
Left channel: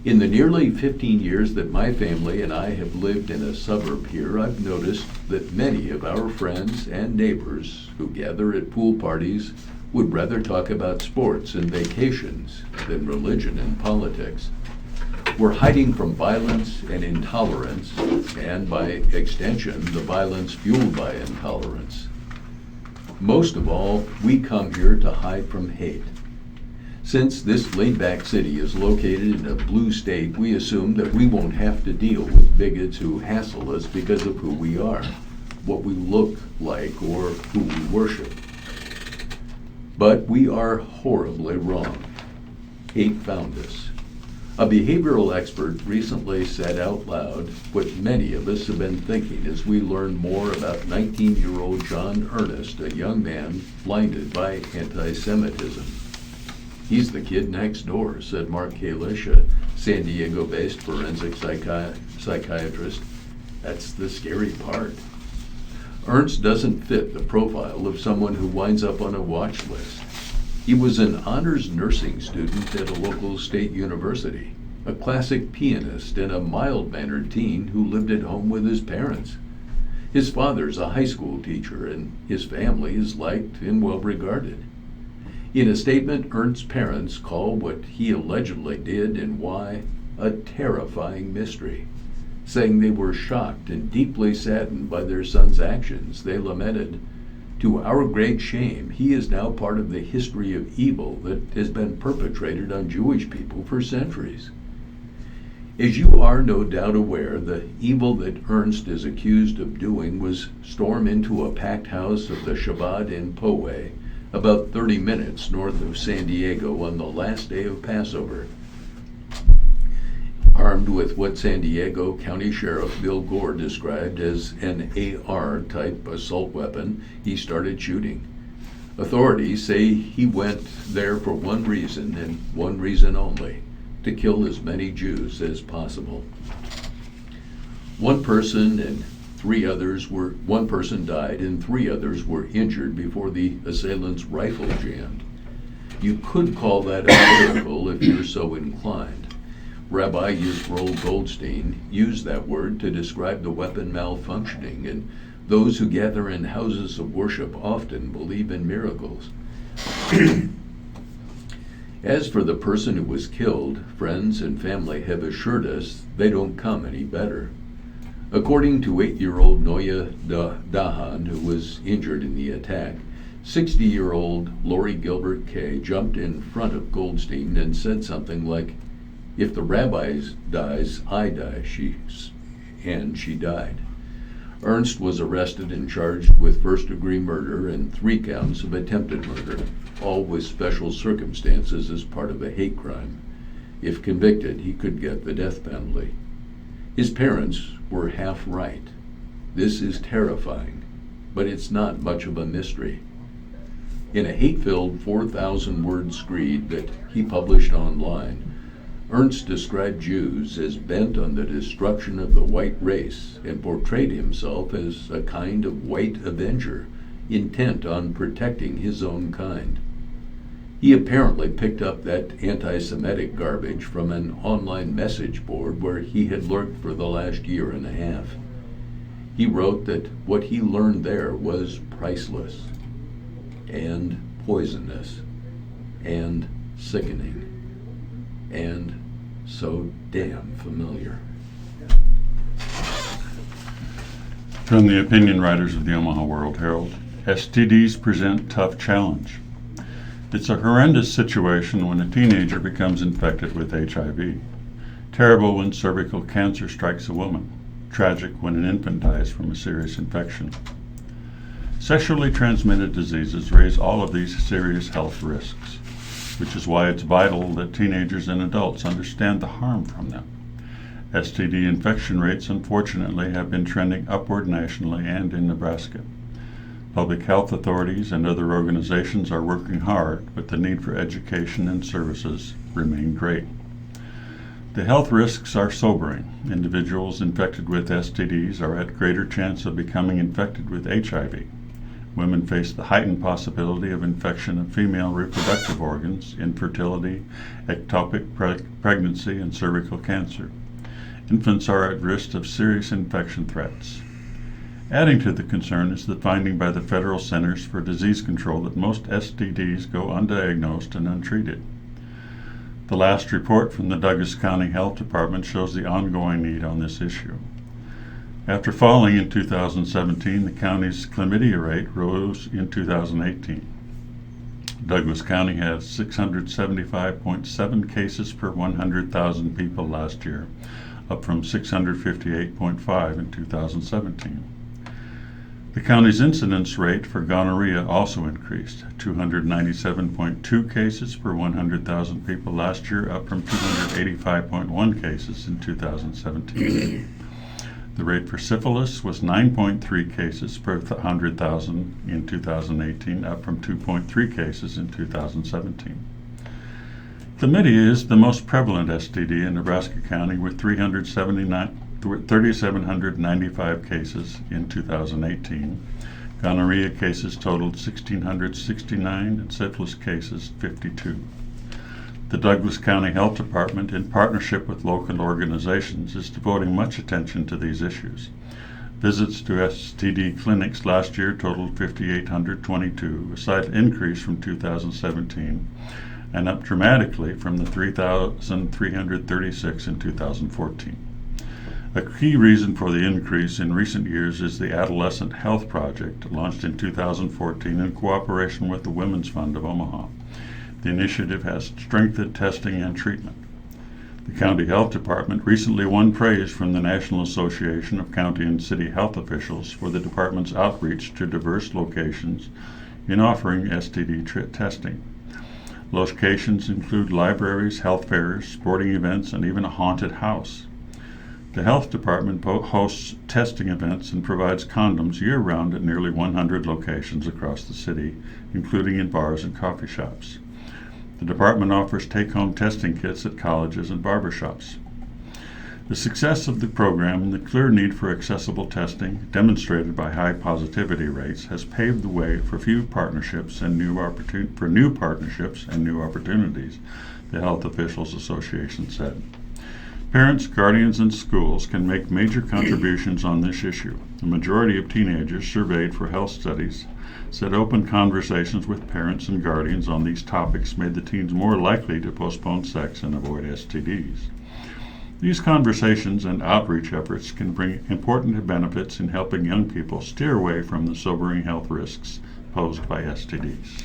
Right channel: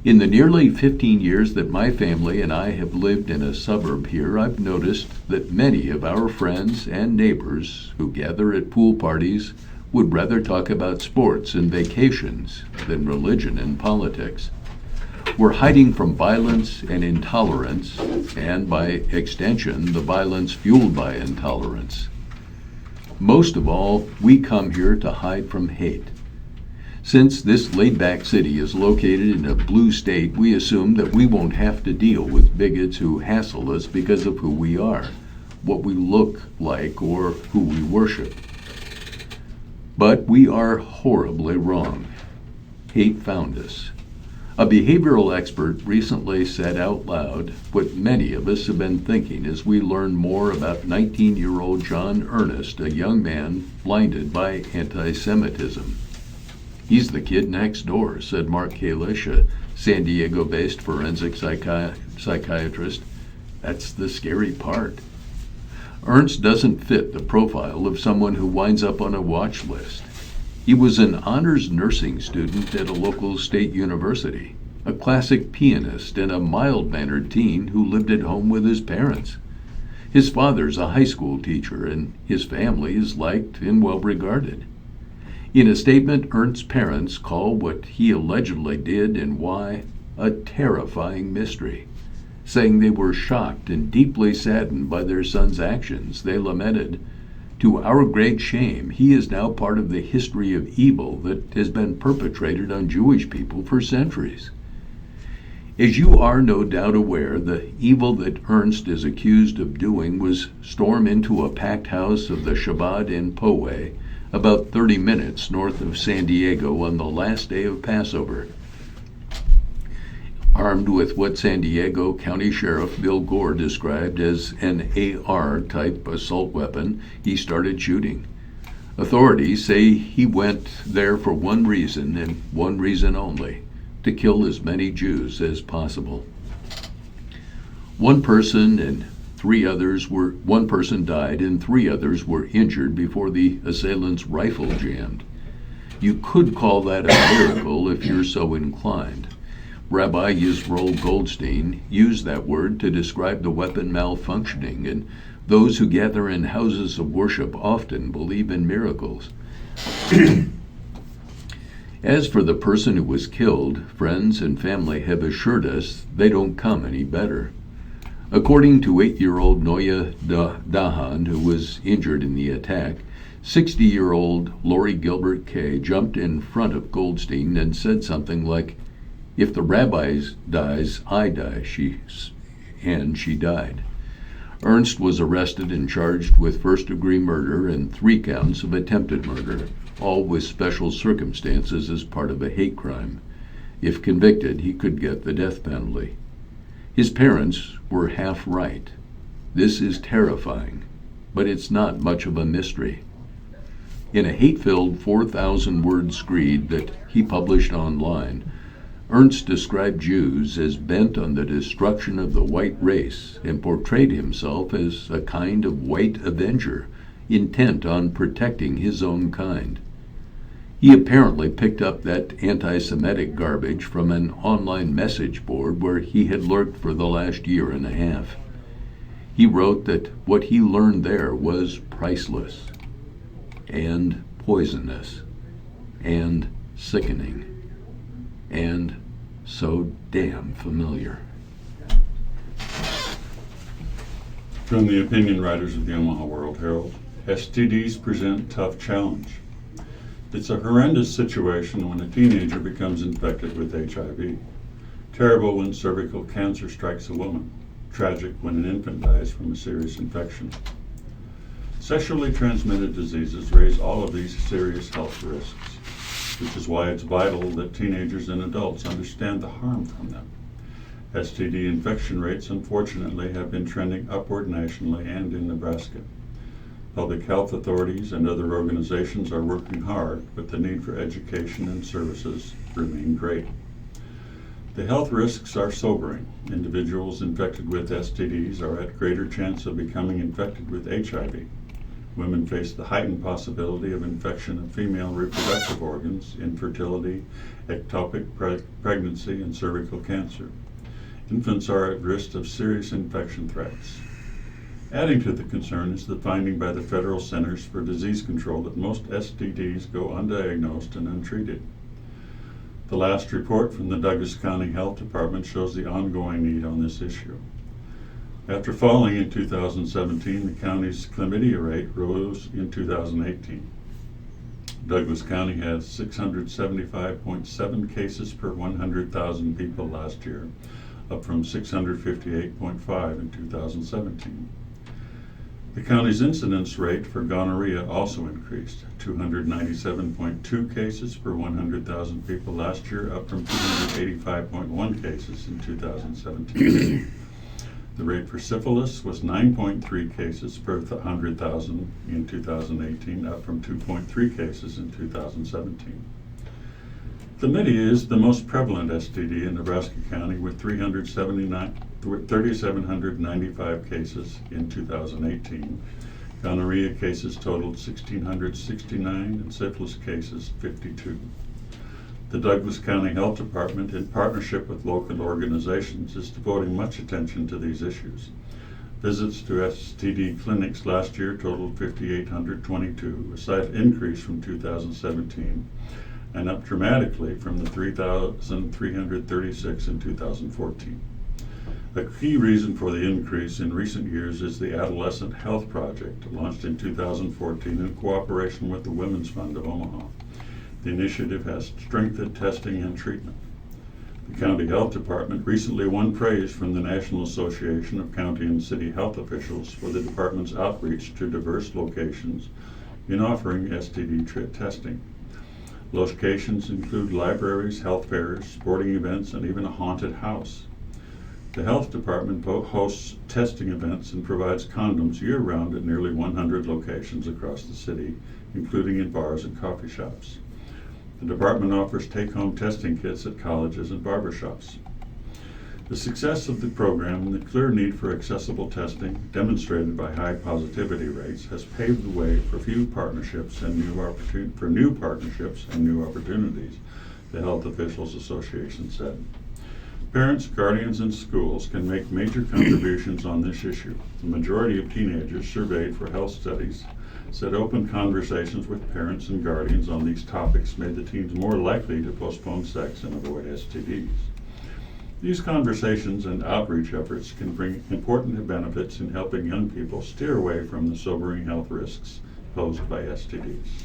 In the nearly 15 years that my family and I have lived in a suburb here, I've noticed that many of our friends and neighbors who gather at pool parties would rather talk about sports and vacations than religion and politics. We're hiding from violence and intolerance, and by extension, the violence fueled by intolerance. Most of all, we come here to hide from hate. Since this laid-back city is located in a blue state, we assume that we won't have to deal with bigots who hassle us because of who we are, what we look like, or who we worship. But we are horribly wrong. Hate found us. A behavioral expert recently said out loud what many of us have been thinking as we learn more about 19-year-old John Ernest, a young man blinded by anti-Semitism. He's the kid next door, said Mark Kalish, a San Diego-based forensic psychiatrist. That's the scary part. Ernst doesn't fit the profile of someone who winds up on a watch list. He was an honors nursing student at a local state university, a classic pianist, and a mild-mannered teen who lived at home with his parents. His father's a high school teacher, and his family is liked and well-regarded. In a statement, Ernst's parents call what he allegedly did and why a terrifying mystery. Saying they were shocked and deeply saddened by their son's actions, they lamented, "To our great shame, he is now part of the history of evil that has been perpetrated on Jewish people for centuries." As you are no doubt aware, the evil that Ernst is accused of doing was storm into a packed house of the Shabbat in Poway, about 30 minutes north of San Diego on the last day of Passover. Armed with what San Diego County Sheriff Bill Gore described as an AR-type assault weapon, he started shooting. Authorities say he went there for one reason and one reason only: to kill as many Jews as possible. One person died and 3 others were injured before the assailant's rifle jammed. You could call that a miracle if you're so inclined. Rabbi Yisroel Goldstein used that word to describe the weapon malfunctioning, and those who gather in houses of worship often believe in miracles. As for the person who was killed, friends and family have assured us they don't come any better. According to 8-year-old Noya Dahan, who was injured in the attack, 60-year-old Lori Gilbert Kay jumped in front of Goldstein and said something like, "If the rabbi dies, I die," and she died. Ernst was arrested and charged with first-degree murder and 3 counts of attempted murder, all with special circumstances as part of a hate crime. If convicted, he could get the death penalty. His parents were half right. This is terrifying, but it's not much of a mystery. In a hate-filled 4,000-word screed that he published online, Ernst described Jews as bent on the destruction of the white race and portrayed himself as a kind of white avenger, intent on protecting his own kind. He apparently picked up that anti-Semitic garbage from an online message board where he had lurked for the last year and a half. He wrote that what he learned there was priceless, and poisonous, and sickening, and so damn familiar. From the opinion writers of the Omaha World Herald, STDs present tough challenge. It's a horrendous situation when a teenager becomes infected with HIV. Terrible when cervical cancer strikes a woman. Tragic when an infant dies from a serious infection. Sexually transmitted diseases raise all of these serious health risks, which is why it's vital that teenagers and adults understand the harm from them. STD infection rates, unfortunately, have been trending upward nationally and in Nebraska. Public health authorities and other organizations are working hard, but the need for education and services remain great. The health risks are sobering. Individuals infected with STDs are at greater chance of becoming infected with HIV. Women face the heightened possibility of infection of female reproductive organs, infertility, ectopic pregnancy, and cervical cancer. Infants are at risk of serious infection threats. Adding to the concern is the finding by the Federal Centers for Disease Control that most STDs go undiagnosed and untreated. The last report from the Douglas County Health Department shows the ongoing need on this issue. After falling in 2017, the county's chlamydia rate rose in 2018. Douglas County had 675.7 cases per 100,000 people last year, up from 658.5 in 2017. The county's incidence rate for gonorrhea also increased, 297.2 cases per 100,000 people last year, up from 285.1 cases in 2017. The rate for syphilis was 9.3 cases per 100,000 in 2018, up from 2.3 cases in 2017. Chlamydia is the most prevalent STD in Nebraska County, with 3,795 cases in 2018, Gonorrhea cases totaled 1,669 and syphilis cases 52. The Douglas County Health Department, in partnership with local organizations, is devoting much attention to these issues. Visits to STD clinics last year totaled 5,822, a slight increase from 2017, and up dramatically from the 3,336 in 2014. A key reason for the increase in recent years is the Adolescent Health Project, launched in 2014 in cooperation with the Women's Fund of Omaha. The initiative has strengthened testing and treatment. The County Health Department recently won praise from the National Association of County and City Health Officials for the department's outreach to diverse locations in offering STD testing. Locations include libraries, health fairs, sporting events, and even a haunted house. The Health Department hosts testing events and provides condoms year-round at nearly 100 locations across the city, including in bars and coffee shops. The department offers take-home testing kits at colleges and barbershops. The success of the program and the clear need for accessible testing, demonstrated by high positivity rates, has paved the way for new partnerships and new opportunities, the Health Officials Association said. Parents, guardians, and schools can make major contributions on this issue. The majority of teenagers surveyed for health studies said open conversations with parents and guardians on these topics made the teens more likely to postpone sex and avoid STDs. These conversations and outreach efforts can bring important benefits in helping young people steer away from the sobering health risks posed by STDs.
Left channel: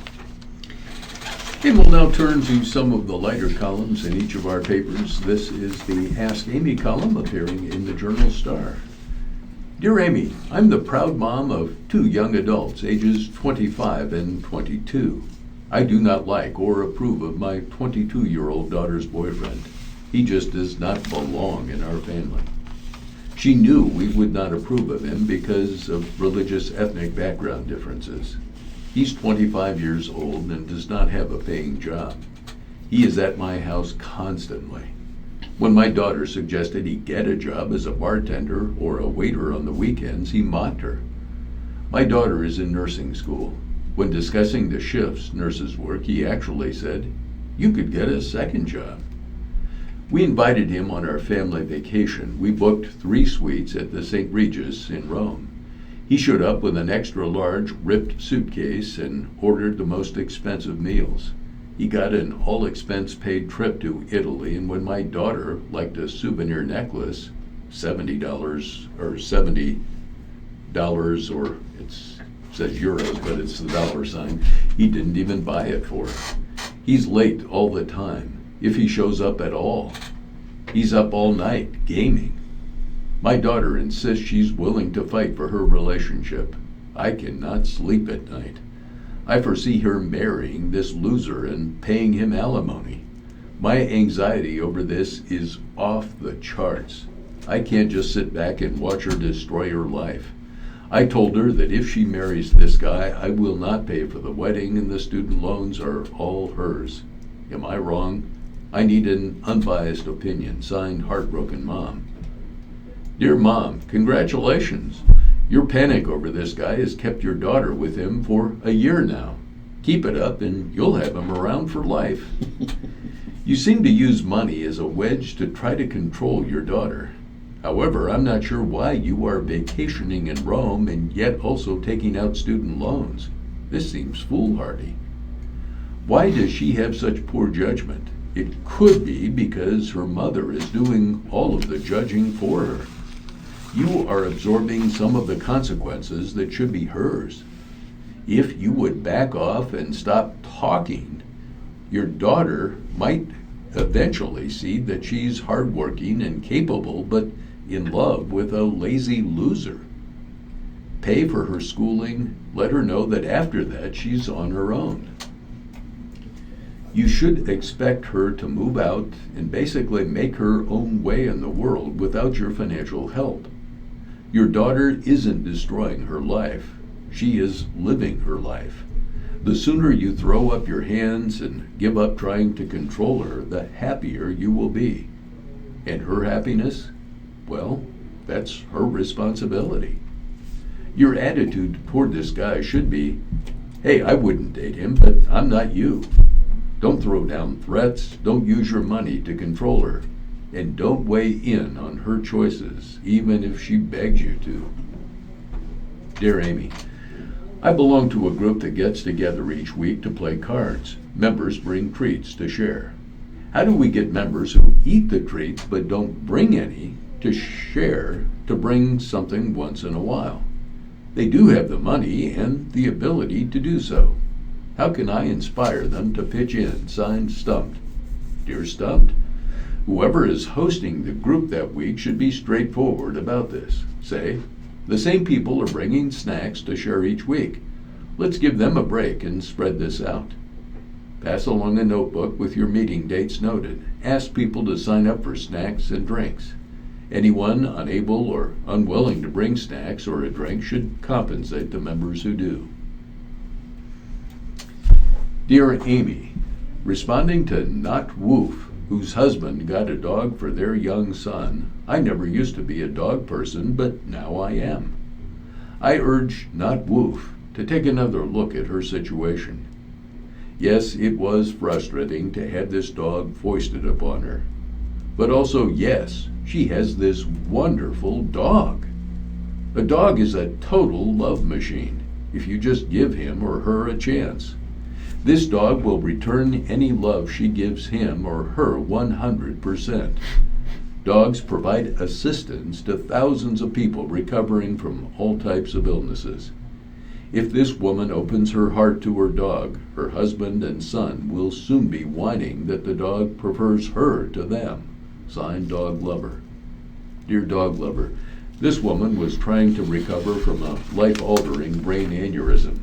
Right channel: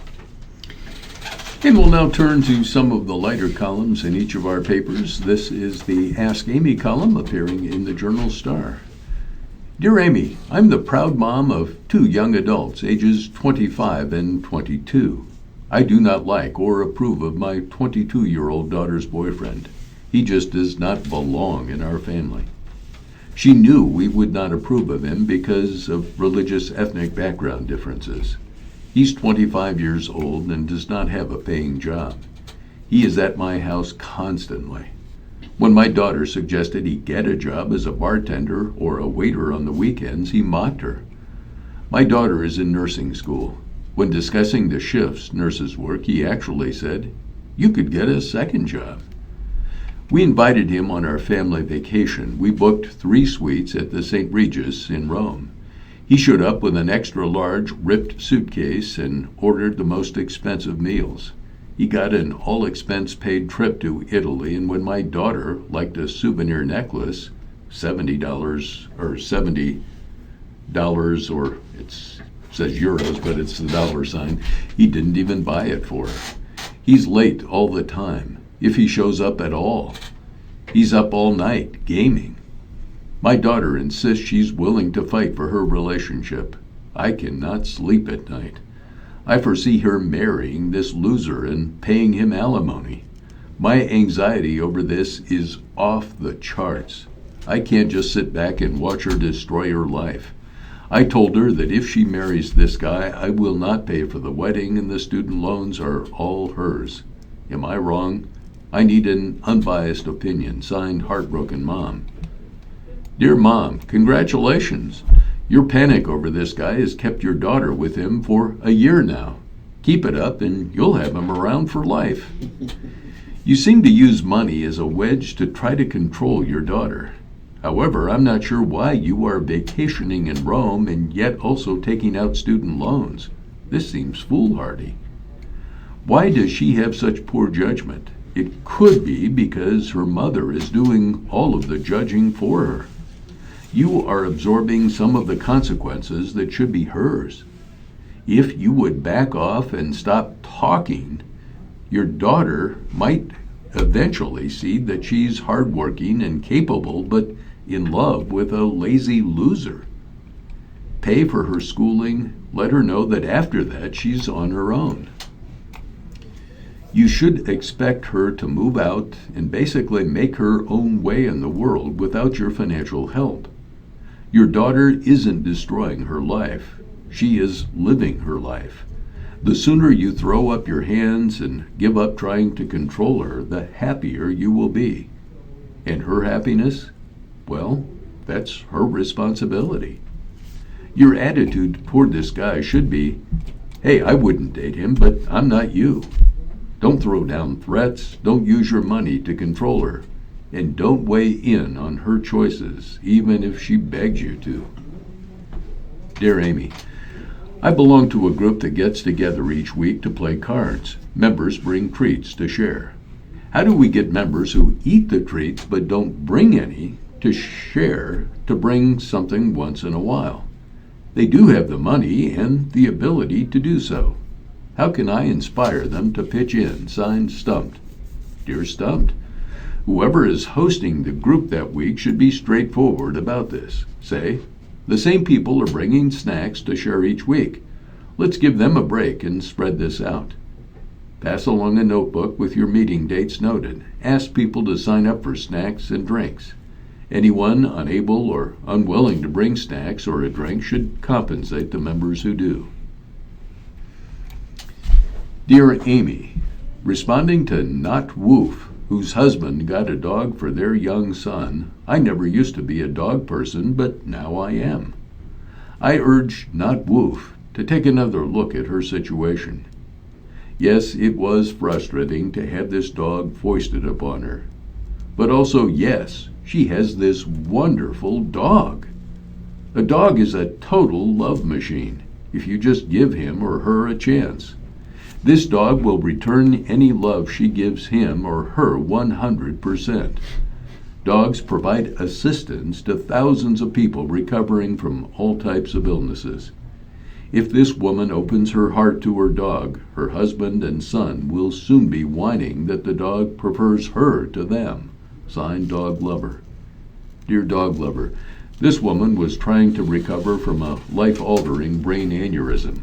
And we'll now turn to some of the lighter columns in each of our papers. This is the Ask Amy column appearing in the Journal-Star. Dear Amy, I'm the proud mom of 2 young adults, ages 25 and 22. I do not like or approve of my 22-year-old daughter's boyfriend. He just does not belong in our family. She knew we would not approve of him because of religious ethnic background differences. He's 25 years old and does not have a paying job. He is at my house constantly. When my daughter suggested he get a job as a bartender or a waiter on the weekends, he mocked her. My daughter is in nursing school. When discussing the shifts nurses work, he actually said, "You could get a second job." We invited him on our family vacation. We booked 3 suites at the St. Regis in Rome. He showed up with an extra large ripped suitcase and ordered the most expensive meals. He got an all-expense paid trip to Italy, and when my daughter liked a souvenir necklace, $70 or $70, or it says euros, but it's the dollar sign, he didn't even buy it for her. He's late all the time, if he shows up at all. He's up all night, gaming. My daughter insists she's willing to fight for her relationship. I cannot sleep at night. I foresee her marrying this loser and paying him alimony. My anxiety over this is off the charts. I can't just sit back and watch her destroy her life. I told her that if she marries this guy, I will not pay for the wedding and the student loans are all hers. Am I wrong? I need an unbiased opinion. Signed, Heartbroken Mom. Dear Mom, congratulations. Your panic over this guy has kept your daughter with him for a year now. Keep it up and you'll have him around for life. You seem to use money as a wedge to try to control your daughter. However, I'm not sure why you are vacationing in Rome and yet also taking out student loans. This seems foolhardy. Why does she have such poor judgment? It could be because her mother is doing all of the judging for her. You are absorbing some of the consequences that should be hers. If you would back off and stop talking, your daughter might eventually see that she's hardworking and capable, but in love with a lazy loser. Pay for her schooling, let her know that after that she's on her own. You should expect her to move out and basically make her own way in the world without your financial help. Your daughter isn't destroying her life. She is living her life. The sooner you throw up your hands and give up trying to control her, the happier you will be. And her happiness? Well, that's her responsibility. Your attitude toward this guy should be, hey, I wouldn't date him, but I'm not you. Don't throw down threats, don't use your money to control her, and don't weigh in on her choices, even if she begs you to. Dear Amy, I belong to a group that gets together each week to play cards. Members bring treats to share. How do we get members who eat the treats but don't bring any to share to bring something once in a while? They do have the money and the ability to do so. How can I inspire them to pitch in? Signed, Stumped. Dear Stumped, whoever is hosting the group that week should be straightforward about this. Say, the same people are bringing snacks to share each week. Let's give them a break and spread this out. Pass along a notebook with your meeting dates noted. Ask people to sign up for snacks and drinks. Anyone unable or unwilling to bring snacks or a drink should compensate the members who do. Dear Amy, responding to Not Woof, whose husband got a dog for their young son, I never used to be a dog person, but now I am. I urge Not Woof to take another look at her situation. Yes, it was frustrating to have this dog foisted upon her. But also, yes, she has this wonderful dog. A dog is a total love machine, if you just give him or her a chance. This dog will return any love she gives him or her 100%. Dogs provide assistance to thousands of people recovering from all types of illnesses. If this woman opens her heart to her dog, her husband and son will soon be whining that the dog prefers her to them. Signed, Dog Lover. Dear Dog Lover, this woman was trying to recover from a life-altering brain aneurysm.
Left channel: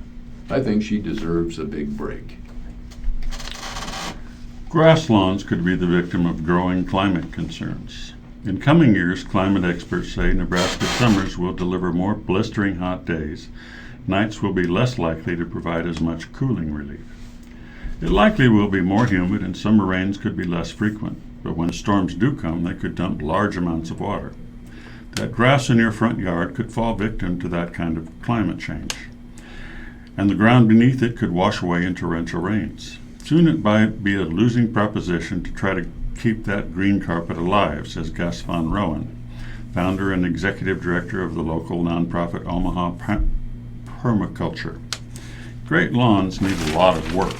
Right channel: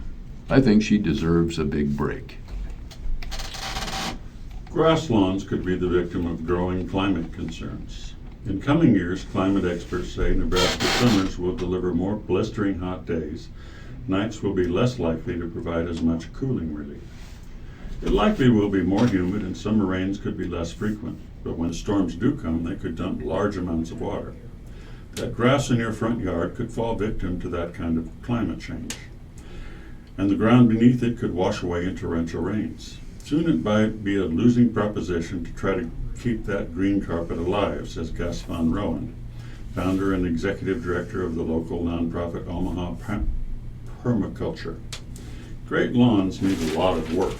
I think she deserves a big break. Grass lawns could be the victim of growing climate concerns. In coming years, climate experts say Nebraska summers will deliver more blistering hot days. Nights will be less likely to provide as much cooling relief. It likely will be more humid and summer rains could be less frequent, but when storms do come, they could dump large amounts of water. That grass in your front yard could fall victim to that kind of climate change, and the ground beneath it could wash away in torrential rains. Soon it might be a losing proposition to try to keep that green carpet alive, says Gus Von Rowan, founder and executive director of the local nonprofit Omaha Permaculture. Great lawns need a lot of work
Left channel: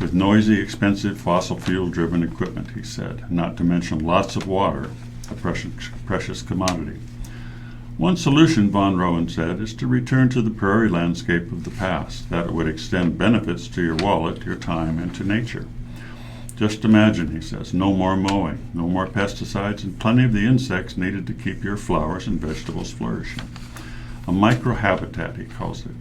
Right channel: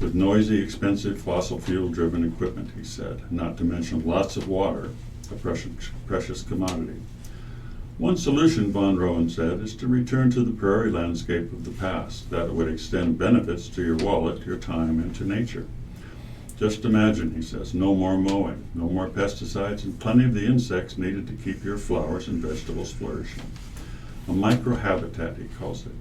with noisy, expensive, fossil fuel-driven equipment, he said, not to mention lots of water, a precious commodity. One solution, Von Rowan said, is to return to the prairie landscape of the past. That would extend benefits to your wallet, your time, and to nature. Just imagine, he says, no more mowing, no more pesticides, and plenty of the insects needed to keep your flowers and vegetables flourishing. A microhabitat, he calls it.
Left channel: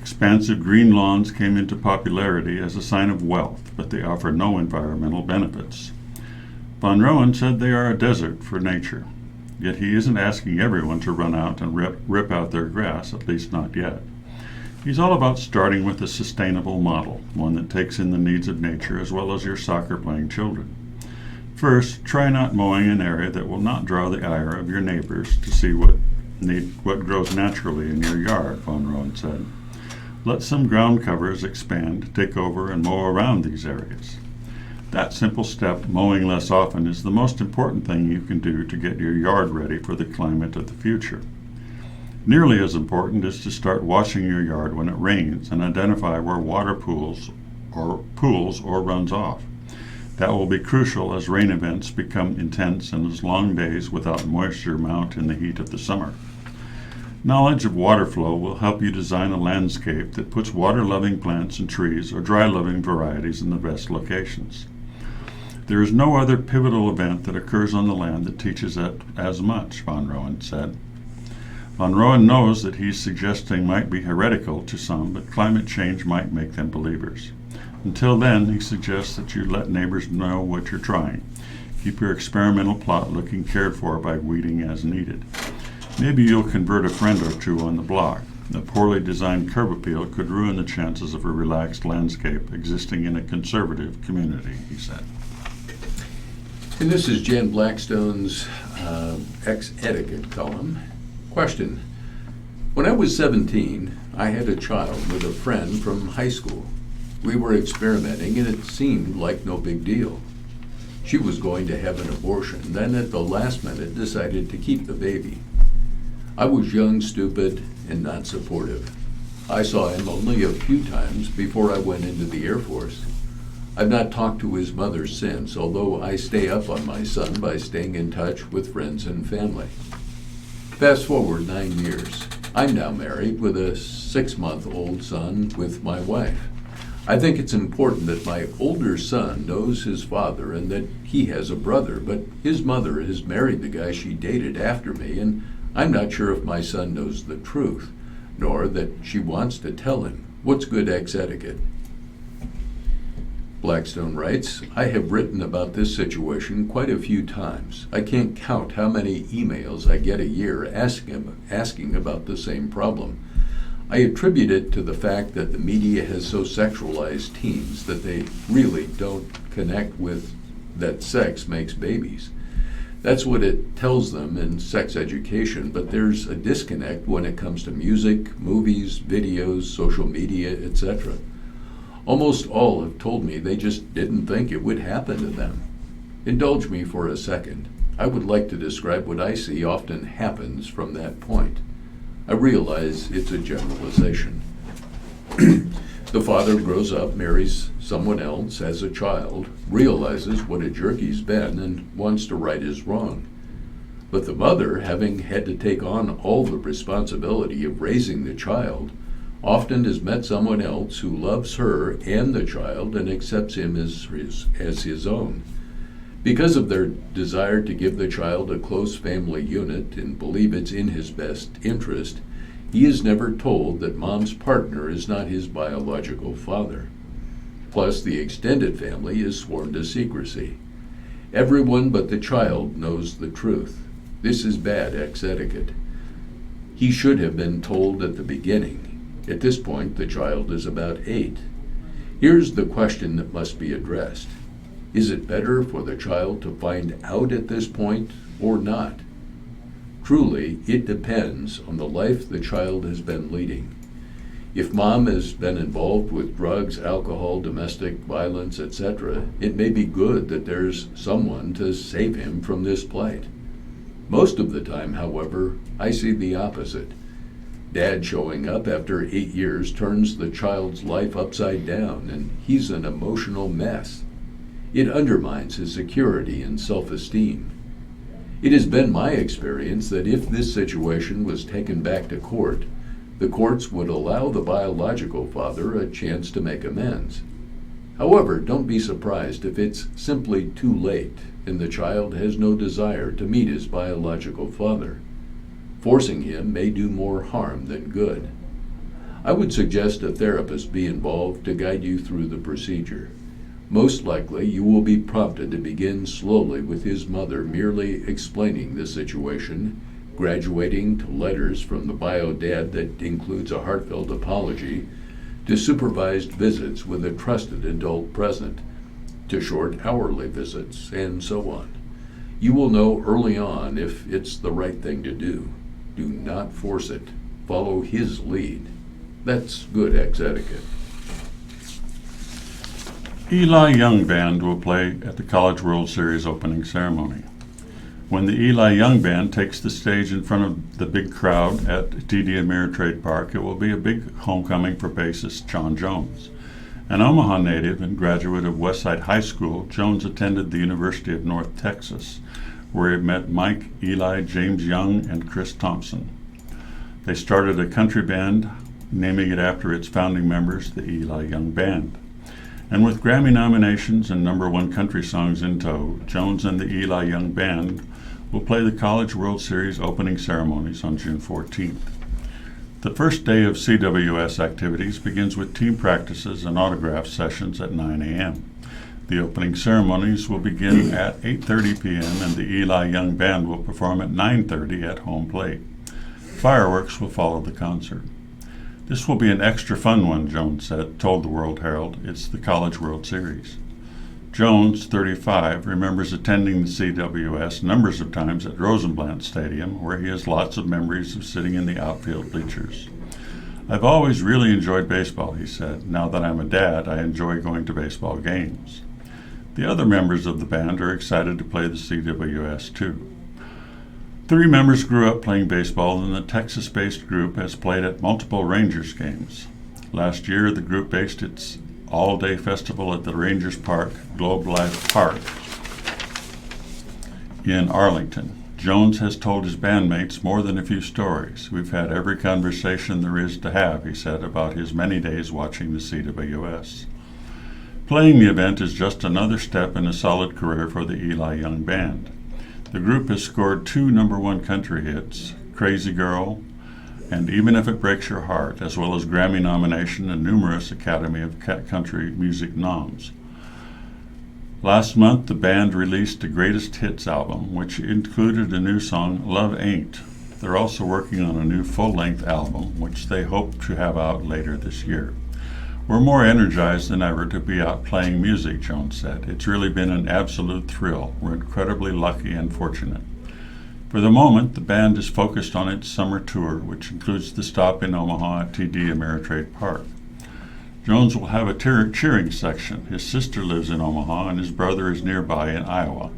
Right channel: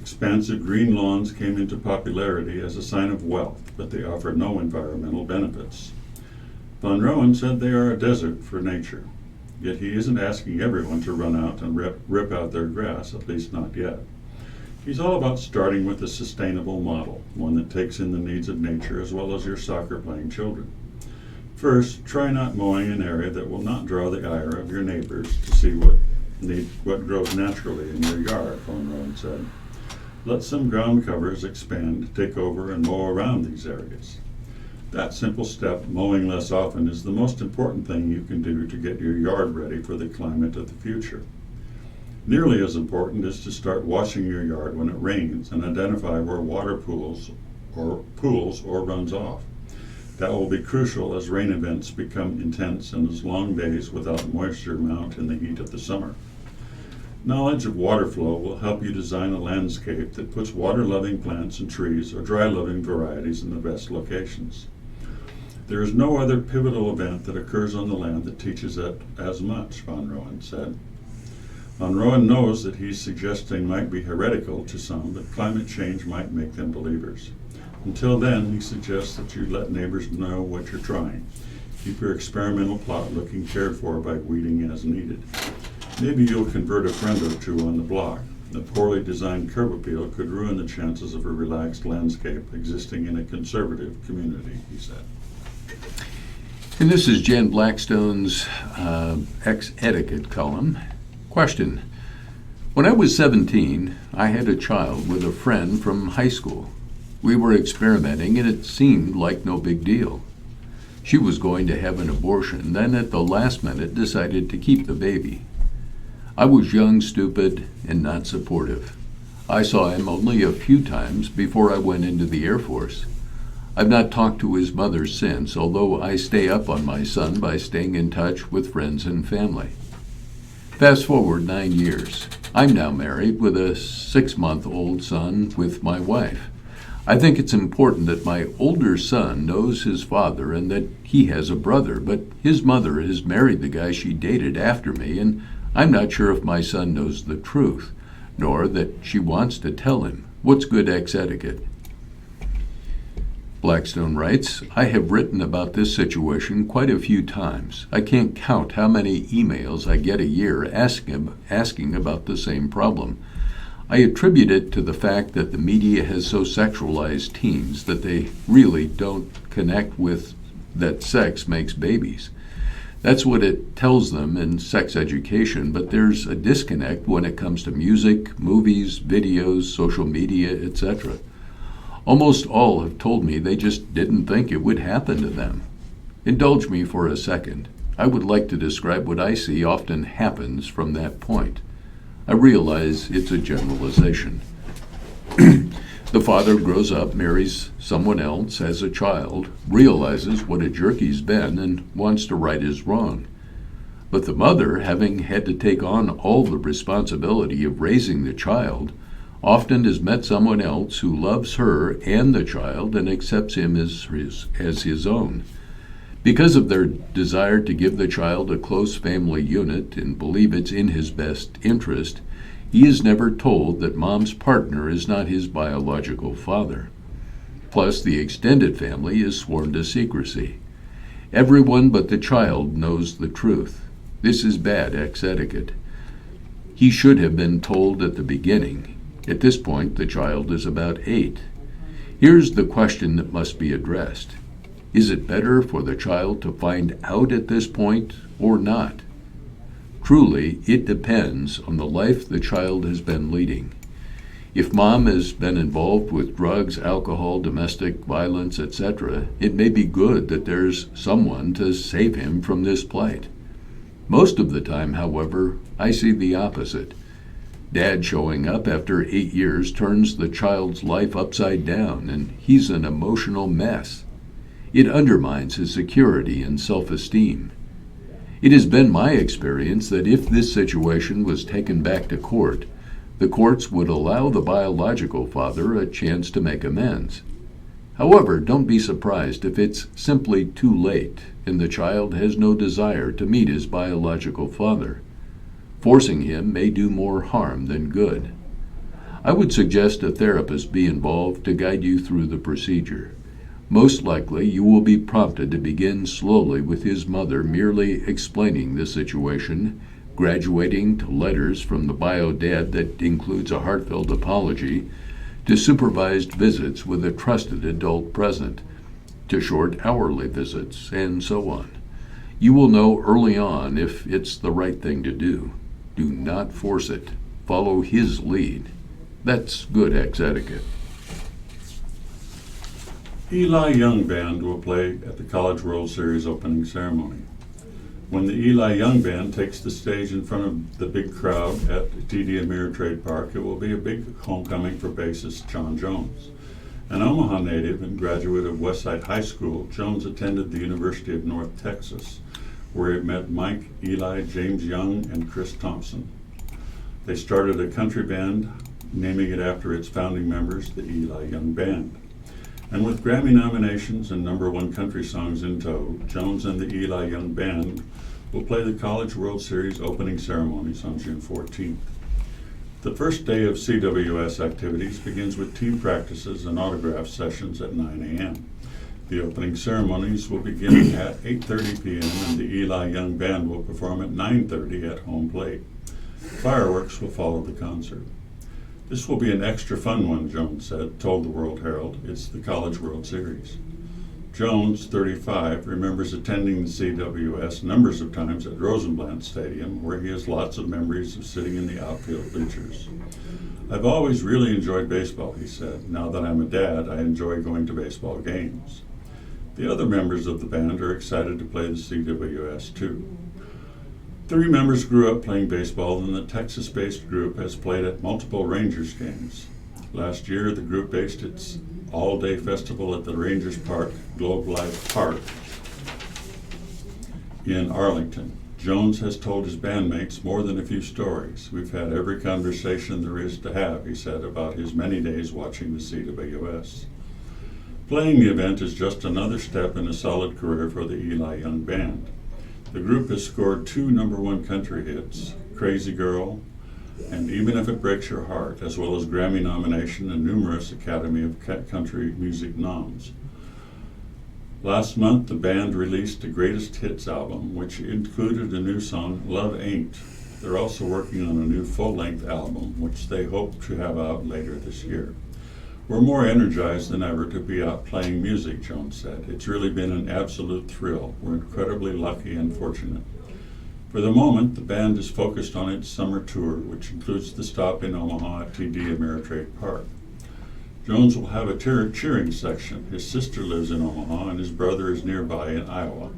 Expansive green lawns came into popularity as a sign of wealth, but they offer no environmental benefits. Von Rowan said they are a desert for nature, yet he isn't asking everyone to run out and rip out their grass, at least not yet. He's all about starting with a sustainable model, one that takes in the needs of nature as well as your soccer-playing children. First, try not mowing an area that will not draw the ire of your neighbors to see what grows naturally in your yard, Von Rowan said. Let some ground covers expand, take over, and mow around these areas. That simple step, mowing less often, is the most important thing you can do to get your yard ready for the climate of the future. Nearly as important is to start washing your yard when it rains and identify where water pools or runs off. That will be crucial as rain events become intense and as long days without moisture mount in the heat of the summer. Knowledge of water flow will help you design a landscape that puts water-loving plants and trees or dry-loving varieties in the best locations. There is no other pivotal event that occurs on the land that teaches it as much, Von Rowan said. Von Rowan knows that he's suggesting might be heretical to some, but climate change might make them believers. Until then, he suggests that you let neighbors know what you're trying. Keep your experimental plot looking cared for by weeding as needed. Maybe you'll convert a friend or two on the block. A poorly designed curb appeal could ruin the chances of a relaxed landscape existing in a conservative community, he said. And this is Jan Blackstone's X-Etiquette column. Question: When I was 17, I had a child with a friend from high school. We were experimenting, and it seemed like no big deal. She was going to have an abortion, then at the last minute decided to keep the baby. I was young, stupid, and not supportive. I saw him only a few times before I went into the Air Force. I've not talked to his mother since, although I stay up on my son by staying in touch with friends and family. Fast forward 9 years. I'm now married with a 6-month-old son with my wife. I think it's important that my older son knows his father and that he has a brother, but his mother has married the guy she dated after me, and I'm not sure if my son knows the truth, nor that she wants to tell him. What's good ex etiquette? Blackstone writes, I have written about this situation quite a few times. I can't count how many emails I get a year asking about the same problem. I attribute it to the fact that the media has so sexualized teens that they really don't connect with that sex makes babies. That's what it tells them in sex education, but there's a disconnect when it comes to music, movies, videos, social media, etc. Almost all have told me they just didn't think it would happen to them. Indulge me for a second. I would like to describe what I see often happens from that point. I realize it's a generalization. The father grows up, marries someone else, has a child, realizes what a jerk he's been, and wants to right his wrong. But the mother, having had to take on all the responsibility of raising the child, often has met someone else who loves her and the child and accepts him as his own. Because of their desire to give the child a close family unit and believe it's in his best interest, he is never told that mom's partner is not his biological father. Plus, the extended family is sworn to secrecy. Everyone but the child knows the truth. This is bad ex etiquette. He should have been told at the beginning. At this point, the child is about 8. Here's the question that must be addressed. Is it better for the child to find out at this point or not? Truly, it depends on the life the child has been leading. If mom has been involved with drugs, alcohol, domestic violence, etc., it may be good that there's someone to save him from this plight. Most of the time, however, I see the opposite. Dad showing up after 8 years turns the child's life upside down, and he's an emotional mess. It undermines his security and self-esteem. It has been my experience that if this situation was taken back to court, the courts would allow the biological father a chance to make amends. However, don't be surprised if it's simply too late and the child has no desire to meet his biological father. Forcing him may do more harm than good. I would suggest a therapist be involved to guide you through the procedure. Most likely, you will be prompted to begin slowly with his mother merely explaining the situation, graduating to letters from the bio dad that includes a heartfelt apology, to supervised visits with a trusted adult present, to short hourly visits, and so on. You will know early on if it's the right thing to do. Do not force it. Follow his lead. That's good ex etiquette. Eli Young Band will play at the College World Series opening ceremony. When the Eli Young Band takes the stage in front of the big crowd at TD Ameritrade Park, it will be a big homecoming for bassist John Jones. An Omaha native and graduate of Westside High School, Jones attended the University of North Texas, where he met Mike, Eli, James Young, and Chris Thompson. They started a country band, naming it after its founding members, the Eli Young Band. And with Grammy nominations and #1 country songs in tow, Jones and the Eli Young Band will play the College World Series opening ceremonies on June 14th. The first day of CWS activities begins with team practices and autograph sessions at 9 a.m. The opening ceremonies will begin at 8:30 p.m. and the Eli Young Band will perform at 9:30 at home plate. Fireworks will follow the concert. This will be an extra fun one, Jones told the World Herald. It's the College World Series. Jones, 35, remembers attending the CWS numbers of times at Rosenblatt Stadium, where he has lots of memories of sitting in the outfield bleachers. I've always really enjoyed baseball, he said. Now that I'm a dad, I enjoy going to baseball games. The other members of the band are excited to play the CWS too. 3 members grew up playing baseball, and the Texas-based group has played at multiple Rangers games. Last year, the group based its all-day festival at the Rangers Park, Globe Life Park, in Arlington. Jones has told his bandmates more than a few stories. We've had every conversation there is to have, he said, about his many days watching the CWS. Playing the event is just another step in a solid career for the Eli Young Band. The group has scored 2 #1 country hits, Crazy Girl and Even If It Breaks Your Heart, as well as Grammy nomination and numerous Academy of Country Music noms. Last month, the band released a greatest hits album, which included a new song, Love Ain't. They're also working on a new full-length album, which they hope to have out later this year. We're more energized than ever to be out playing music, Jones said. It's really been an absolute thrill. We're incredibly lucky and fortunate. For the moment, the band is focused on its summer tour, which includes the stop in Omaha at TD Ameritrade Park. Jones will have a cheering section. His sister lives in Omaha and his brother is nearby in Iowa.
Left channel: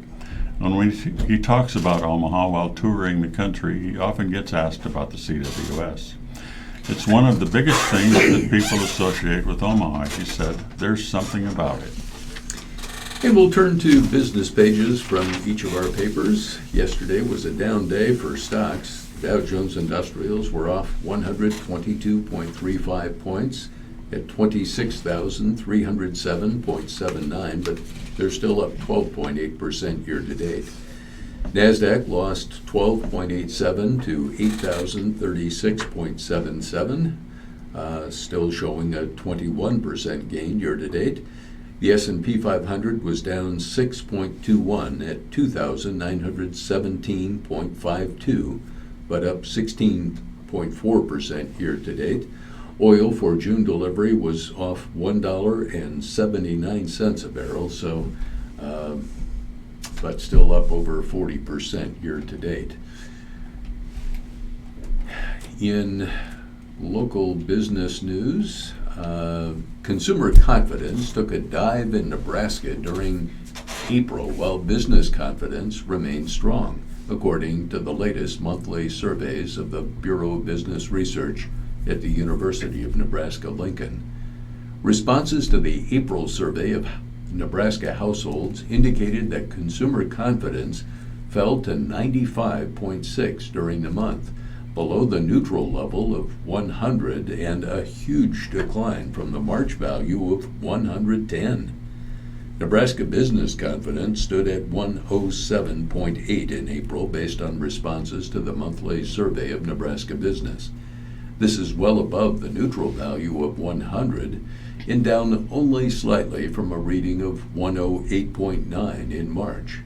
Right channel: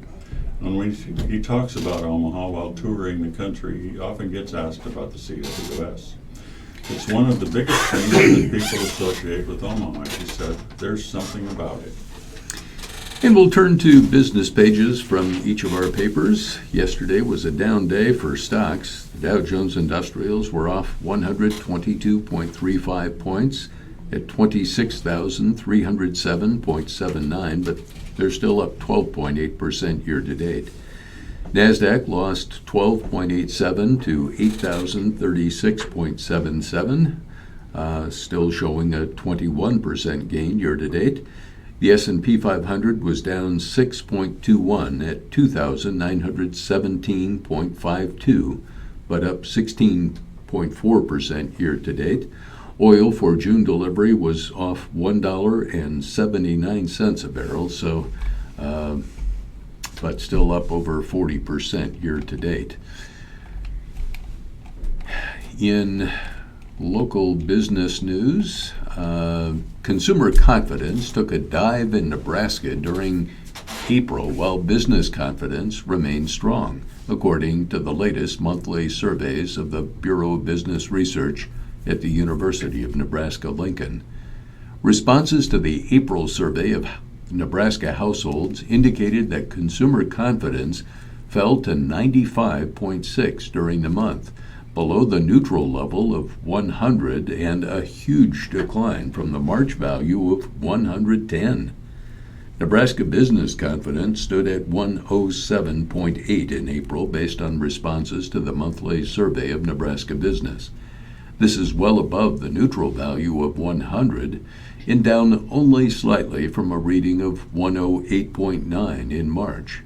And when he talks about Omaha while touring the country, he often gets asked about the CWS. It's one of the biggest things that people associate with Omaha, he said. There's something about it. And we'll turn to business pages from each of our papers. Yesterday was a down day for stocks. Dow Jones Industrials were off 122.35 points at 26,307.79, but they're still up 12.8% year-to-date. NASDAQ lost 12.87 to 8,036.77, still showing a 21% gain year-to-date. The S&P 500 was down 6.21 at 2,917.52, but up 16.4% year-to-date. Oil for June delivery was off $1.79 a barrel, but still up over 40% year-to-date. In local business news, consumer confidence took a dive in Nebraska during April, while business confidence remained strong, according to the latest monthly surveys of the Bureau of Business Research at the University of Nebraska-Lincoln. Responses to the April survey of Nebraska households indicated that consumer confidence fell to 95.6 during the month, below the neutral level of 100 and a huge decline from the March value of 110. Nebraska business confidence stood at 107.8 in April based on responses to the monthly survey of Nebraska business. This is well above the neutral value of 100 and down only slightly from a reading of 108.9 in March.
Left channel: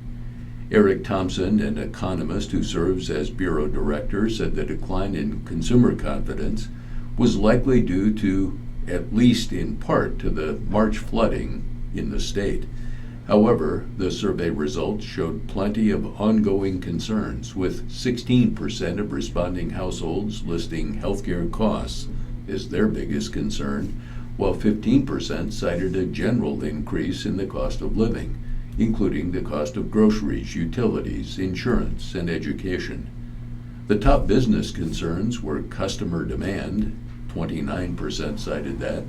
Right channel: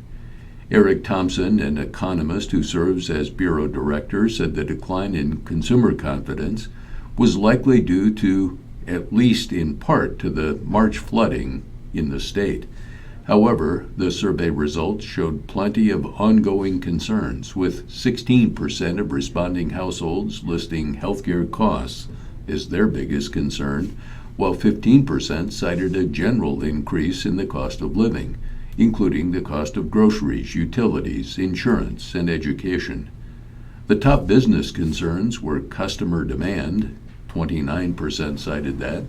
Eric Thompson, an economist who serves as bureau director, said the decline in consumer confidence was likely due to, at least in part, to the March flooding in the state. However, the survey results showed plenty of ongoing concerns, with 16% of responding households listing healthcare costs as their biggest concern, while 15% cited a general increase in the cost of living, including the cost of groceries, utilities, insurance, and education. The top business concerns were customer demand, 29% cited that,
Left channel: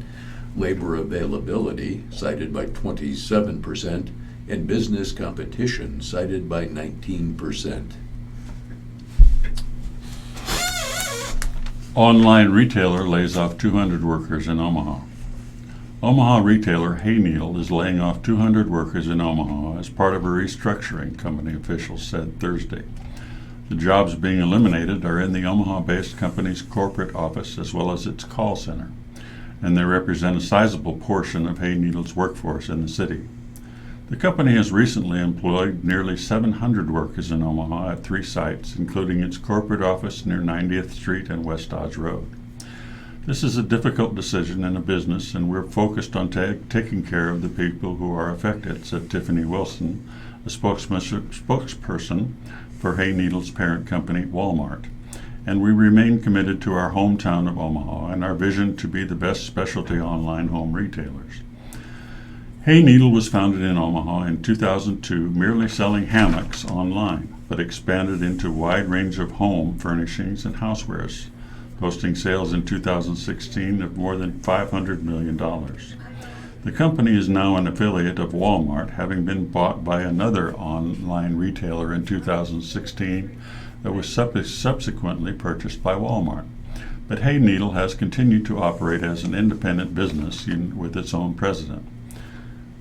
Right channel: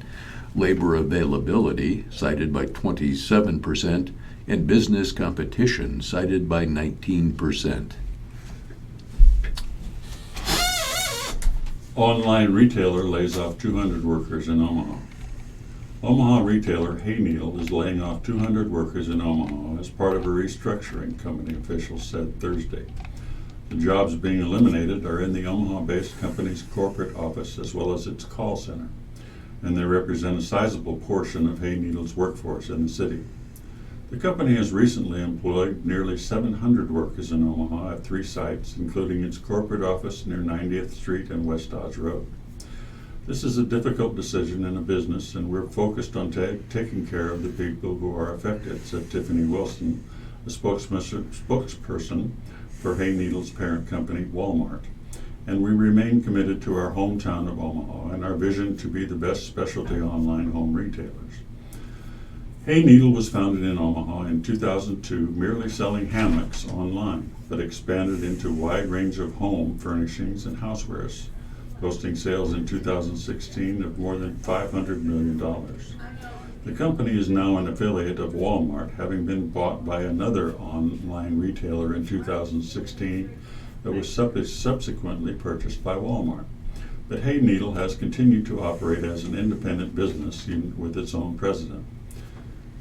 labor availability, cited by 27%, and business competition, cited by 19%. Online retailer lays off 200 workers in Omaha. Omaha retailer Hayneal is laying off 200 workers in Omaha as part of a restructuring, company officials said Thursday. The jobs being eliminated are in the Omaha-based company's corporate office as well as its call center, and they represent a sizable portion of Hayneal's workforce in the city. The company has recently employed nearly 700 workers in Omaha at 3 sites, including its corporate office near 90th Street and West Dodge Road. This is a difficult decision in a business, and we're focused on taking care of the people who are affected, said Tiffany Wilson, a spokesperson for Hayneedle's parent company, Walmart. And we remain committed to our hometown of Omaha and our vision to be the best specialty online home retailers. Hayneedle was founded in Omaha in 2002, merely selling hammocks online, but expanded into a wide range of home furnishings and housewares, posting sales in 2016 of more than $500 million. The company is now an affiliate of Walmart, having been bought by another online retailer in 2016 that was subsequently purchased by Walmart. But Hayneedle has continued to operate as an independent business with its own president.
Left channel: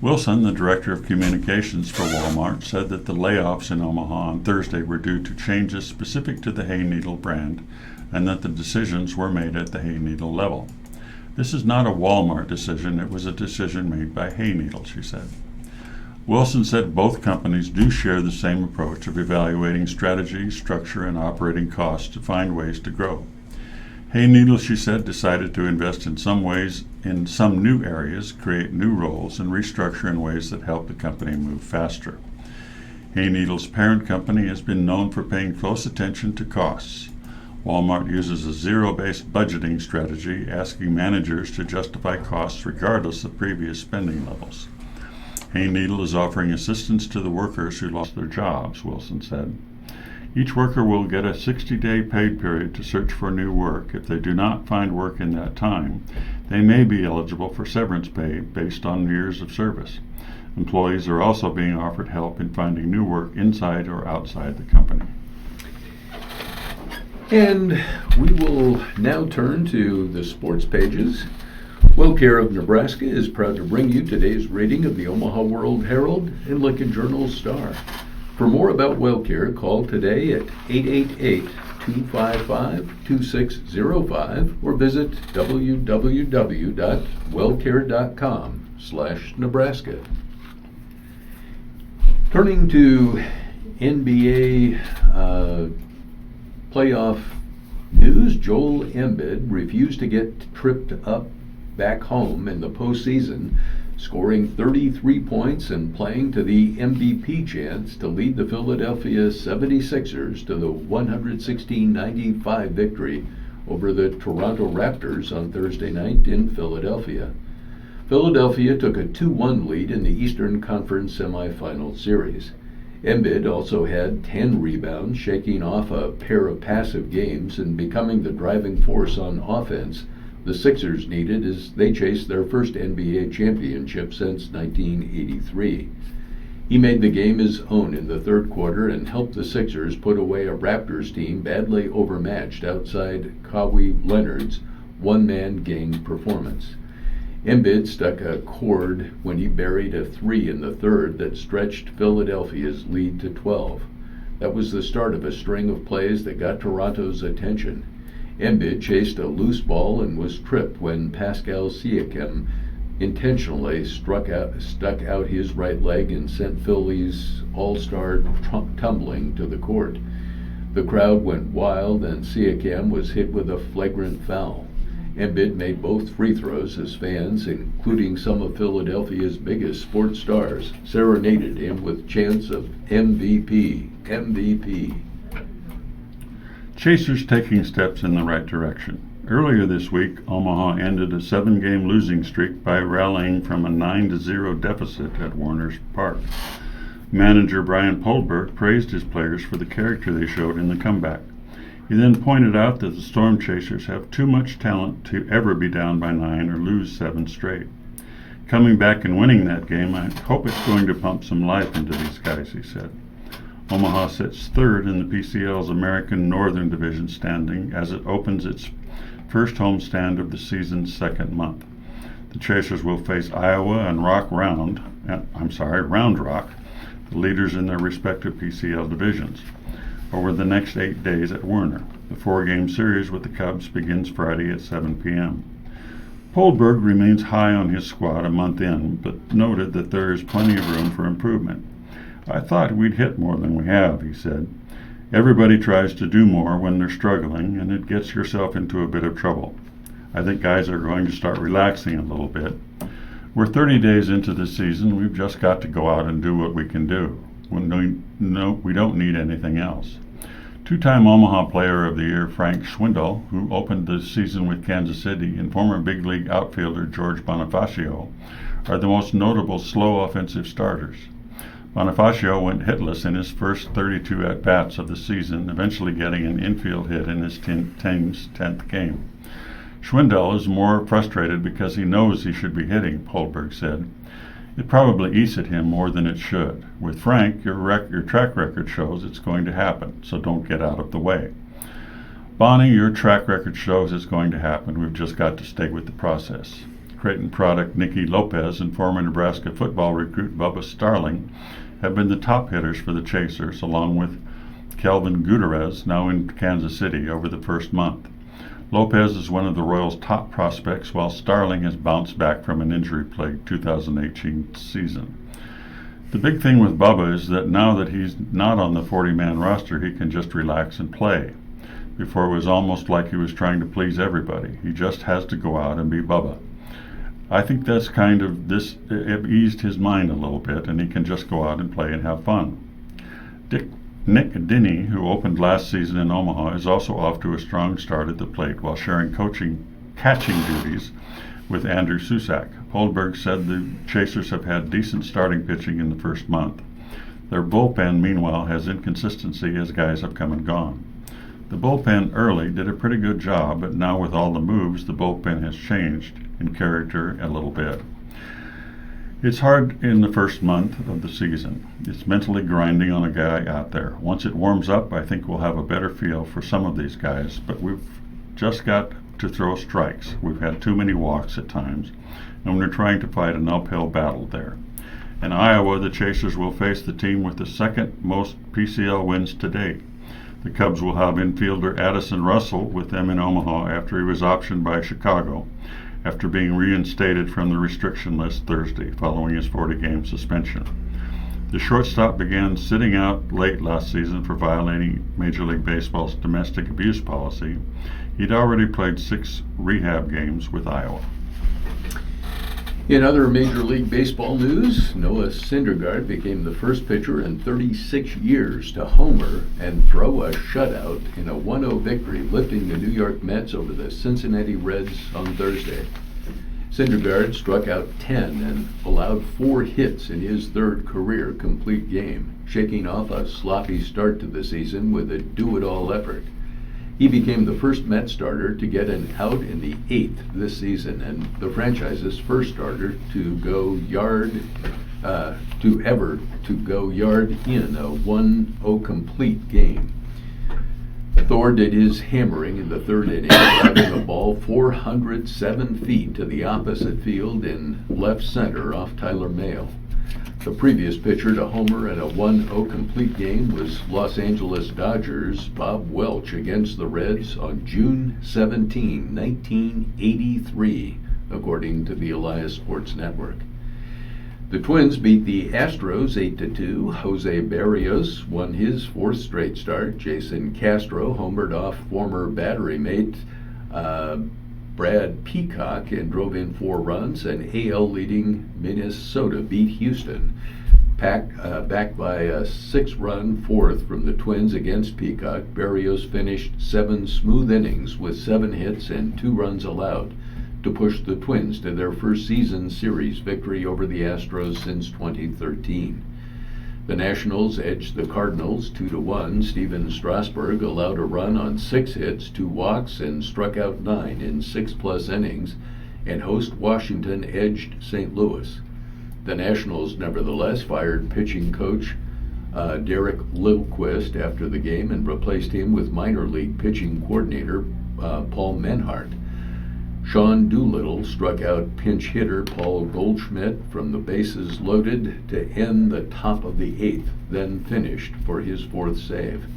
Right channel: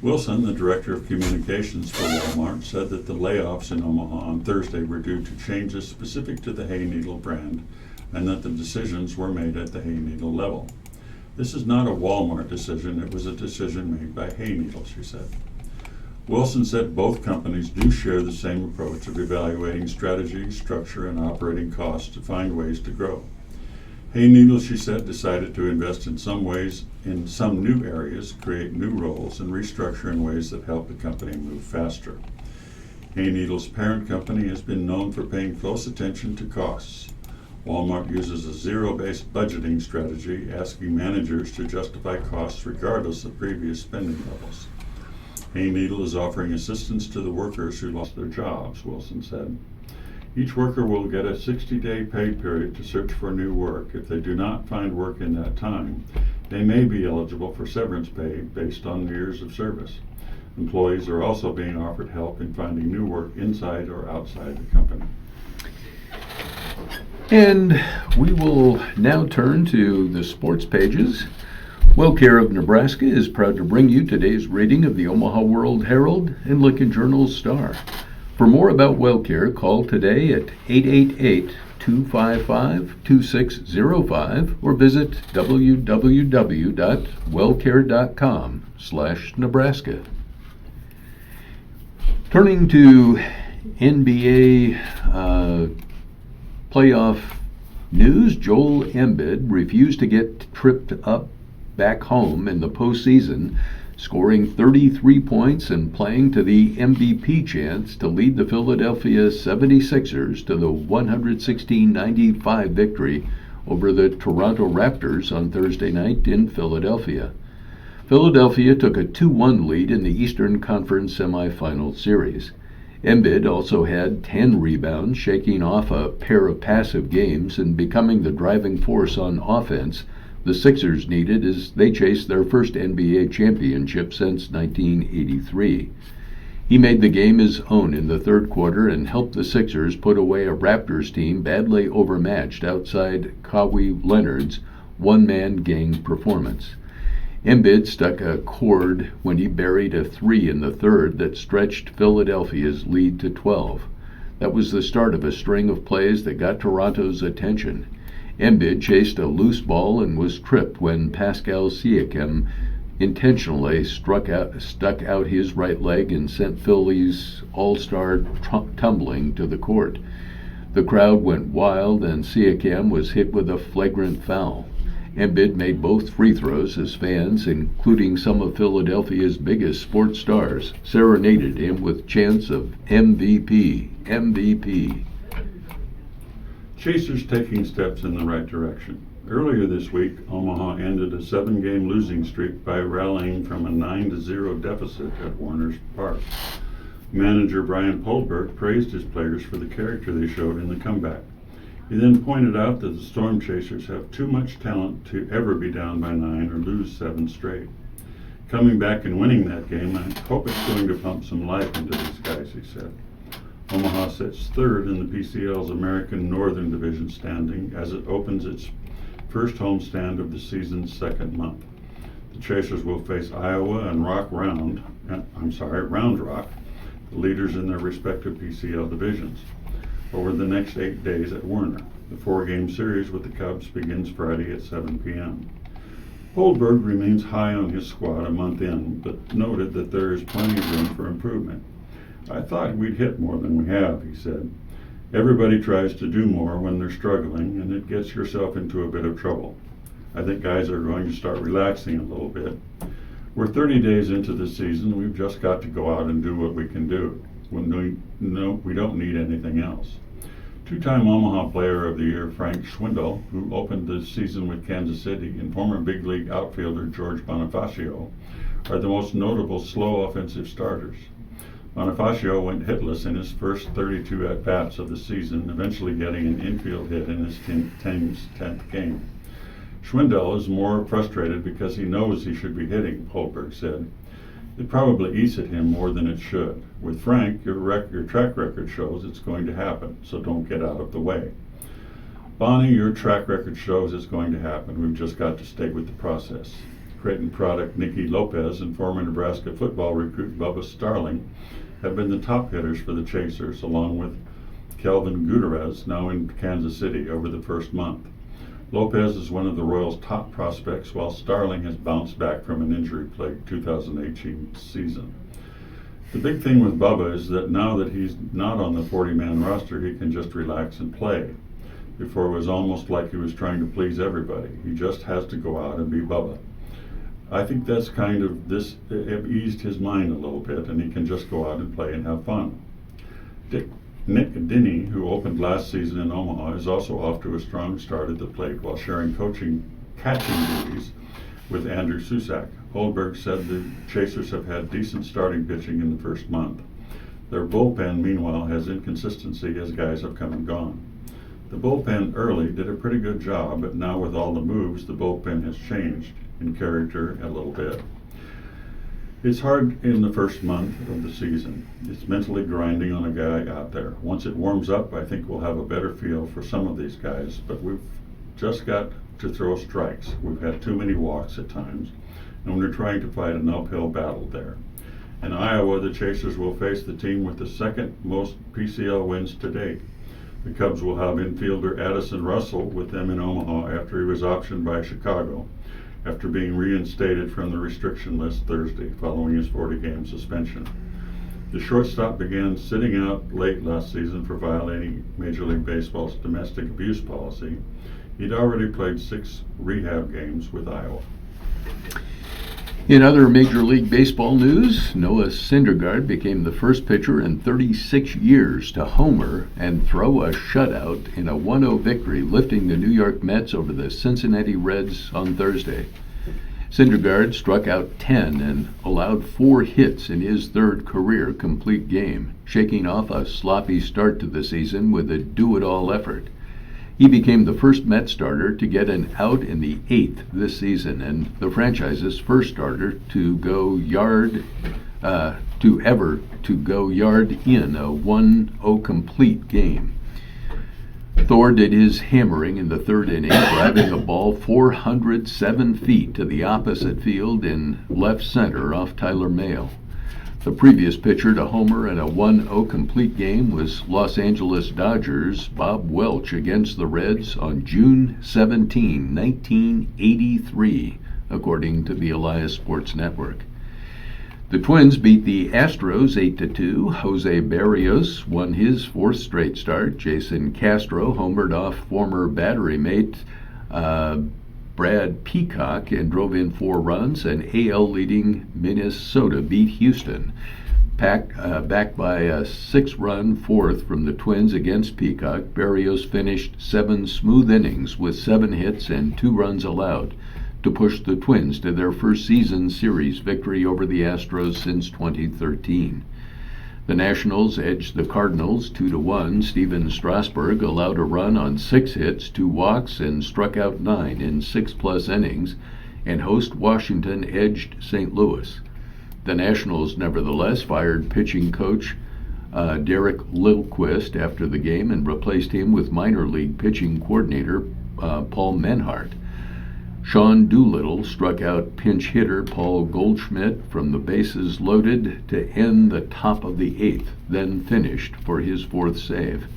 Wilson, the director of communications for Walmart, said that the layoffs in Omaha on Thursday were due to changes specific to the Hayneedle brand and that the decisions were made at the Hayneedle level. This is not a Walmart decision, it was a decision made by Hayneedle, she said. Wilson said both companies do share the same approach of evaluating strategy, structure, and operating costs to find ways to grow. Hayneedle, she said, decided to invest in some new areas, create new roles, and restructure in ways that help the company move faster. Hayneedle's parent company has been known for paying close attention to costs. Walmart uses a zero-based budgeting strategy, asking managers to justify costs regardless of previous spending levels. Hayneedle is offering assistance to the workers who lost their jobs, Wilson said. Each worker will get a 60-day pay period to search for new work. If they do not find work in that time, they may be eligible for severance pay based on years of service. Employees are also being offered help in finding new work inside or outside the company. And we will now turn to the sports pages. WellCare of Nebraska is proud to bring you today's reading of the Omaha World Herald and Lincoln Journal-Star. For more about WellCare, call today at 888-255-2605 or visit www.wellcare.com/Nebraska. Turning to NBA playoff news, Joel Embiid refused to get tripped up back home in the postseason, scoring 33 points and playing to the MVP chance to lead the Philadelphia 76ers to the 116-95 victory over the Toronto Raptors on Thursday night in Philadelphia. Philadelphia took a 2-1 lead in the Eastern Conference semifinal series. Embiid also had 10 rebounds, shaking off a pair of passive games and becoming the driving force on offense the Sixers needed as they chased their first NBA championship since 1983. He made the game his own in the third quarter and helped the Sixers put away a Raptors team badly overmatched outside Kawhi Leonard's one-man gang performance. Embiid struck a chord when he buried a three in the third that stretched Philadelphia's lead to 12. That was the start of a string of plays that got Toronto's attention. Embiid chased a loose ball and was tripped when Pascal Siakam intentionally stuck out his right leg and sent Philly's all-star tumbling to the court. The crowd went wild and Siakam was hit with a flagrant foul. Embiid made both free throws as fans, including some of Philadelphia's biggest sports stars, serenaded him with chants of MVP, MVP. Chasers taking steps in the right direction. Earlier this week, Omaha ended a 7-game losing streak by rallying from a 9-0 deficit at Warner's Park. Manager Brian Poldberg praised his players for the character they showed in the comeback. He then pointed out that the Storm Chasers have too much talent to ever be down by 9 or lose 7 straight. Coming back and winning that game, I hope it's going to pump some life into these guys, he said. Omaha sits third in the PCL's American Northern Division standing as it opens its first homestand of the season's second month. The Chasers will face Iowa and Round Rock, the leaders in their respective PCL divisions, over the next 8 days at Werner. The 4-game series with the Cubs begins Friday at 7 p.m. Poldberg remains high on his squad a month in, but noted that there is plenty of room for improvement. I thought we'd hit more than we have, he said. Everybody tries to do more when they're struggling, and it gets yourself into a bit of trouble. I think guys are going to start relaxing a little bit. We're 30 days into the season. We've just got to go out and do what we can do. We don't need anything else. Two-time Omaha Player of the Year Frank Schwindel, who opened the season with Kansas City, and former big league outfielder George Bonifacio are the most notable slow offensive starters. Bonifacio went hitless in his first 32 at-bats of the season, eventually getting an infield hit in his team's 10th game. Schwindel is more frustrated because he knows he should be hitting, Holberg said. It probably eats at him more than it should. With Frank, your track record shows it's going to happen, so don't get out of the way. Bonnie, your track record shows it's going to happen. We've just got to stay with the process. Creighton product Nicky Lopez and former Nebraska football recruit Bubba Starling have been the top hitters for the Chasers, along with Kelvin Gutierrez, now in Kansas City, over the first month. Lopez is one of the Royals' top prospects, while Starling has bounced back from an injury-plagued 2018 season. The big thing with Bubba is that now that he's not on the 40-man roster, he can just relax and play. Before, it was almost like he was trying to please everybody. He just has to go out and be Bubba. I think that's it eased his mind a little bit, and he can just go out and play and have fun. Nick Dinny, who opened last season in Omaha, is also off to a strong start at the plate while sharing catching duties with Andrew Susak. Holberg said the Chasers have had decent starting pitching in the first month. Their bullpen, meanwhile, has inconsistency as guys have come and gone. The bullpen early did a pretty good job, but now with all the moves, the bullpen has changed in character a little bit. It's hard in the first month of the season. It's mentally grinding on a guy out there. Once it warms up, I think we'll have a better feel for some of these guys, but we've just got to throw strikes. We've had too many walks at times, and we're trying to fight an uphill battle there. In Iowa, the Chasers will face the team with the second most PCL wins to date. The Cubs will have infielder Addison Russell with them in Omaha after he was optioned by Chicago, after being reinstated from the restriction list Thursday following his 40-game suspension. The shortstop began sitting out late last season for violating Major League Baseball's domestic abuse policy. He'd already played 6 rehab games with Iowa. In other Major League Baseball news, Noah Syndergaard became the first pitcher in 36 years to homer and throw a shutout in a 1-0 victory, lifting the New York Mets over the Cincinnati Reds on Thursday. Syndergaard struck out 10 and allowed 4 hits in his third career complete game, shaking off a sloppy start to the season with a do-it-all effort. He became the first Met starter to get an out in the 8th this season, and the franchise's first starter to go yard in a 1-0 complete game. Thor did his hammering in the third inning, driving the ball 407 feet to the opposite field in left center off Tyler Mahle. The previous pitcher to homer in a 1-0 complete game was Los Angeles Dodgers' Bob Welch against the Reds on June 17, 1983, according to the Elias Sports Network. The Twins beat the Astros 8-2. Jose Barrios won his 4th straight start. Jason Castro homered off former Battery mate Brad Peacock and drove in 4 runs, and AL-leading Minnesota beat Houston, backed by a 6-run 4th from the Twins against Peacock. Barrios finished 7 smooth innings with 7 hits and 2 runs allowed to push the Twins to their first season series victory over the Astros since 2013. The Nationals edged the Cardinals 2-1. Steven Strasburg allowed a run on 6 hits, 2 walks, and struck out 9 in 6+ innings, and host Washington edged St. Louis. The Nationals, nevertheless, fired pitching coach Derek Lilquist after the game and replaced him with minor league pitching coordinator Paul Menhart. Sean Doolittle struck out pinch hitter Paul Goldschmidt from the bases loaded to end the top of the 8th, then finished for his 4th save.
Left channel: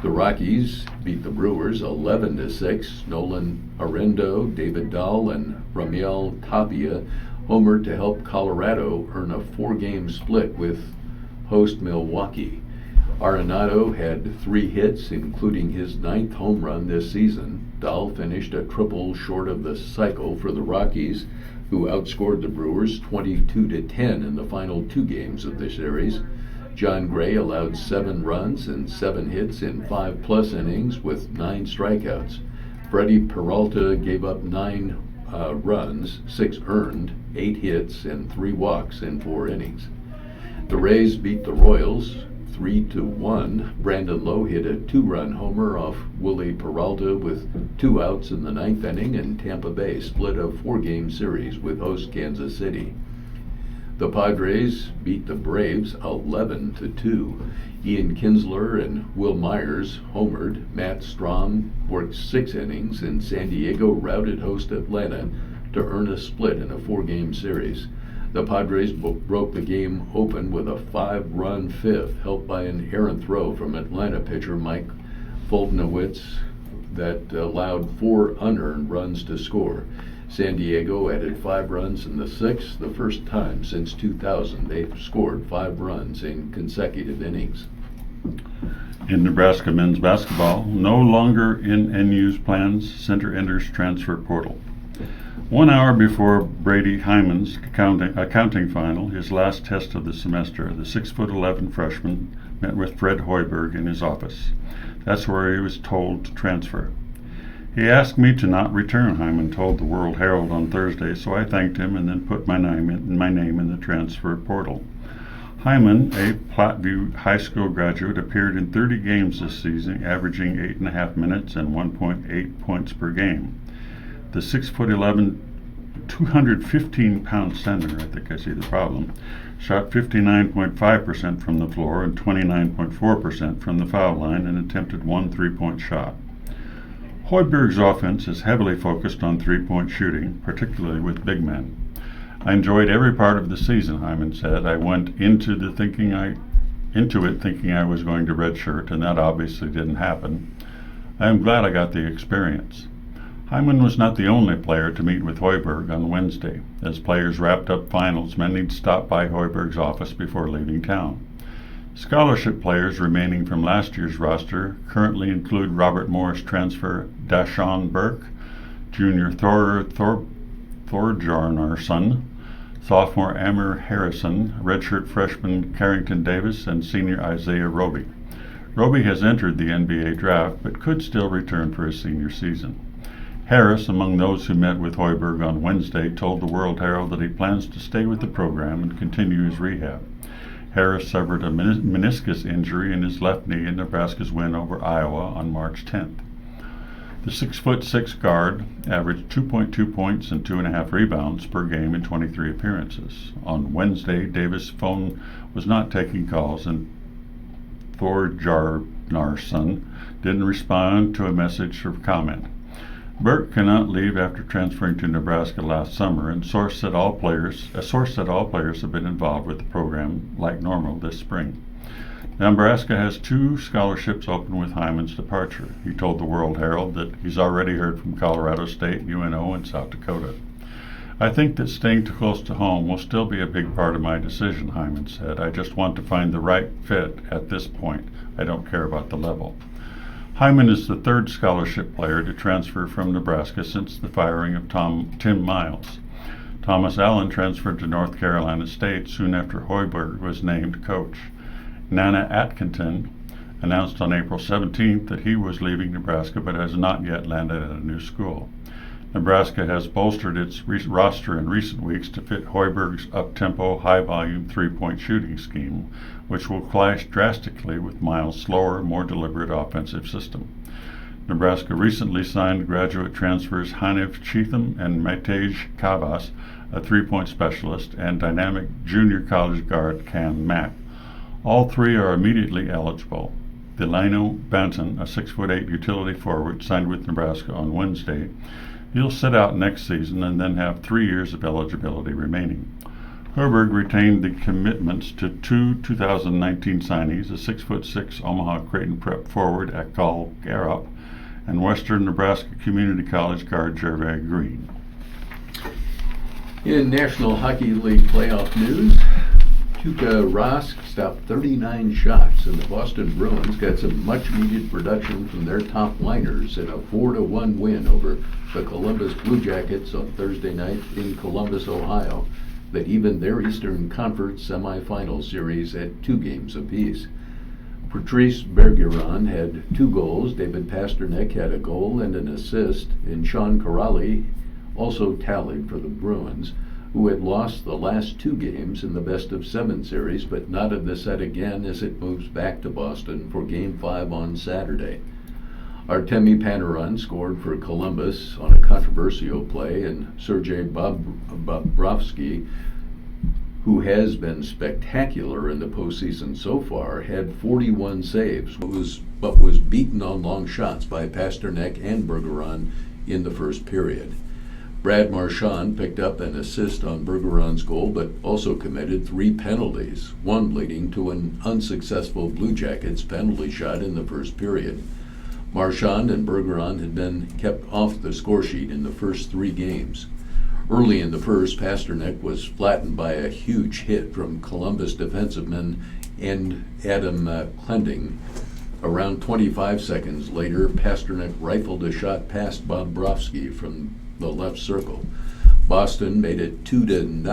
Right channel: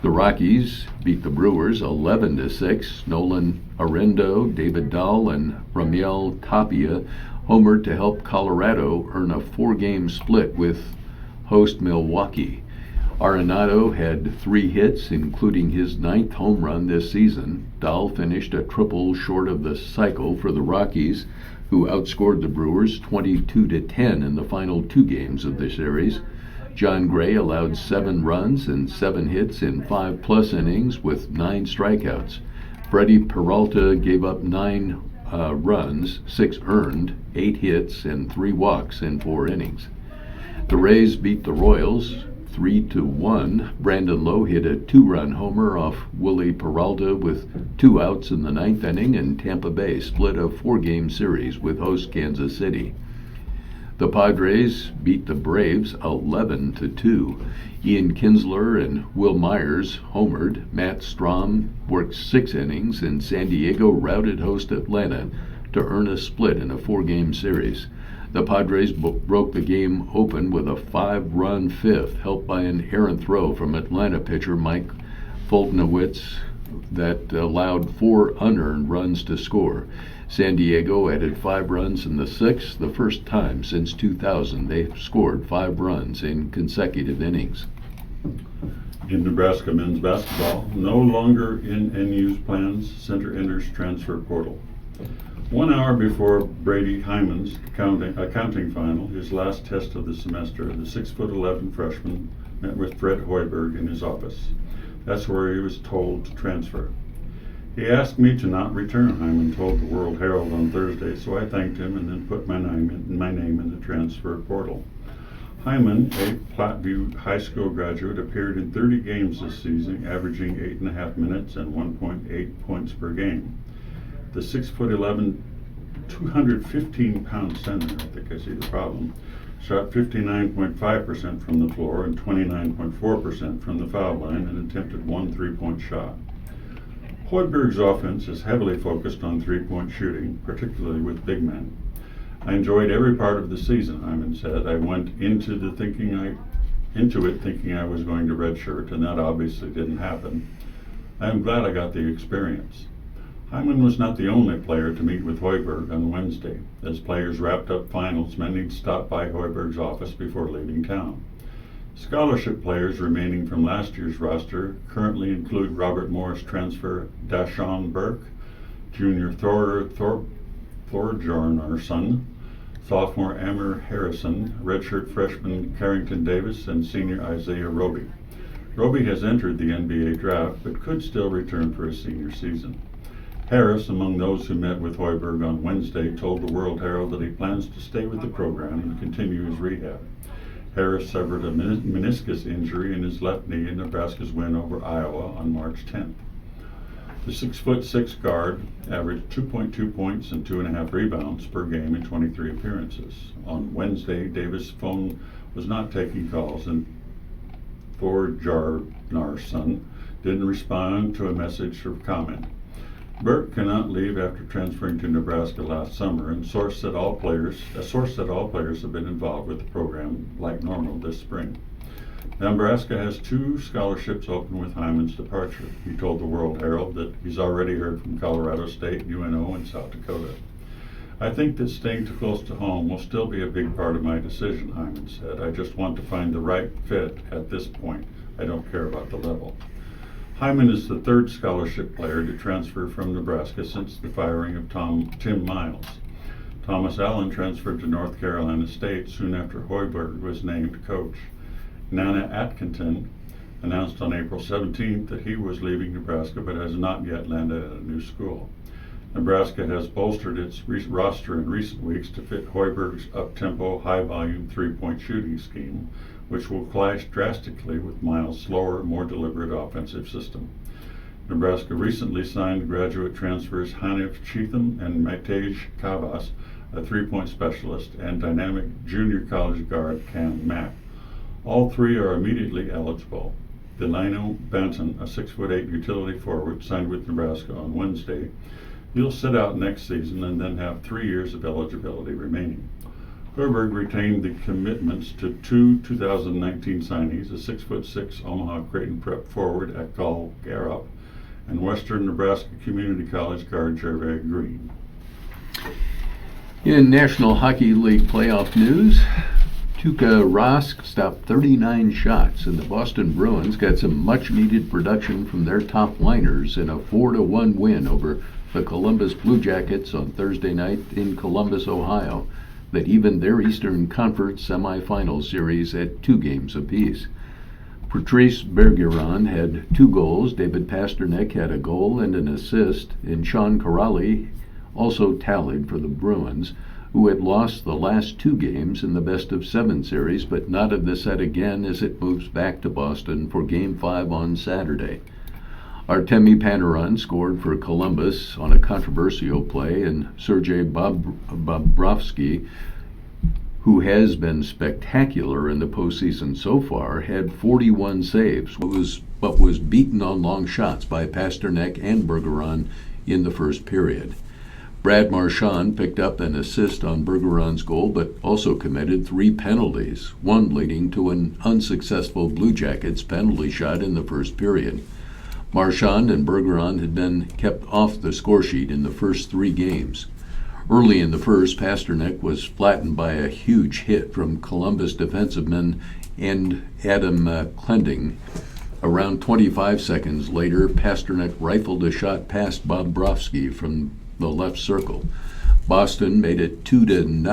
The Rockies beat the Brewers 11-6. Nolan Arendo, David Dahl, and Ramiel Tapia homered to help Colorado earn a 4-game split with host Milwaukee. Arenado had 3 hits, including his 9th home run this season. Dahl finished a triple short of the cycle for the Rockies, who outscored the Brewers 22-10 in the final 2 games of the series. John Gray allowed 7 runs and 7 hits in 5+ innings with 9 strikeouts. Freddie Peralta gave up 9 runs, 6 earned, 8 hits, and 3 walks in 4 innings. The Rays beat the Royals 3-1. Brandon Lowe hit a 2-run homer off Willie Peralta with 2 outs in the 9th inning, and Tampa Bay split a 4-game series with host Kansas City. The Padres beat the Braves 11-2. Ian Kinsler and Will Myers homered. Matt Strahm worked 6 innings, and San Diego routed host Atlanta to earn a split in a 4-game series. The Padres broke the game open with a 5-run 5th, helped by an errant throw from Atlanta pitcher Mike Foltynewicz that allowed 4 unearned runs to score. San Diego added 5 runs in the 6th, the first time since 2000 they've scored 5 runs in consecutive innings. In Nebraska men's basketball, no longer in NU's plans, center enters transfer portal. 1 hour before Brady Hyman's accounting final, his last test of the semester, the 6'11" freshman met with Fred Hoiberg in his office. That's where he was told to transfer. He asked me to not return, Hyman told the World Herald on Thursday, so I thanked him and then put my name in the transfer portal. Hyman, a Platteview High School graduate, appeared in 30 games this season, averaging 8.5 minutes and 1.8 points per game. The 6'11", 215-pound center, I think I see the problem, shot 59.5% from the floor and 29.4% from the foul line and attempted 1 3-point shot. Hoiberg's offense is heavily focused on 3-point shooting, particularly with big men. I enjoyed every part of the season, Hyman said. I went into it thinking I was going to redshirt, and that obviously didn't happen. I am glad I got the experience. Hyman was not the only player to meet with Hoiberg on Wednesday. As players wrapped up finals, many stopped by Hoiberg's office before leaving town. Scholarship players remaining from last year's roster currently include Robert Morris transfer Dashawn Burke, junior Thorjarnarsson, sophomore Amir Harrison, redshirt freshman Carrington Davis, and senior Isaiah Roby. Roby has entered the NBA draft but could still return for his senior season. Harris, among those who met with Hoiberg on Wednesday, told the World Herald that he plans to stay with the program and continue his rehab. Harris suffered a meniscus injury in his left knee in Nebraska's win over Iowa on March 10th. The 6'6" guard averaged 2.2 points and 2.5 rebounds per game in 23 appearances. On Wednesday, Davis' phone was not taking calls, and Thorjarnarsson didn't respond to a message for comment. Burke cannot leave after transferring to Nebraska last summer, and a source said all players have been involved with the program like normal this spring. Nebraska has 2 scholarships open with Hyman's departure. He told the World Herald that he's already heard from Colorado State, UNO, and South Dakota. I think that staying too close to home will still be a big part of my decision, Hyman said. I just want to find the right fit at this point. I don't care about the level. Hyman is the 3rd scholarship player to transfer from Nebraska since the firing of Tim Miles. Thomas Allen transferred to North Carolina State soon after Hoiberg was named coach. Nana Atkinson announced on April 17th that he was leaving Nebraska but has not yet landed at a new school. Nebraska has bolstered its roster in recent weeks to fit Hoiberg's up-tempo, high-volume 3-point shooting scheme, which will clash drastically with Miles' slower, more deliberate offensive system. Nebraska recently signed graduate transfers Hanif Cheatham and Matej Kavas, a 3-point specialist, and dynamic junior college guard Cam Mack. All 3 are immediately eligible. Delano Banton, a 6'8" utility forward, signed with Nebraska on Wednesday. He'll sit out next season and then have 3 years of eligibility remaining. Hoiberg retained the commitments to 2 2019 signees, a 6'6" Omaha Creighton Prep forward Akal Garup and Western Nebraska Community College guard Gervais Green. In National Hockey League playoff news, Tuukka Rask stopped 39 shots, and the Boston Bruins got some much-needed production from their top liners in a 4-1 win over the Columbus Blue Jackets on Thursday night in Columbus, Ohio, that evened their Eastern Conference semifinal series at 2 games apiece. Patrice Bergeron had 2 goals, David Pastrnak had a goal and an assist, and Sean Kuraly also tallied for the Bruins, who had lost the last 2 games in the best-of-7 series, but knotted the set again as it moves back to Boston for Game 5 on Saturday. Artemi Panarin scored for Columbus on a controversial play, and Sergei Bobrovsky, who has been spectacular in the postseason so far, had 41 saves, but was beaten on long shots by Pastrnak and Bergeron in the first period. Brad Marchand picked up an assist on Bergeron's goal, but also committed 3 penalties, one leading to an unsuccessful Blue Jackets penalty shot in the first period. Marchand and Bergeron had been kept off the scoresheet in the first 3 games. Early in the first, Pastrnak was flattened by a huge hit from Columbus defenseman and Adam Clending. Around 25 seconds later, Pastrnak rifled a shot past Bobrovsky from the left circle. Boston made it 2-0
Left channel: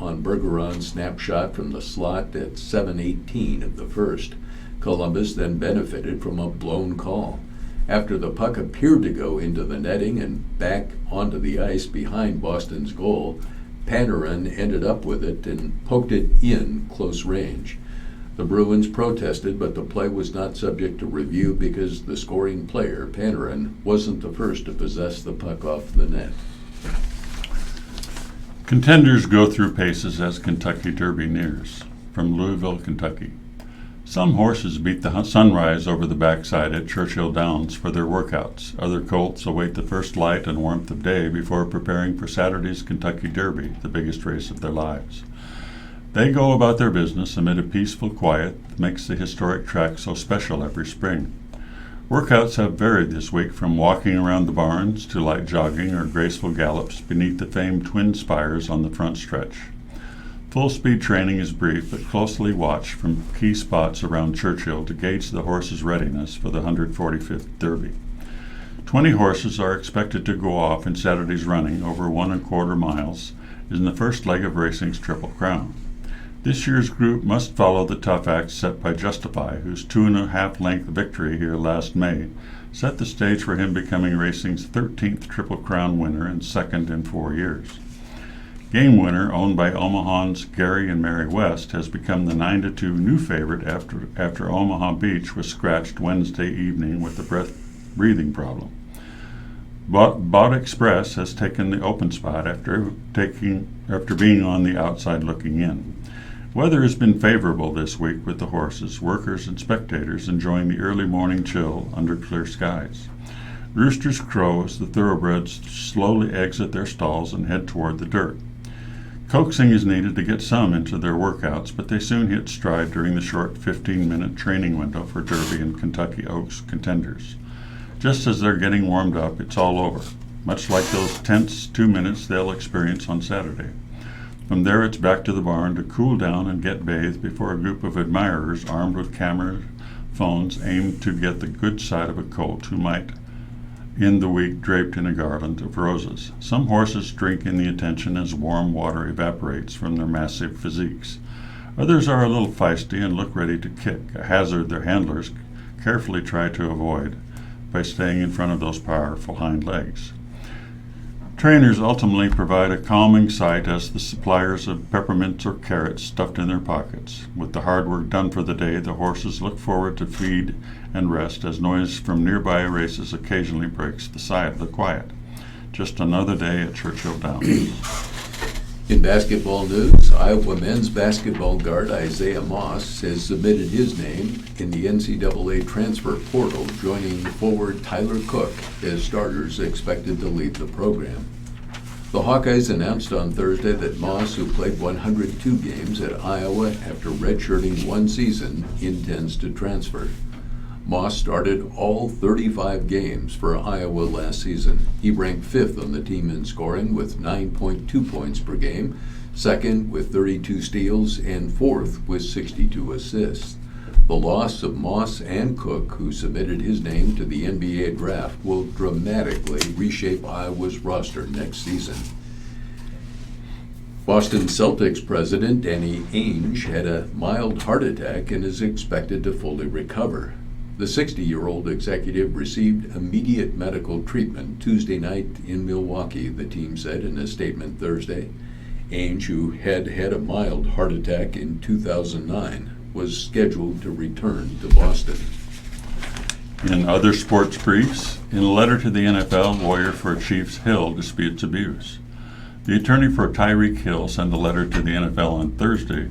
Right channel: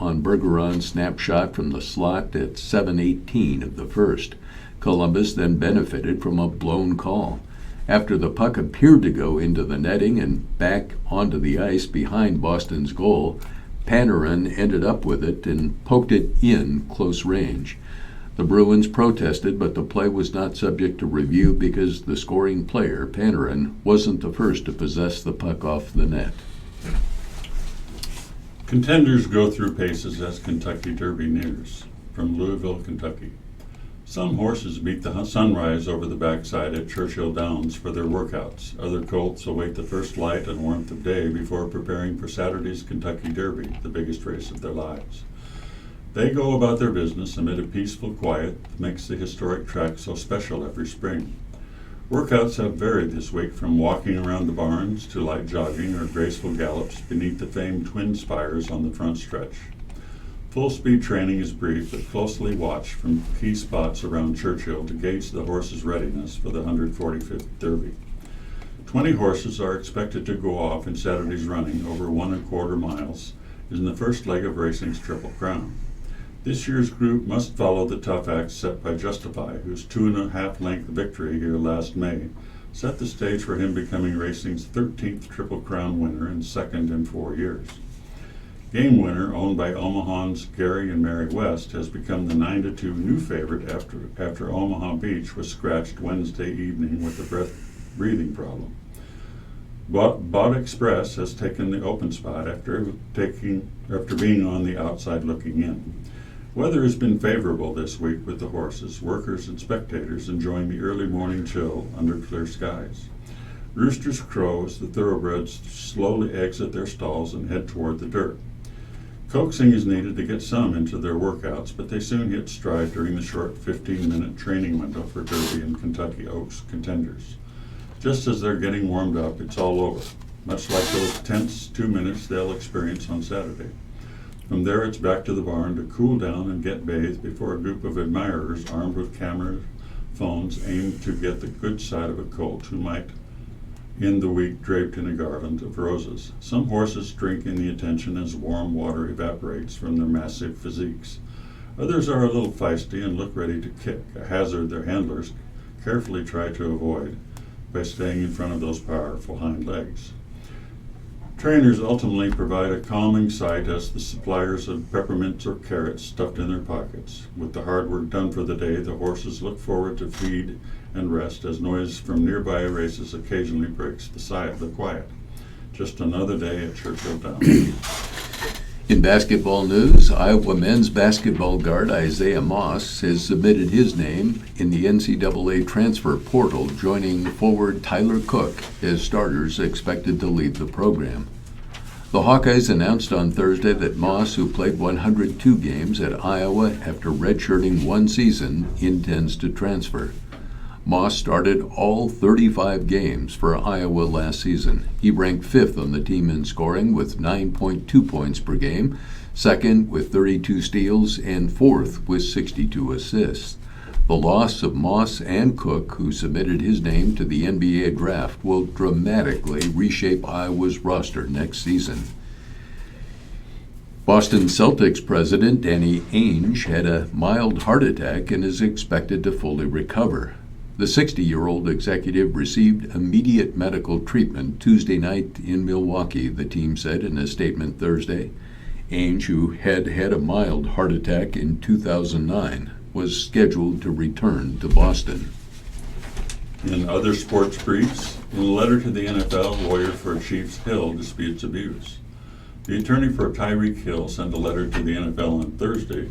on Bergeron's snapshot from the slot at 7:18 of the first. Columbus then benefited from a blown call. After the puck appeared to go into the netting and back onto the ice behind Boston's goal, Panarin ended up with it and poked it in close range. The Bruins protested, but the play was not subject to review because the scoring player, Panarin, wasn't the first to possess the puck off the net. Contenders go through paces as Kentucky Derby nears. From Louisville, Kentucky. Some horses beat the sunrise over the backside at Churchill Downs for their workouts. Other colts await the first light and warmth of day before preparing for Saturday's Kentucky Derby, the biggest race of their lives. They go about their business amid a peaceful quiet that makes the historic track so special every spring. Workouts have varied this week from walking around the barns to light jogging or graceful gallops beneath the famed twin spires on the front stretch. Full-speed training is brief but closely watched from key spots around Churchill to gauge the horse's readiness for the 145th Derby. 20 horses are expected to go off in Saturday's running over 1¼ miles in the first leg of racing's Triple Crown. This year's group must follow the tough act set by Justify, whose 2.5-length victory here last May set the stage for him becoming racing's 13th Triple Crown winner and second in 4 years. Game Winner, owned by Omaha's Gary and Mary West, has become the 9-2 new favorite after Omaha Beach was scratched Wednesday evening with a breathing problem. Bot Express has taken the open spot after being on the outside looking in. Weather has been favorable this week with the horses, workers, and spectators enjoying the early morning chill under clear skies. Roosters crow as the thoroughbreds slowly exit their stalls and head toward the dirt. Coaxing is needed to get some into their workouts, but they soon hit stride during the short 15-minute training window for Derby and Kentucky Oaks contenders. Just as they're getting warmed up, it's all over, much like those tense 2 minutes they'll experience on Saturday. From there, it's back to the barn to cool down and get bathed before a group of admirers armed with camera phones aim to get the good side of a colt who might end the week draped in a garland of roses. Some horses drink in the attention as warm water evaporates from their massive physiques. Others are a little feisty and look ready to kick, a hazard their handlers carefully try to avoid by staying in front of those powerful hind legs. Trainers ultimately provide a calming sight as the suppliers of peppermints or carrots stuffed in their pockets. With the hard work done for the day, the horses look forward to feed and rest as noise from nearby races occasionally breaks the quiet. Just another day at Churchill Downs. In basketball news, Iowa men's basketball guard Isaiah Moss has submitted his name in the NCAA transfer portal, joining forward Tyler Cook as starters expected to lead the program. The Hawkeyes announced on Thursday that Moss, who played 102 games at Iowa after redshirting 1 season, intends to transfer. Moss started all 35 games for Iowa last season. He ranked 5th on the team in scoring with 9.2 points per game, 2nd with 32 steals, and 4th with 62 assists. The loss of Moss and Cook, who submitted his name to the NBA draft, will dramatically reshape Iowa's roster next season. Boston Celtics president Danny Ainge had a mild heart attack and is expected to fully recover. The 60-year-old executive received immediate medical treatment Tuesday night in Milwaukee, the team said in a statement Thursday. Ainge, who had had a mild heart attack in 2009, was scheduled to return to Boston. In other sports briefs, in a letter to the NFL, lawyer for Chiefs Hill disputes abuse. The attorney for Tyreek Hill sent a letter to the NFL on Thursday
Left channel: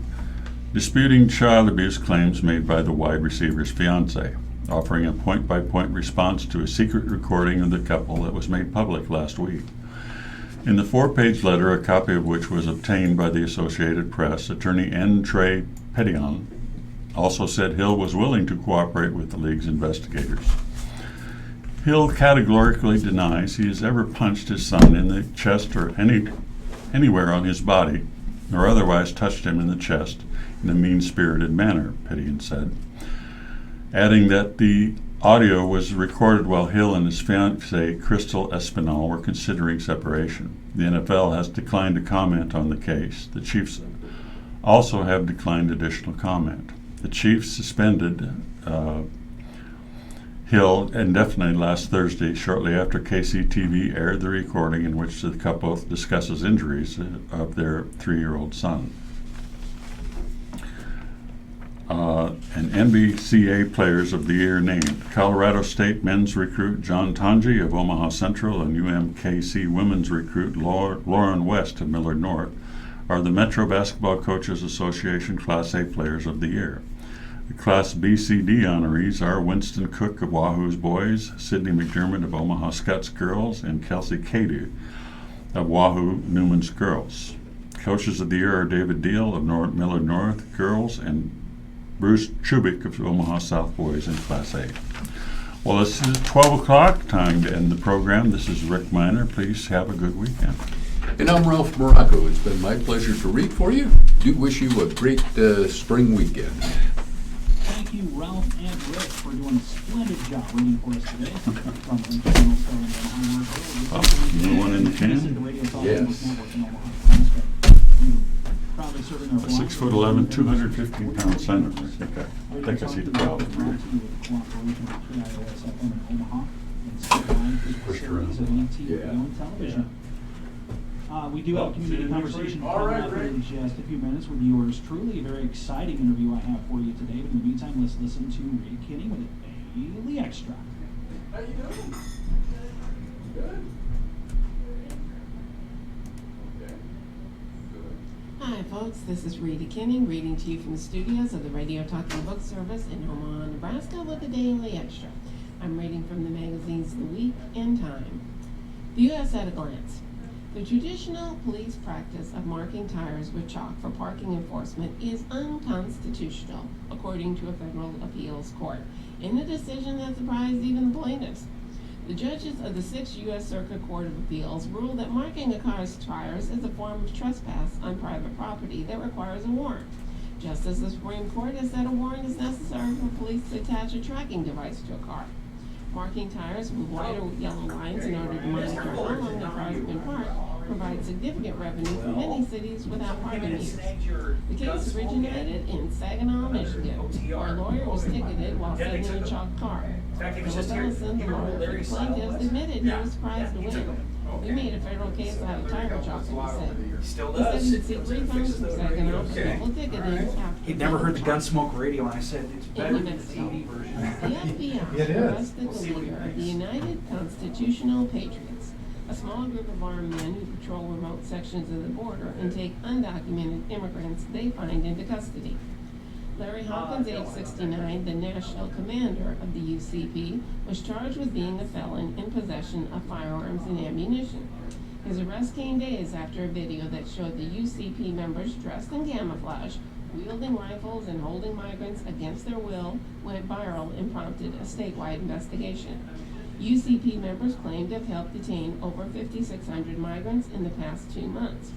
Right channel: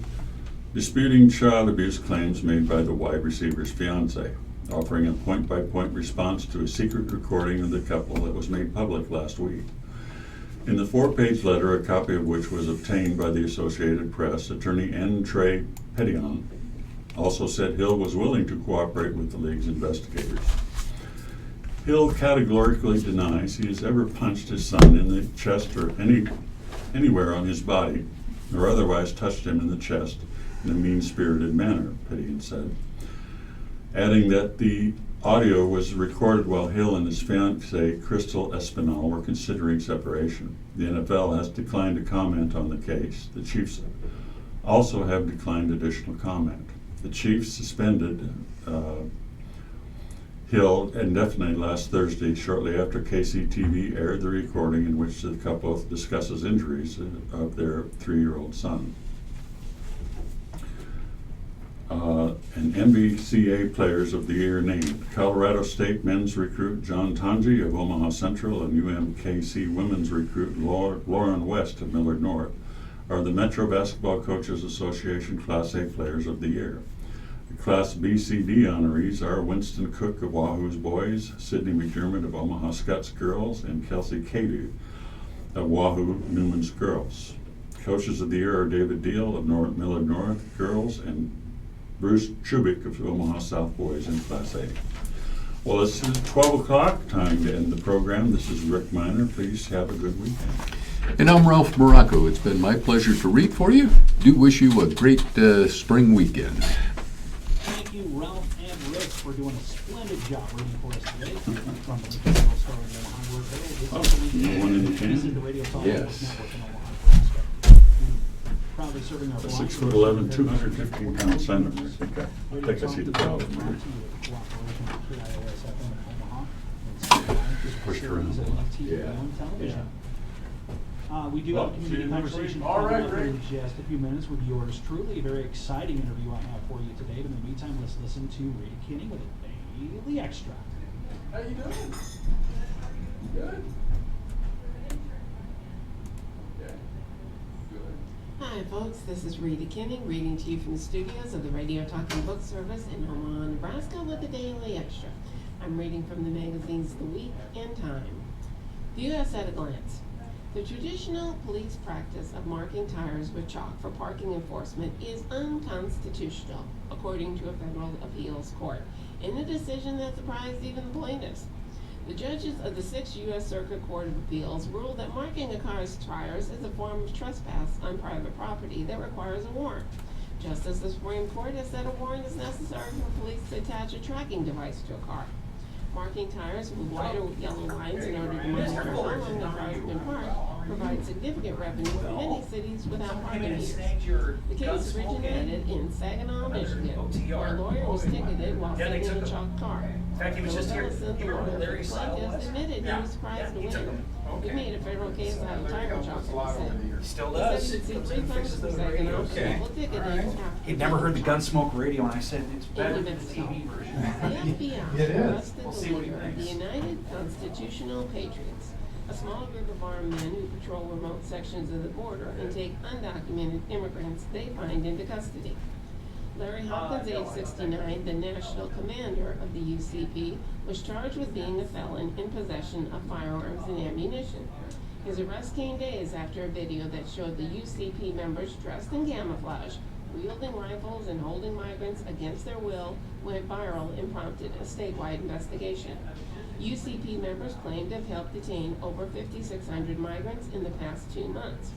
disputing child abuse claims made by the wide receiver's fiancée, offering a point-by-point response to a secret recording of the couple that was made public last week. In the 4-page letter, a copy of which was obtained by the Associated Press, attorney N. Trey Petillon also said Hill was willing to cooperate with the league's investigators. Hill categorically denies he has ever punched his son in the chest or anywhere on his body, or otherwise touched him in the chest in a mean-spirited manner, Petillon said, adding that the audio was recorded while Hill and his fiancée, Crystal Espinal, were considering separation. The NFL has declined to comment on the case. The Chiefs also have declined additional comment. The Chiefs suspended Hill indefinitely last Thursday, shortly after KCTV aired the recording in which the couple discusses injuries of their 3-year-old son. And NBCA Players of the Year named: Colorado State men's recruit John Tanji of Omaha Central and UMKC women's recruit Lauren West of Millard North are the Metro Basketball Coaches Association Class A Players of the Year. The Class BCD honorees are Winston Cook of Wahoo's boys, Sidney McDermott of Omaha Scots girls, and Kelsey Cadu of Wahoo Newman's girls. Coaches of the Year are David Deal of Millard North girls and Bruce Chubik of Omaha South boys in Class A. Well, this is 12 o'clock, time to end the program. This is Rick Miner. Please have a good weekend. And I'm Ralph Morocco. It's been my pleasure to read for you. Do wish you a great spring weekend. Thank you, Ralph and Rick, for doing a splendid job reading for us today. From Ethanol starting at Omaha World. No one in the can? This is the Radio Talk Yes. Network in Omaha, Nebraska. Proudly serving our 6'11", 215-pound center. I think I see the problem. Pushed around. Television. We do have a community conversation coming up in just a few minutes with yours truly. A very exciting interview I have for you today. But in the meantime, let's listen to Reed Kinney with a daily extract. How you doing? Good. Hi folks, this is Rita Kinning reading to you from the studios of the Radio Talking Book Service in Omaha, Nebraska with a daily extra. I'm reading from the magazines The Week and Time. The U.S. at a glance. The traditional police practice of marking tires with chalk for parking enforcement is unconstitutional, according to a federal appeals court, in a decision that surprised even the plaintiffs. The judges of the 6th U.S. Circuit Court of Appeals ruled that marking a car's tires is a form of trespass on private property that requires a warrant, just as the Supreme Court has said a warrant is necessary for police to attach a tracking device to a car. Marking tires with white or yellow lines in order to monitor how long the car has been parked provides significant revenue for many cities without parking meters. The case originated in Saginaw, Michigan, where a lawyer was ticketed while sitting in a chalked car. Philip Ellison, the lawyer for the plaintiffs, admitted he was surprised to win. He made a federal case out of tire chalking, he said. He said he'd see 3 times for Saginaw for people ticketed after. He'd never heard the Gunsmoke radio, and I said, it's better In New than the Mexico, TV version. the FBI arrested the leader of the United Constitutional Patriots, a small group of armed men who patrol remote sections of the border and take undocumented immigrants they find into custody. Larry Hopkins, age 69, the national commander of the UCP, was charged with being a felon in possession of firearms and ammunition. His arrest came days after a video that showed the UCP members dressed in camouflage, wielding rifles and holding migrants against their will, went viral and prompted a statewide investigation. UCP members claimed to have helped detain over 5,600 migrants in the past 2 months.